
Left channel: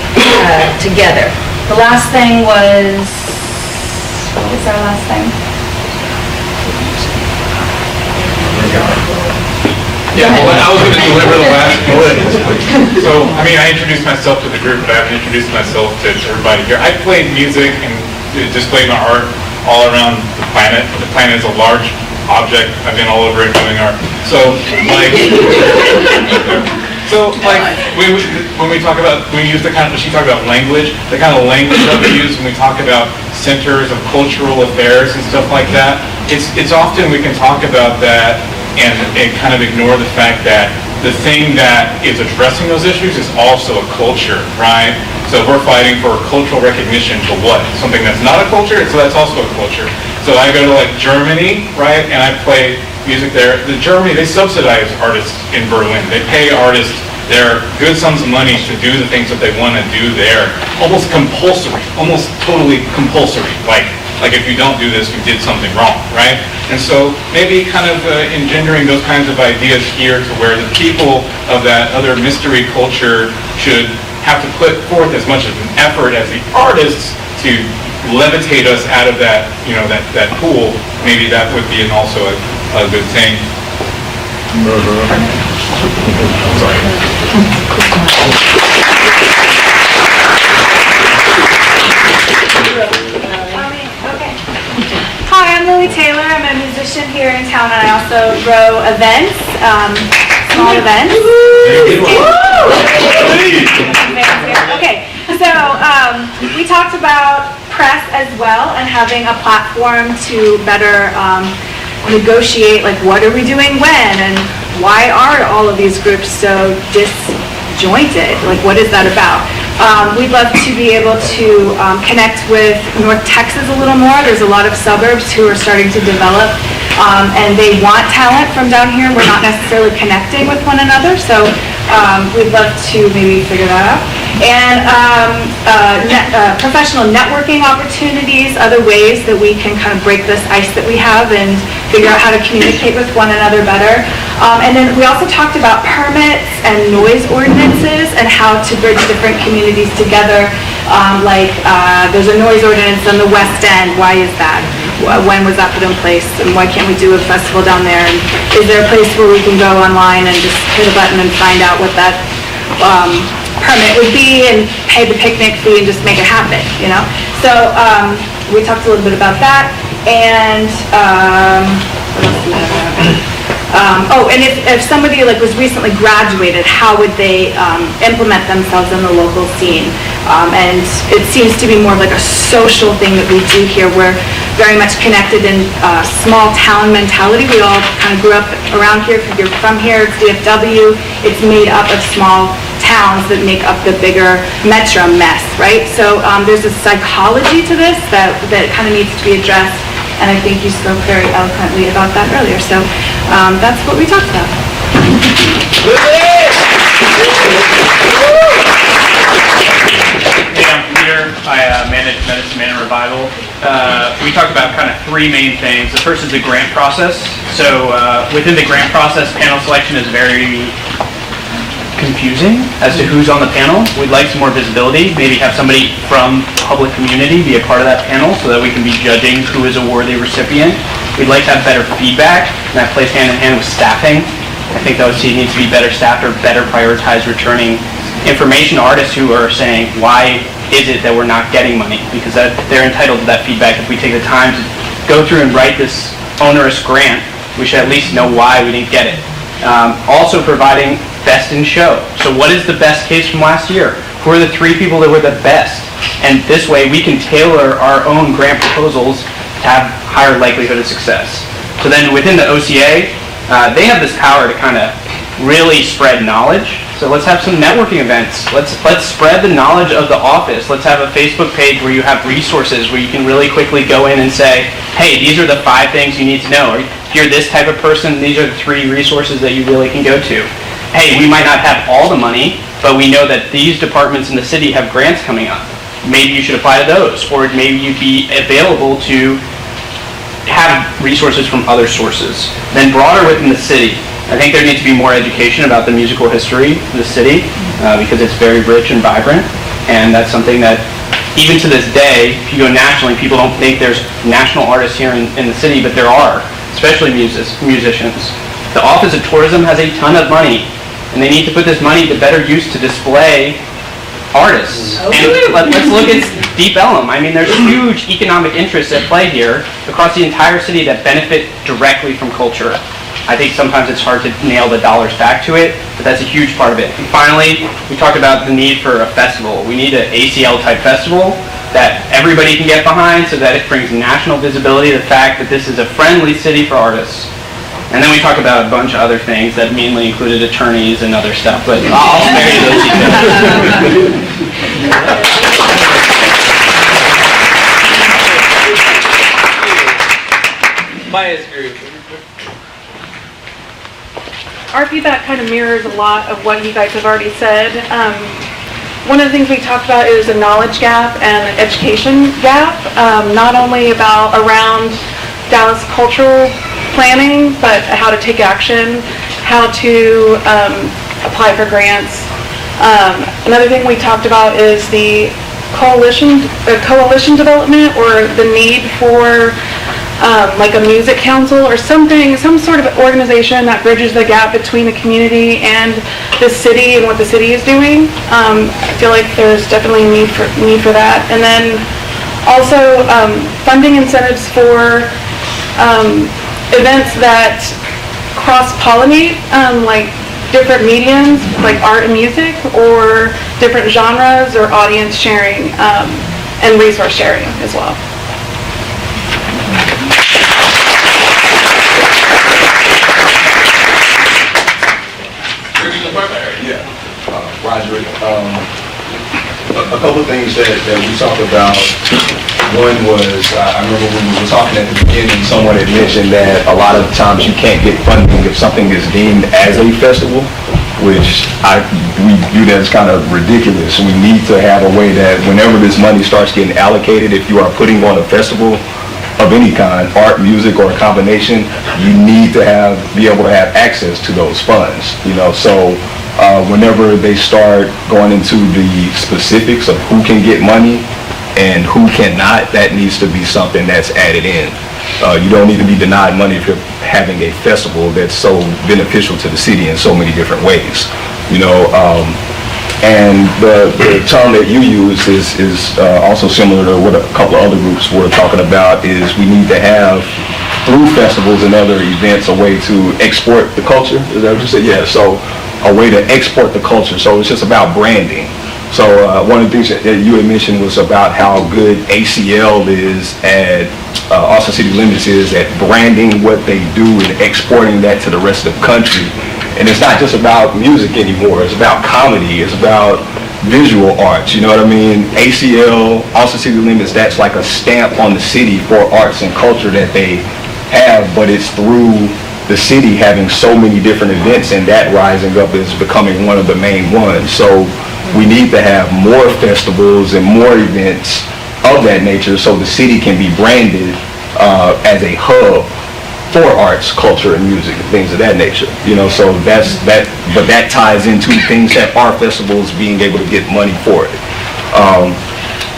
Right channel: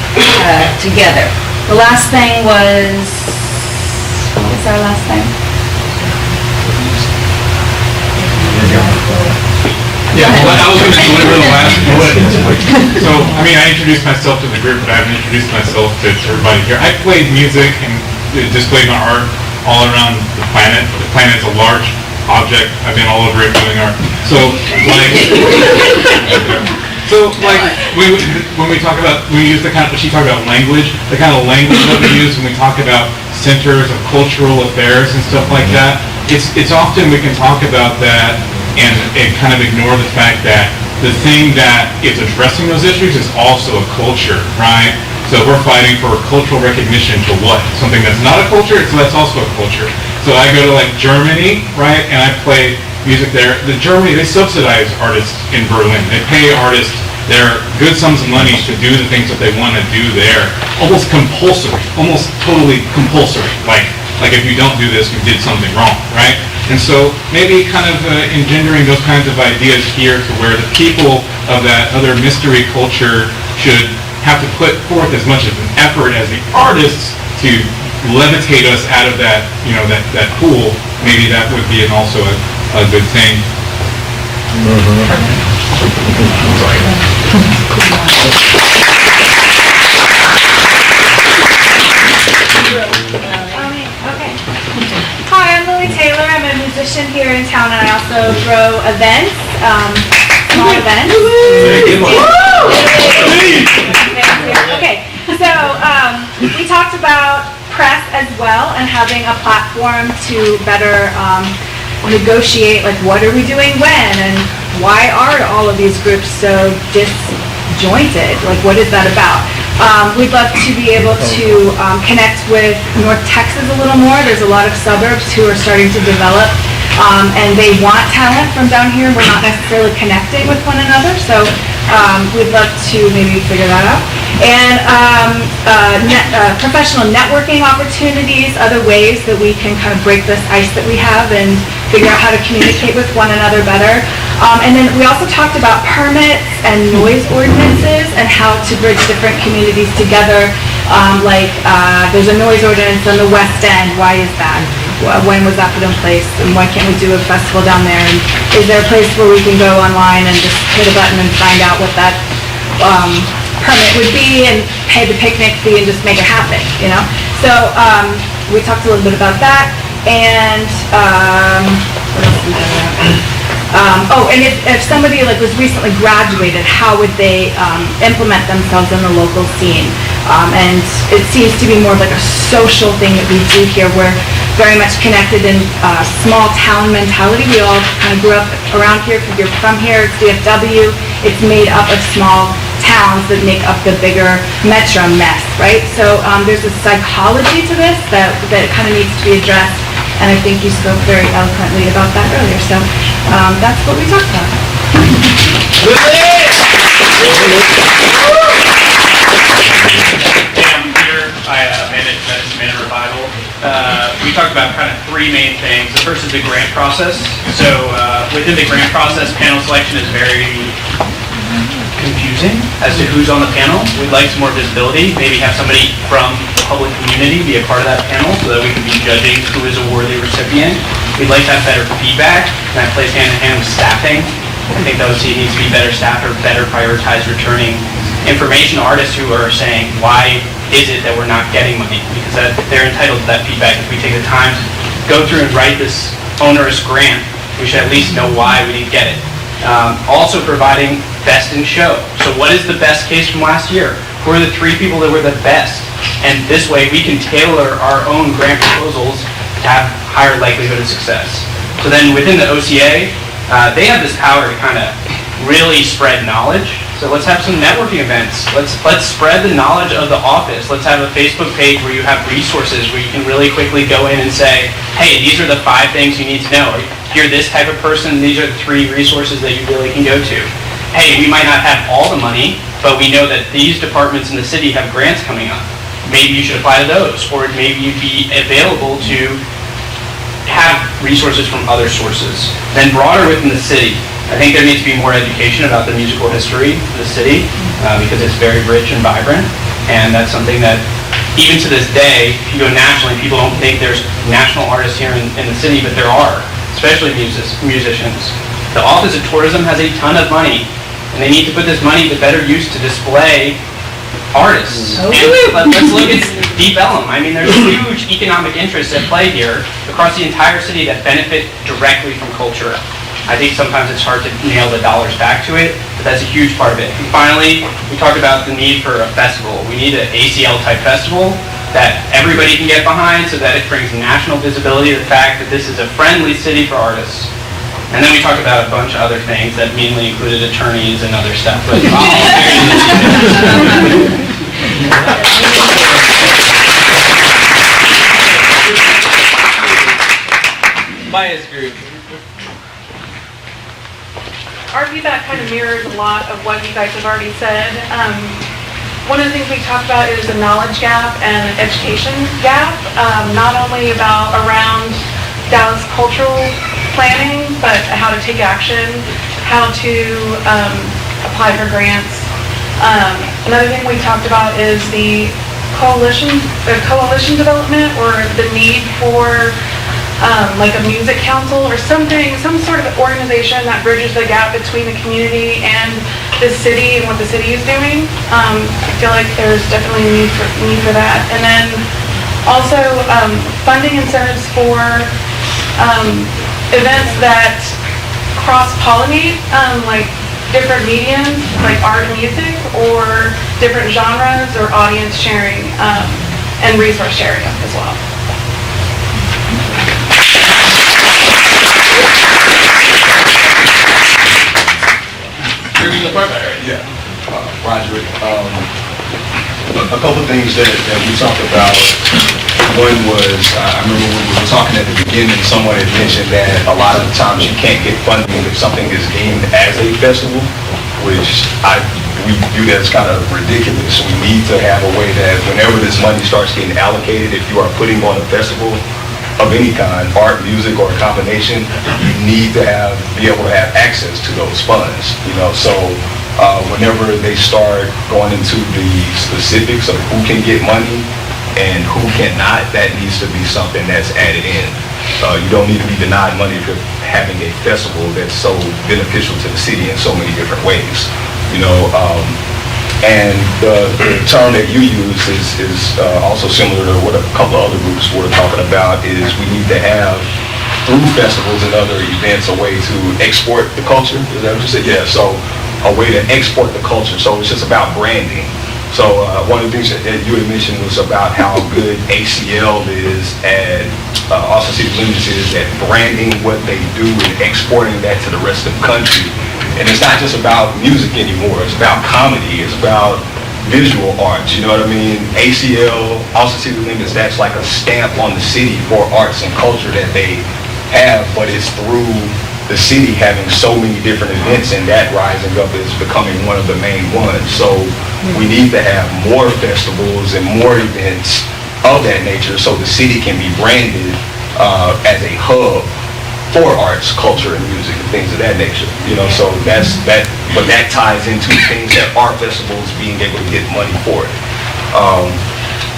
together. The last thing was, what was that last thing? I was going to deliver the last bullet. So, I mean, I introduced myself to the group, but I haven't introduced myself to everybody here. I played music and displayed my art all around the planet. The planet is a large object. I've been all over it doing art. When we talk about, when we use the kind of, she talked about language, the kind of language that we use when we talk about centers of cultural affairs and stuff like that, it's often we can talk about that and kind of ignore the fact that the thing that is addressing those issues is also a culture, right? So we're fighting for cultural recognition for what? Something that's not a culture, so that's also a culture. So I go to like Germany, right, and I play music there. The Germany, they subsidize artists in Berlin. They pay artists their good sums of money to do the things that they want to do there. Almost compulsory, almost totally compulsory. Like if you don't do this, you did something wrong, right? And so maybe kind of engendering those kinds of ideas here to where the people of that other mystery culture should have to put forth as much of an effort as the artists to levitate us out of that, that pool. Maybe that would be also a good thing. Hi, I'm Lily Taylor. I'm a musician here in town, and I also grow events, small events. Okay, so we talked about press as well and having a platform to better negotiate, like what are we doing when, and why are all of these groups so disjointed? Like what is that about? We'd love to be able to connect with North Texas a little more. There's a lot of suburbs who are starting to develop, and they want talent from down here. We're not necessarily connecting with one another, so we'd love to maybe figure that out. And professional networking opportunities, other ways that we can kind of break this ice that we have and figure out how to communicate with one another better. And then we also talked about permits and noise ordinances and how to bridge different communities together. There's a noise ordinance on the West End. Why is that? When was that put in place? And why can't we do a festival down there? And is there a place where we can go online and just hit a button and find out what that permit would be and pay the picnic fee and just make it happen, So we talked a little bit about that. And and if somebody was recently graduated, how would they implement themselves in the local scene? And it seems to be more like a social thing that we do here. We're very much connected in small town mentality. We all kind of grew up around here. If you're from here, it's VFW. It's made up of small towns that make up the bigger metro mess, right? So there's a psychology to this that kind of needs to be addressed. And I think you spoke very eloquently about that earlier. So that's what we talked about. I'm here. I manage Medicine and Revival. We talked about kind of three main things. The first is the grant process. So within the grant process, panel selection is very confusing as to who's on the panel. We'd like some more visibility, maybe have somebody from the public community be a part of that panel so that we can be judging who is a worthy recipient. We'd like to have better feedback, and that plays hand in hand with staffing. I think OC needs to be better staffed or better prioritize returning information artists who are saying, why is it that we're not getting money? Because they're entitled to that feedback. If we take the time to go through and write this onerous grant, we should at least know why we didn't get it. Also providing best in show. So what is the best case from last year? Who are the three people that were the best? And this way we can tailor our own grant proposals to have higher likelihood of success. So then within the OCA, they have this power to kind of really spread knowledge. So let's have some networking events. Let's spread the knowledge of the office. Let's have a Facebook page where you have resources where you can really quickly go in and say, hey, these are the 5 things you need to know. If you're this type of person, these are the 3 resources that you really can go to. Hey, we might not have all the money, but we know that these departments in the city have grants coming up. Maybe you should apply to those, or maybe you'd be available to have resources from other sources. Then broader within the city, I think there needs to be more education about the musical history of the city because it's very rich and vibrant, and that's something that even to this day, if you go nationally, people don't think there's national artists here in the city, but there are, especially musicians. The Office of Tourism has a ton of money, and they need to put this money to better use to display artists. And let's look at Deep Ellum. I mean, there's huge economic interests at play here across the entire city that benefit directly from culture. I think sometimes it's hard to nail the dollars back to it, but that's a huge part of it. And finally, we talked about the need for a festival. We need an ACL-type festival that everybody can get behind so that it brings national visibility to the fact that this is a friendly city for artists. And then we talked about a bunch of other things that mainly included attorneys and other stuff, but our feedback kind of mirrors a lot of what you guys have already said. One of the things we talked about is a knowledge gap and an education gap, not only around Dallas cultural planning, but how to take action, how to apply for grants. Another thing we talked about is the coalition development, or the need for like a music council or something, some sort of organization that bridges the gap between the community and the city and what the city is doing. I feel like there's definitely a need for that. And then also funding incentives for events that cross-pollinate, like different mediums, like art and music, or different genres, or audience sharing and resource sharing as well. Roger, a couple of things that we talked about. One was, I remember when we were talking at the beginning, someone had mentioned that a lot of times you can't get funding if something is deemed as a festival, which we view that as kind of ridiculous. We need to have a way that whenever this money starts getting allocated, if you are putting on a festival of any kind, art, music, or a combination, you need to be able to have access to those funds. So whenever they start going into the specifics of who can get money and who cannot, that needs to be something that's added in. You don't need to be denied money if you're having a festival that's so beneficial to the city in so many different ways. And the term that you use is also similar to what a couple other groups were talking about, is we need to have, through festivals and other events, a way to export the culture. Is that what you said? Yeah, so a way to export the culture. So it's just about branding. So one of the things that you had mentioned was about how good ACL is at, Austin City Limits is at branding what they do and exporting that to the rest of the country. And it's not just about music anymore. It's about comedy. It's about visual arts. You know what I mean? ACL, Austin City Limits, that's like a stamp on the city for arts and culture that they have, but it's through the city having so many different events, and that rising up is becoming one of the main ones. So we need to have more festivals and more events of that nature so the city can be branded as a hub for arts, culture, and music, and things of that nature. So that's that, but that ties into things that are festivals being able to get money for it.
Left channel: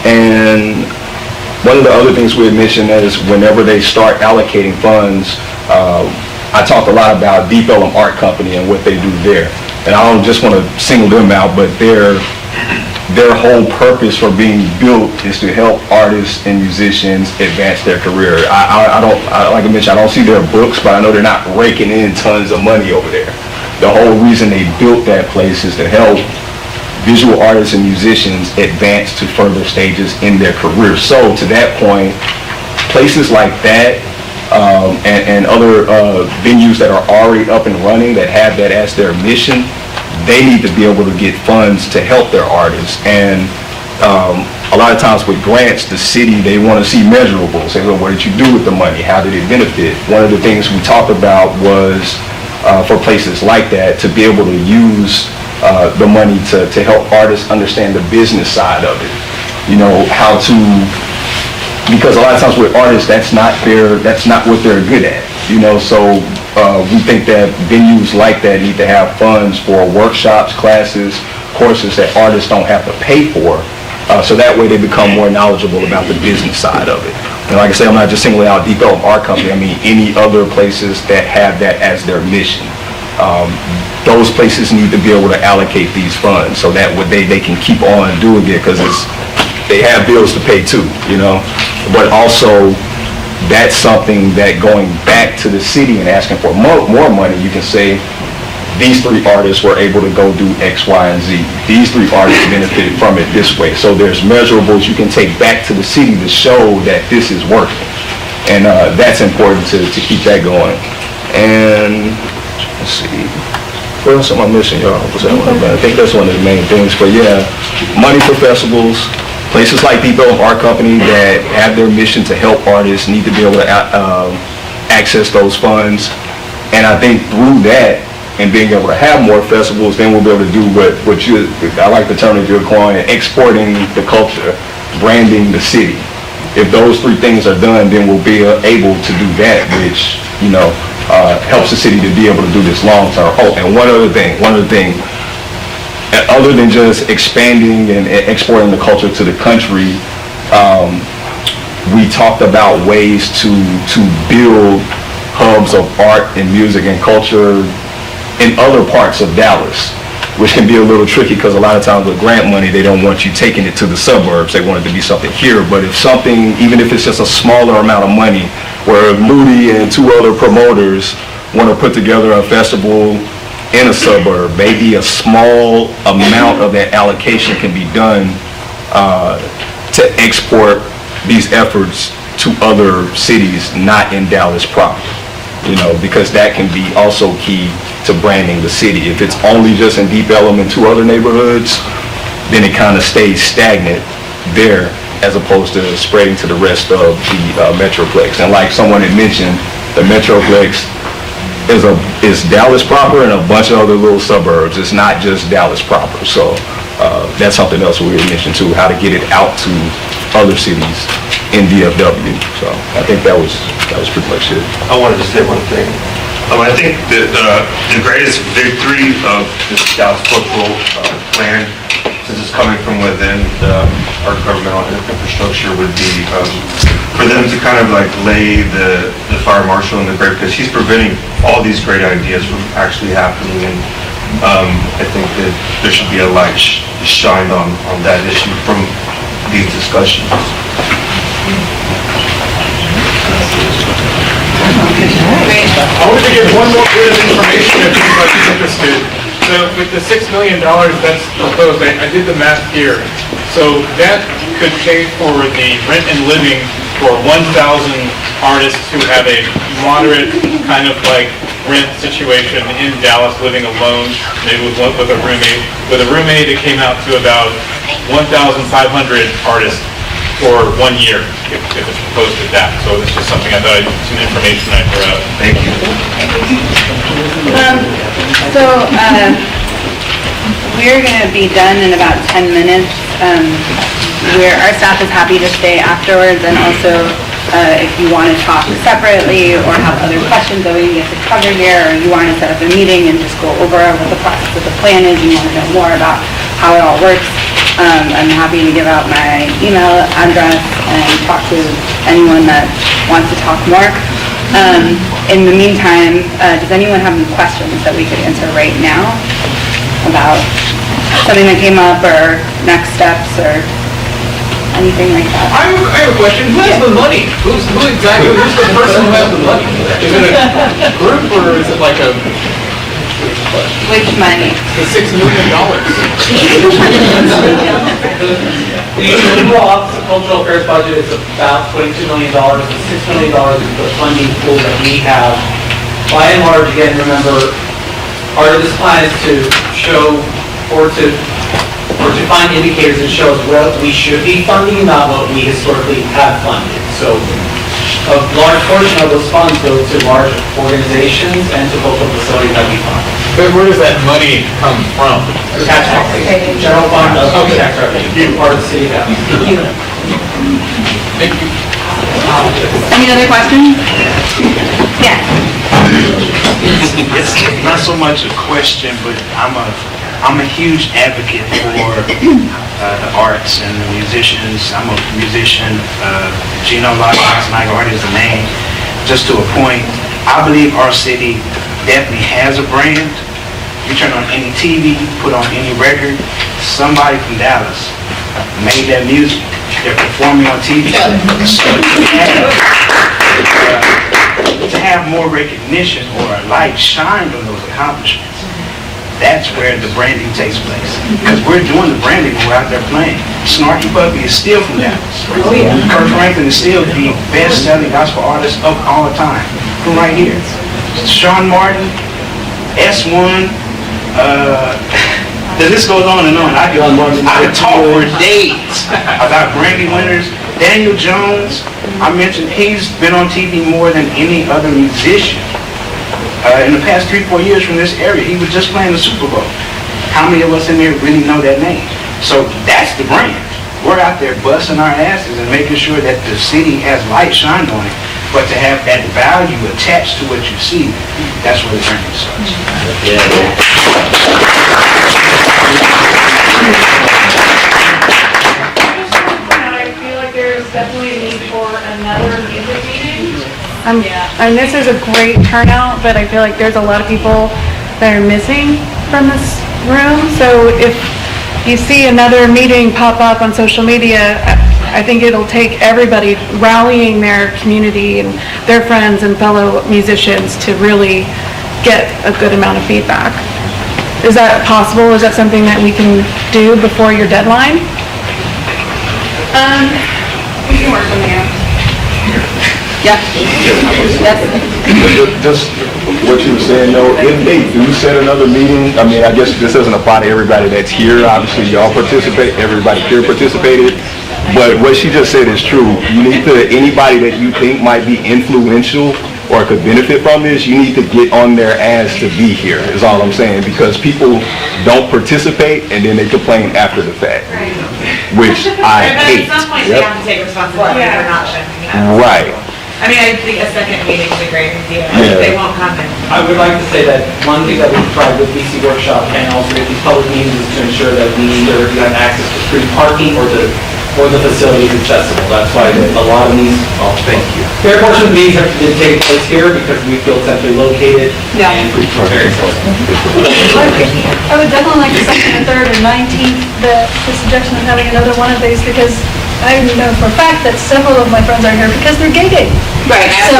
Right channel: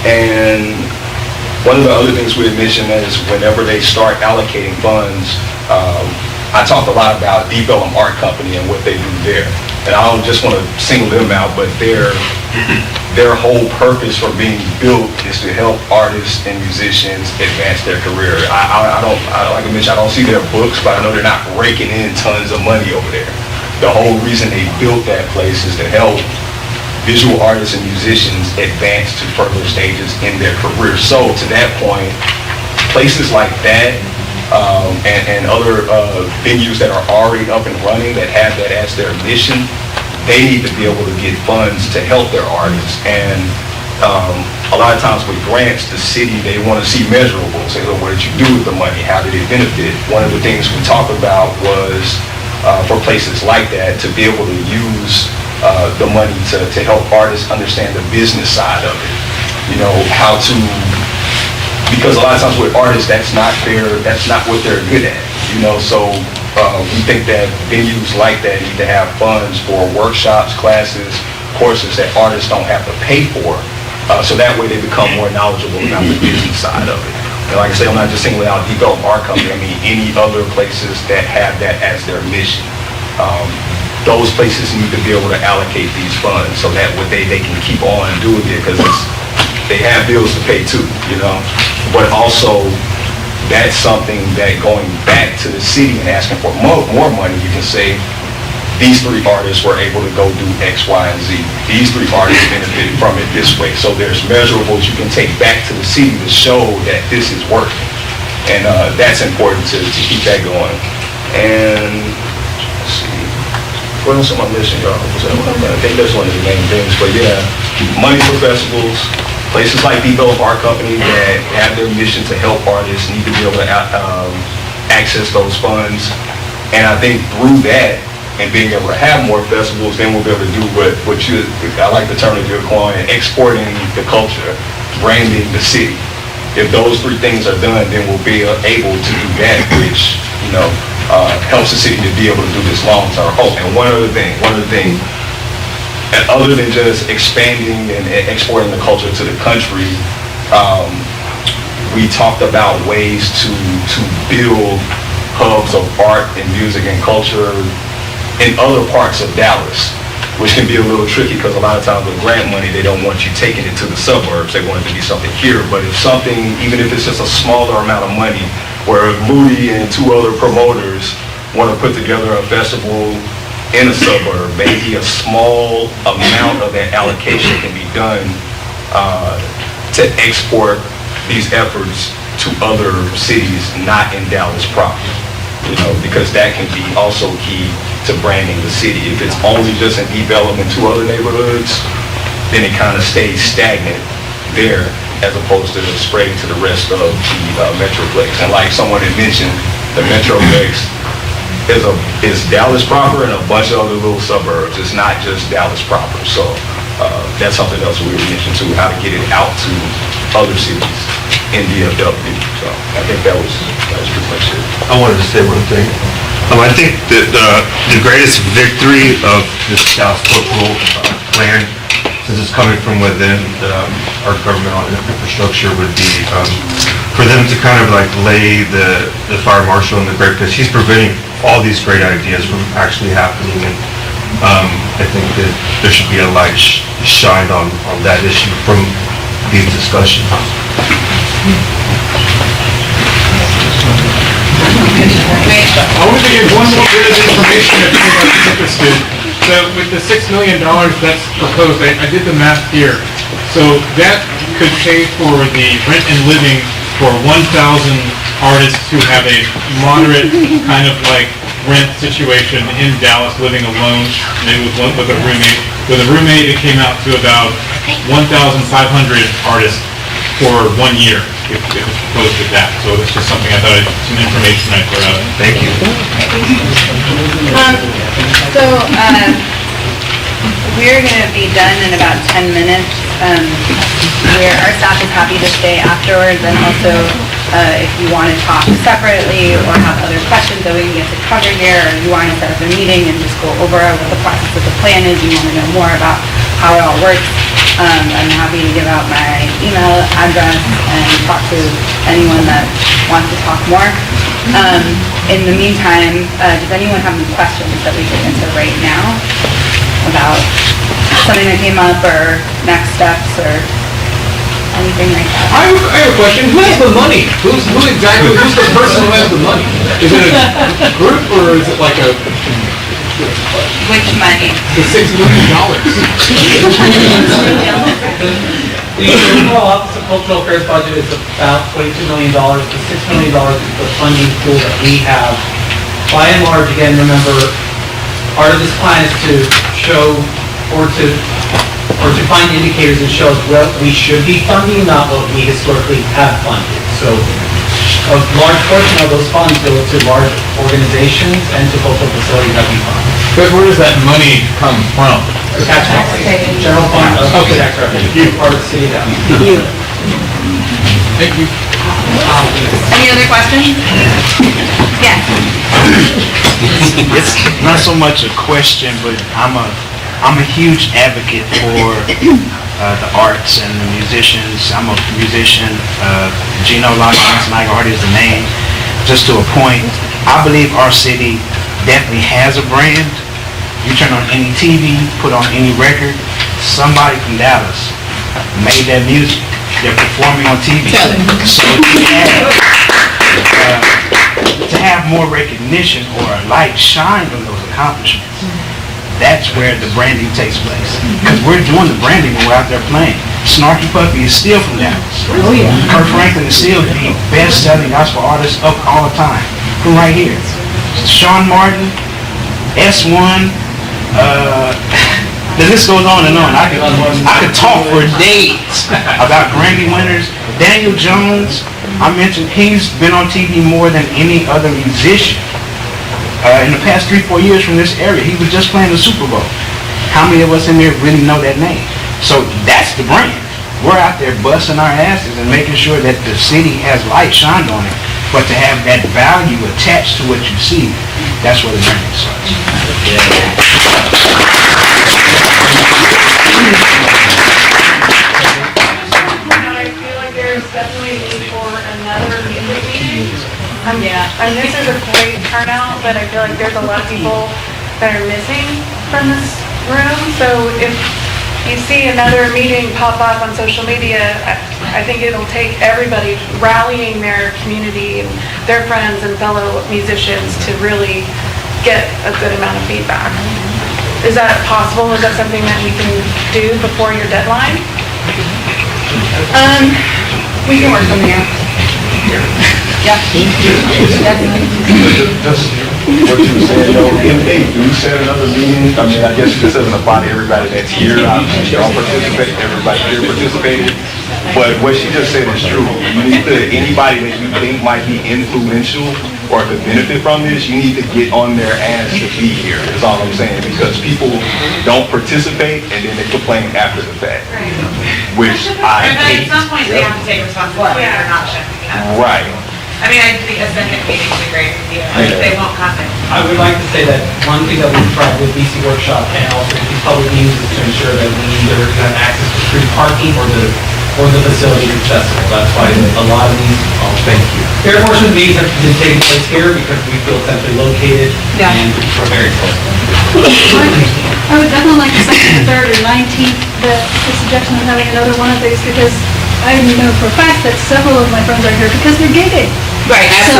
And one of the other things we had mentioned is whenever they start allocating funds, I talk a lot about Deep Ellum Art Company and what they do there. And I don't just want to single them out, but their whole purpose for being built is to help artists and musicians advance their career. I don't, like I mentioned, I don't see their books, but I know they're not raking in tons of money over there. The whole reason they built that place is to help visual artists and musicians advance to further stages in their career. So to that point, places like that and other venues that are already up and running that have that as their mission, they need to be able to get funds to help their artists. And a lot of times with grants, the city, they want to see measurables. They go, what did you do with the money? How did it benefit? One of the things we talked about was for places like that to be able to use the money to help artists understand the business side of it. How to, because a lot of times with artists, that's not what they're good at. So we think that venues like that need to have funds for workshops, classes, courses that artists don't have to pay for, so that way they become more knowledgeable about the business side of it. And like I said, I'm not just singling out Deep Ellum Art Company. I mean any other places that have that as their mission. Those places need to be able to allocate these funds so that they can keep on doing it, because they have bills to pay too, But also, that's something that going back to the city and asking for more money, you can say, these three artists were able to go do X, Y, and Z. These three artists benefited from it this way. So there's measurables you can take back to the city to show that this is working. And that's important to keep that going. And let's see, there was something I'm missing, I think that's one of the main things. But yeah, money for festivals. Places like Deep Ellum Art Company that have their mission to help artists need to be able to access those funds. And I think through that, and being able to have more festivals, then we'll be able to do what you, I like the term that you're calling exporting the culture, branding the city. If those three things are done, then we'll be able to do that, which, helps the city to be able to do this long term. Oh, and one other thing, other than just expanding and exporting the culture to the country, we talked about ways to build hubs of art and music and culture in other parts of Dallas, which can be a little tricky because a lot of times with grant money, they don't want you taking it to the suburbs. They want it to be something here. But if something, even if it's just a smaller amount of money, where Moody and two other promoters want to put together a festival in a suburb, maybe a small amount of that allocation can be done to export these efforts to other cities not in Dallas proper, because that can be also key to branding the city. If it's only just in Deep Ellum and two other neighborhoods, then it kind of stays stagnant there as opposed to spreading to the rest of the Metroplex. And like someone had mentioned, the Metroplex is Dallas proper and a bunch of other little suburbs. It's not just Dallas proper. So that's something else we mentioned too, how to get it out to other cities in DFW. So I think that was pretty much it. I wanted to say one thing. I think that the greatest victory of this Dallas Cultural Plan, this is coming from within our governmental infrastructure, would be for them to kind of like lay the fire marshal in the breakfast. He's preventing all these great ideas from actually happening, and I think that there should be a light shined on that issue from these discussions. I want to give one more bit of information if anybody's interested. So with the $6 million that's proposed, I did the math here. So that could change for the rent and living for 1,000 artists who have a moderate kind of like rent situation in Dallas, living alone, maybe with a roommate. With a roommate, it came out to about 1,500 artists for 1 year, if it's proposed at that. So it's just something I thought, some information I threw out. Thank you. We're going to be done in about 10 minutes. Our staff is happy to stay afterwards, and also if you want to talk separately or have other questions that we need to cover here, or you want to set up a meeting and just go over what the process of the plan is, and you want to know more about how it all works, I'm happy to give out my email address and talk to anyone that wants to talk more. In the meantime, does anyone have any questions that we could answer right now about something that came up or next steps or anything like that? I have a question. Who has the money? Who's the person who has the money? Is it a group or is it like a... Which money? The $6 million. The overall cultural affairs budget is about $22 million. The $6 million is the funding pool that we have. By and large, again, remember, part of this plan is to show or to find indicators and show what we should be funding, not what we historically have funded. So a large portion of those funds go to large organizations and to local facilities that we fund. Where does that money come from? The tax general fund. Okay, you part of the city. Thank you. Any other questions? Yes. It's not so much a question, but I'm a huge advocate for the arts and the musicians. I'm a musician. Gino Rock-Charismatic Art is the name. Just to a point, I believe our city definitely has a brand. You turn on any TV, put on any record, somebody from Dallas made that music. They're performing on TV. So to have more recognition or a light shine on those accomplishments, that's where the branding takes place. Because we're doing the branding when we're out there playing. Snarky Puppy is still from Dallas. Kurt Franklin is still the best-selling gospel artist of all time. From right here. Sean Martin, S1, the list goes on and on. I could talk for days about Grammy winners. Daniel Jones, I mentioned he's been on TV more than any other musician. in the past 3-4 years from this area. He was just playing the Super Bowl. How many of us in there really know that name? So that's the brand. We're out there busting our asses and making sure that the city has light shined on it, but to have that value attached to what you see, that's where the brand starts. I mean, this is a great turnout, but I feel like there's a lot of people that are missing from this room. So if you see another meeting pop up on social media, I think it'll take everybody rallying their community and their friends and fellow musicians to really get a good amount of feedback. Is that possible? Is that something that we can do before your deadline? We can work on that. Just what you were saying, when you said another meeting, I mean, I guess this doesn't apply to everybody that's here. Obviously, y'all participate, everybody could participate. But what she just said is true. You need to, anybody that you think might be influential or could benefit from this, you need to get on their ass to be here, is all I'm saying. Because people don't participate and then they complain after the fact, which I hate. Right. I mean, I think a second meeting would be great if they won't happen. I would like to say that one thing that we've tried with DC Workshop and also with these public meetings is to ensure that we either you have access to street parking or the facility is accessible. That's why a lot of these, fair portion of these have been taking place here because we feel centrally located and we feel very close. I would definitely like to second the 3rd or 19th, the suggestion of having another one of these because I know for a fact that several of my friends are here because they're gigging. Right. So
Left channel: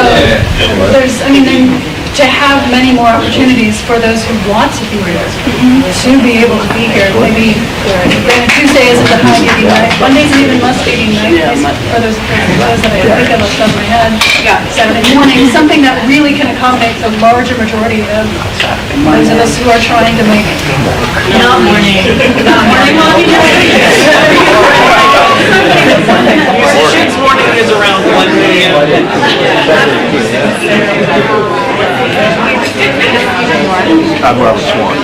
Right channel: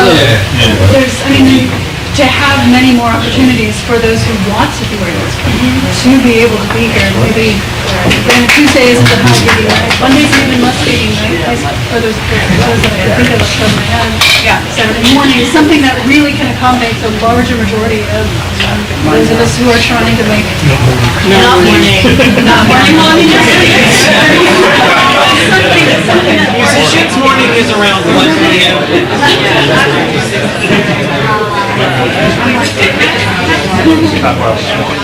there's, I mean, to have many more opportunities for those who want to be here, to be able to be here. Maybe Tuesday isn't a housekeeping night. Monday's maybe must be night. Or those shows that I think of off the top of my head. Saturday morning, something that really can accommodate the larger majority of those of us who are trying to make Musicians morning is around 1 p.m. I'm Robert Swan.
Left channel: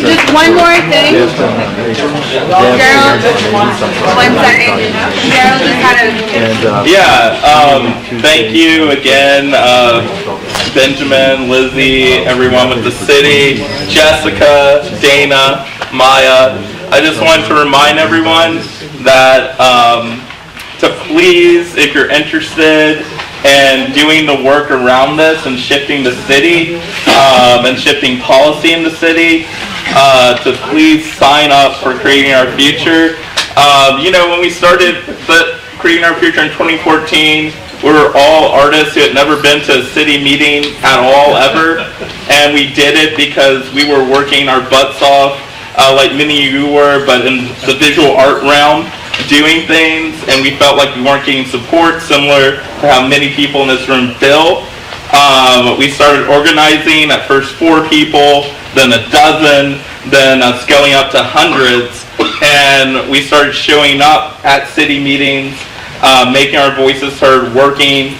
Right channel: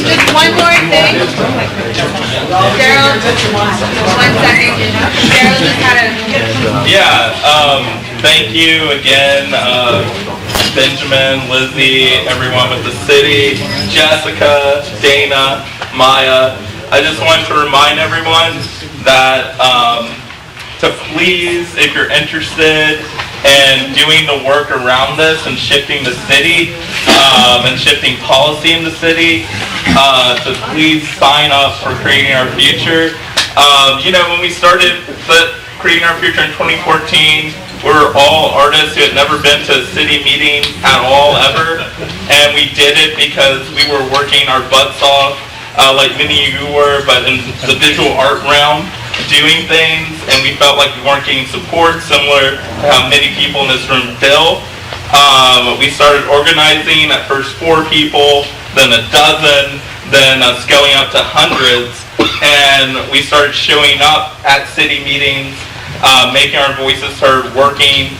Just one more thing. One second. Thank you again, Benjamin, Lizzie, everyone with the city, Jessica, Dana, Maya. I just wanted to remind everyone that to please, if you're interested in doing the work around this and shifting the city and shifting policy in the city, to please sign up for Creating Our Future. When we started Creating Our Future in 2014, we were all artists who had never been to a city meeting at all, ever. And we did it because we were working our butts off, like many of you were, but in the visual art realm, doing things, and we felt like we weren't getting support, similar to how many people in this room feel. We started organizing, at first 4 people, then a dozen, then scaling up to hundreds, and we started showing up at city meetings, making our voices heard, working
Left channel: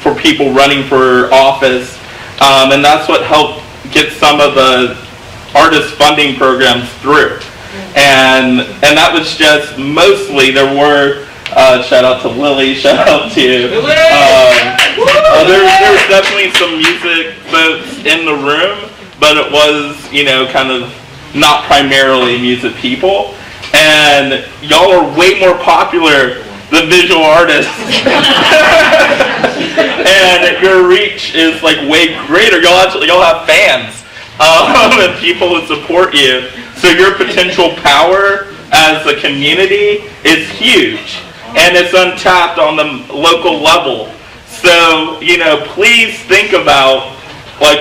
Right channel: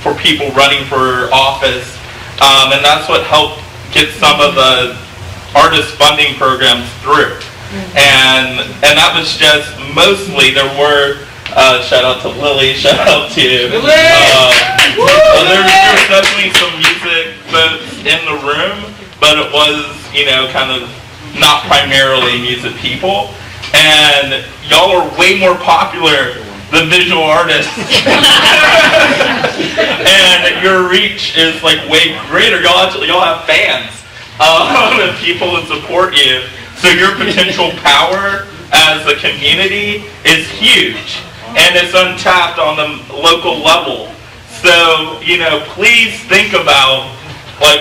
for people running for office, and that's what helped get some of the artist funding programs through. And that was just mostly, there were, shout out to Lily, shout out to, there's definitely some music folks in the room, but it was, kind of not primarily music people. And y'all are way more popular than visual artists. And your reach is like way greater. Y'all have fans and people who support you. So your potential power as a community is huge, and it's untapped on the local level. So, please think about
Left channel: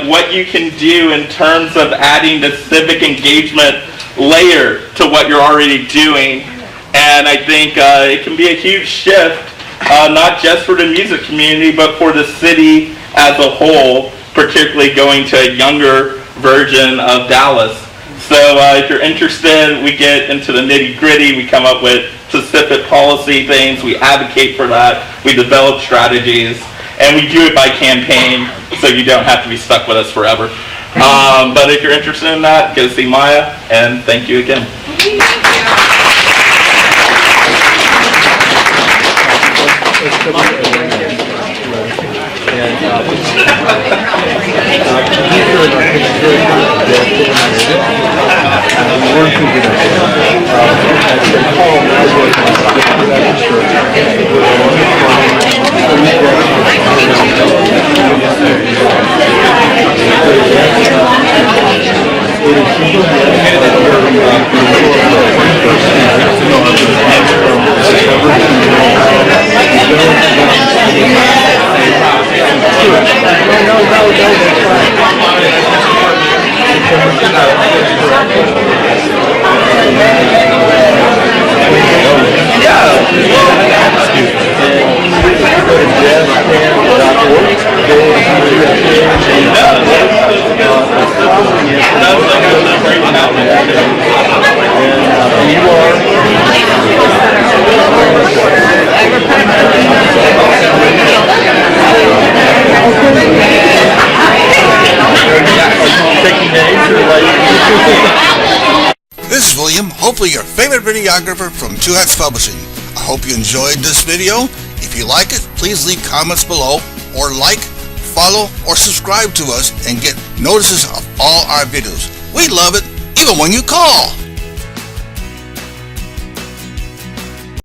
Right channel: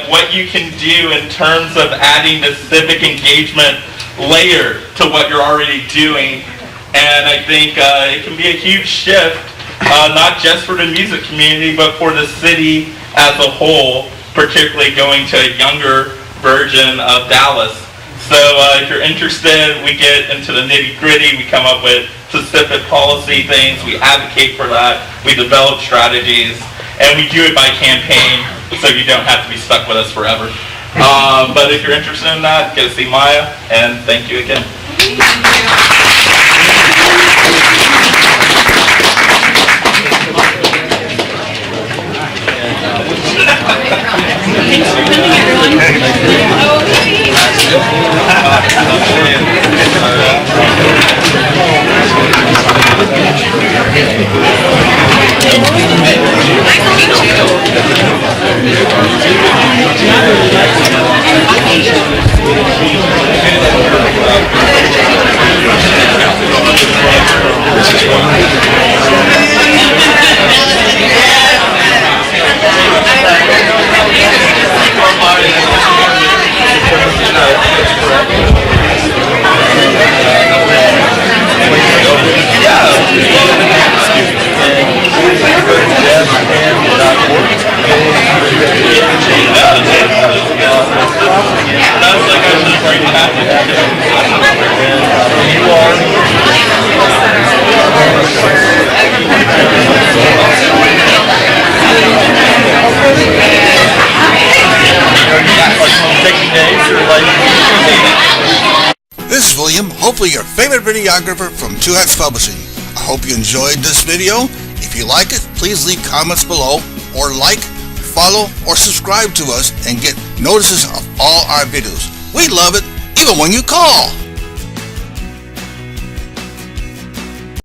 what you can do in terms of adding the civic engagement layer to what you're already doing. And I think it can be a huge shift, not just for the music community, but for the city as a whole, particularly going to a younger version of Dallas. So if you're interested, we get into the nitty-gritty. We come up with specific policy things. We advocate for that. We develop strategies, and we do it by campaign, so you don't have to be stuck with us forever. But if you're interested in that, go see Maya, and thank you again. This is William, hopefully your favorite videographer from Two Hats Publishing. I hope you enjoyed this video. If you like it, please leave comments below, or like, follow, or subscribe to us and get notices of all our videos. We love it, even when you call.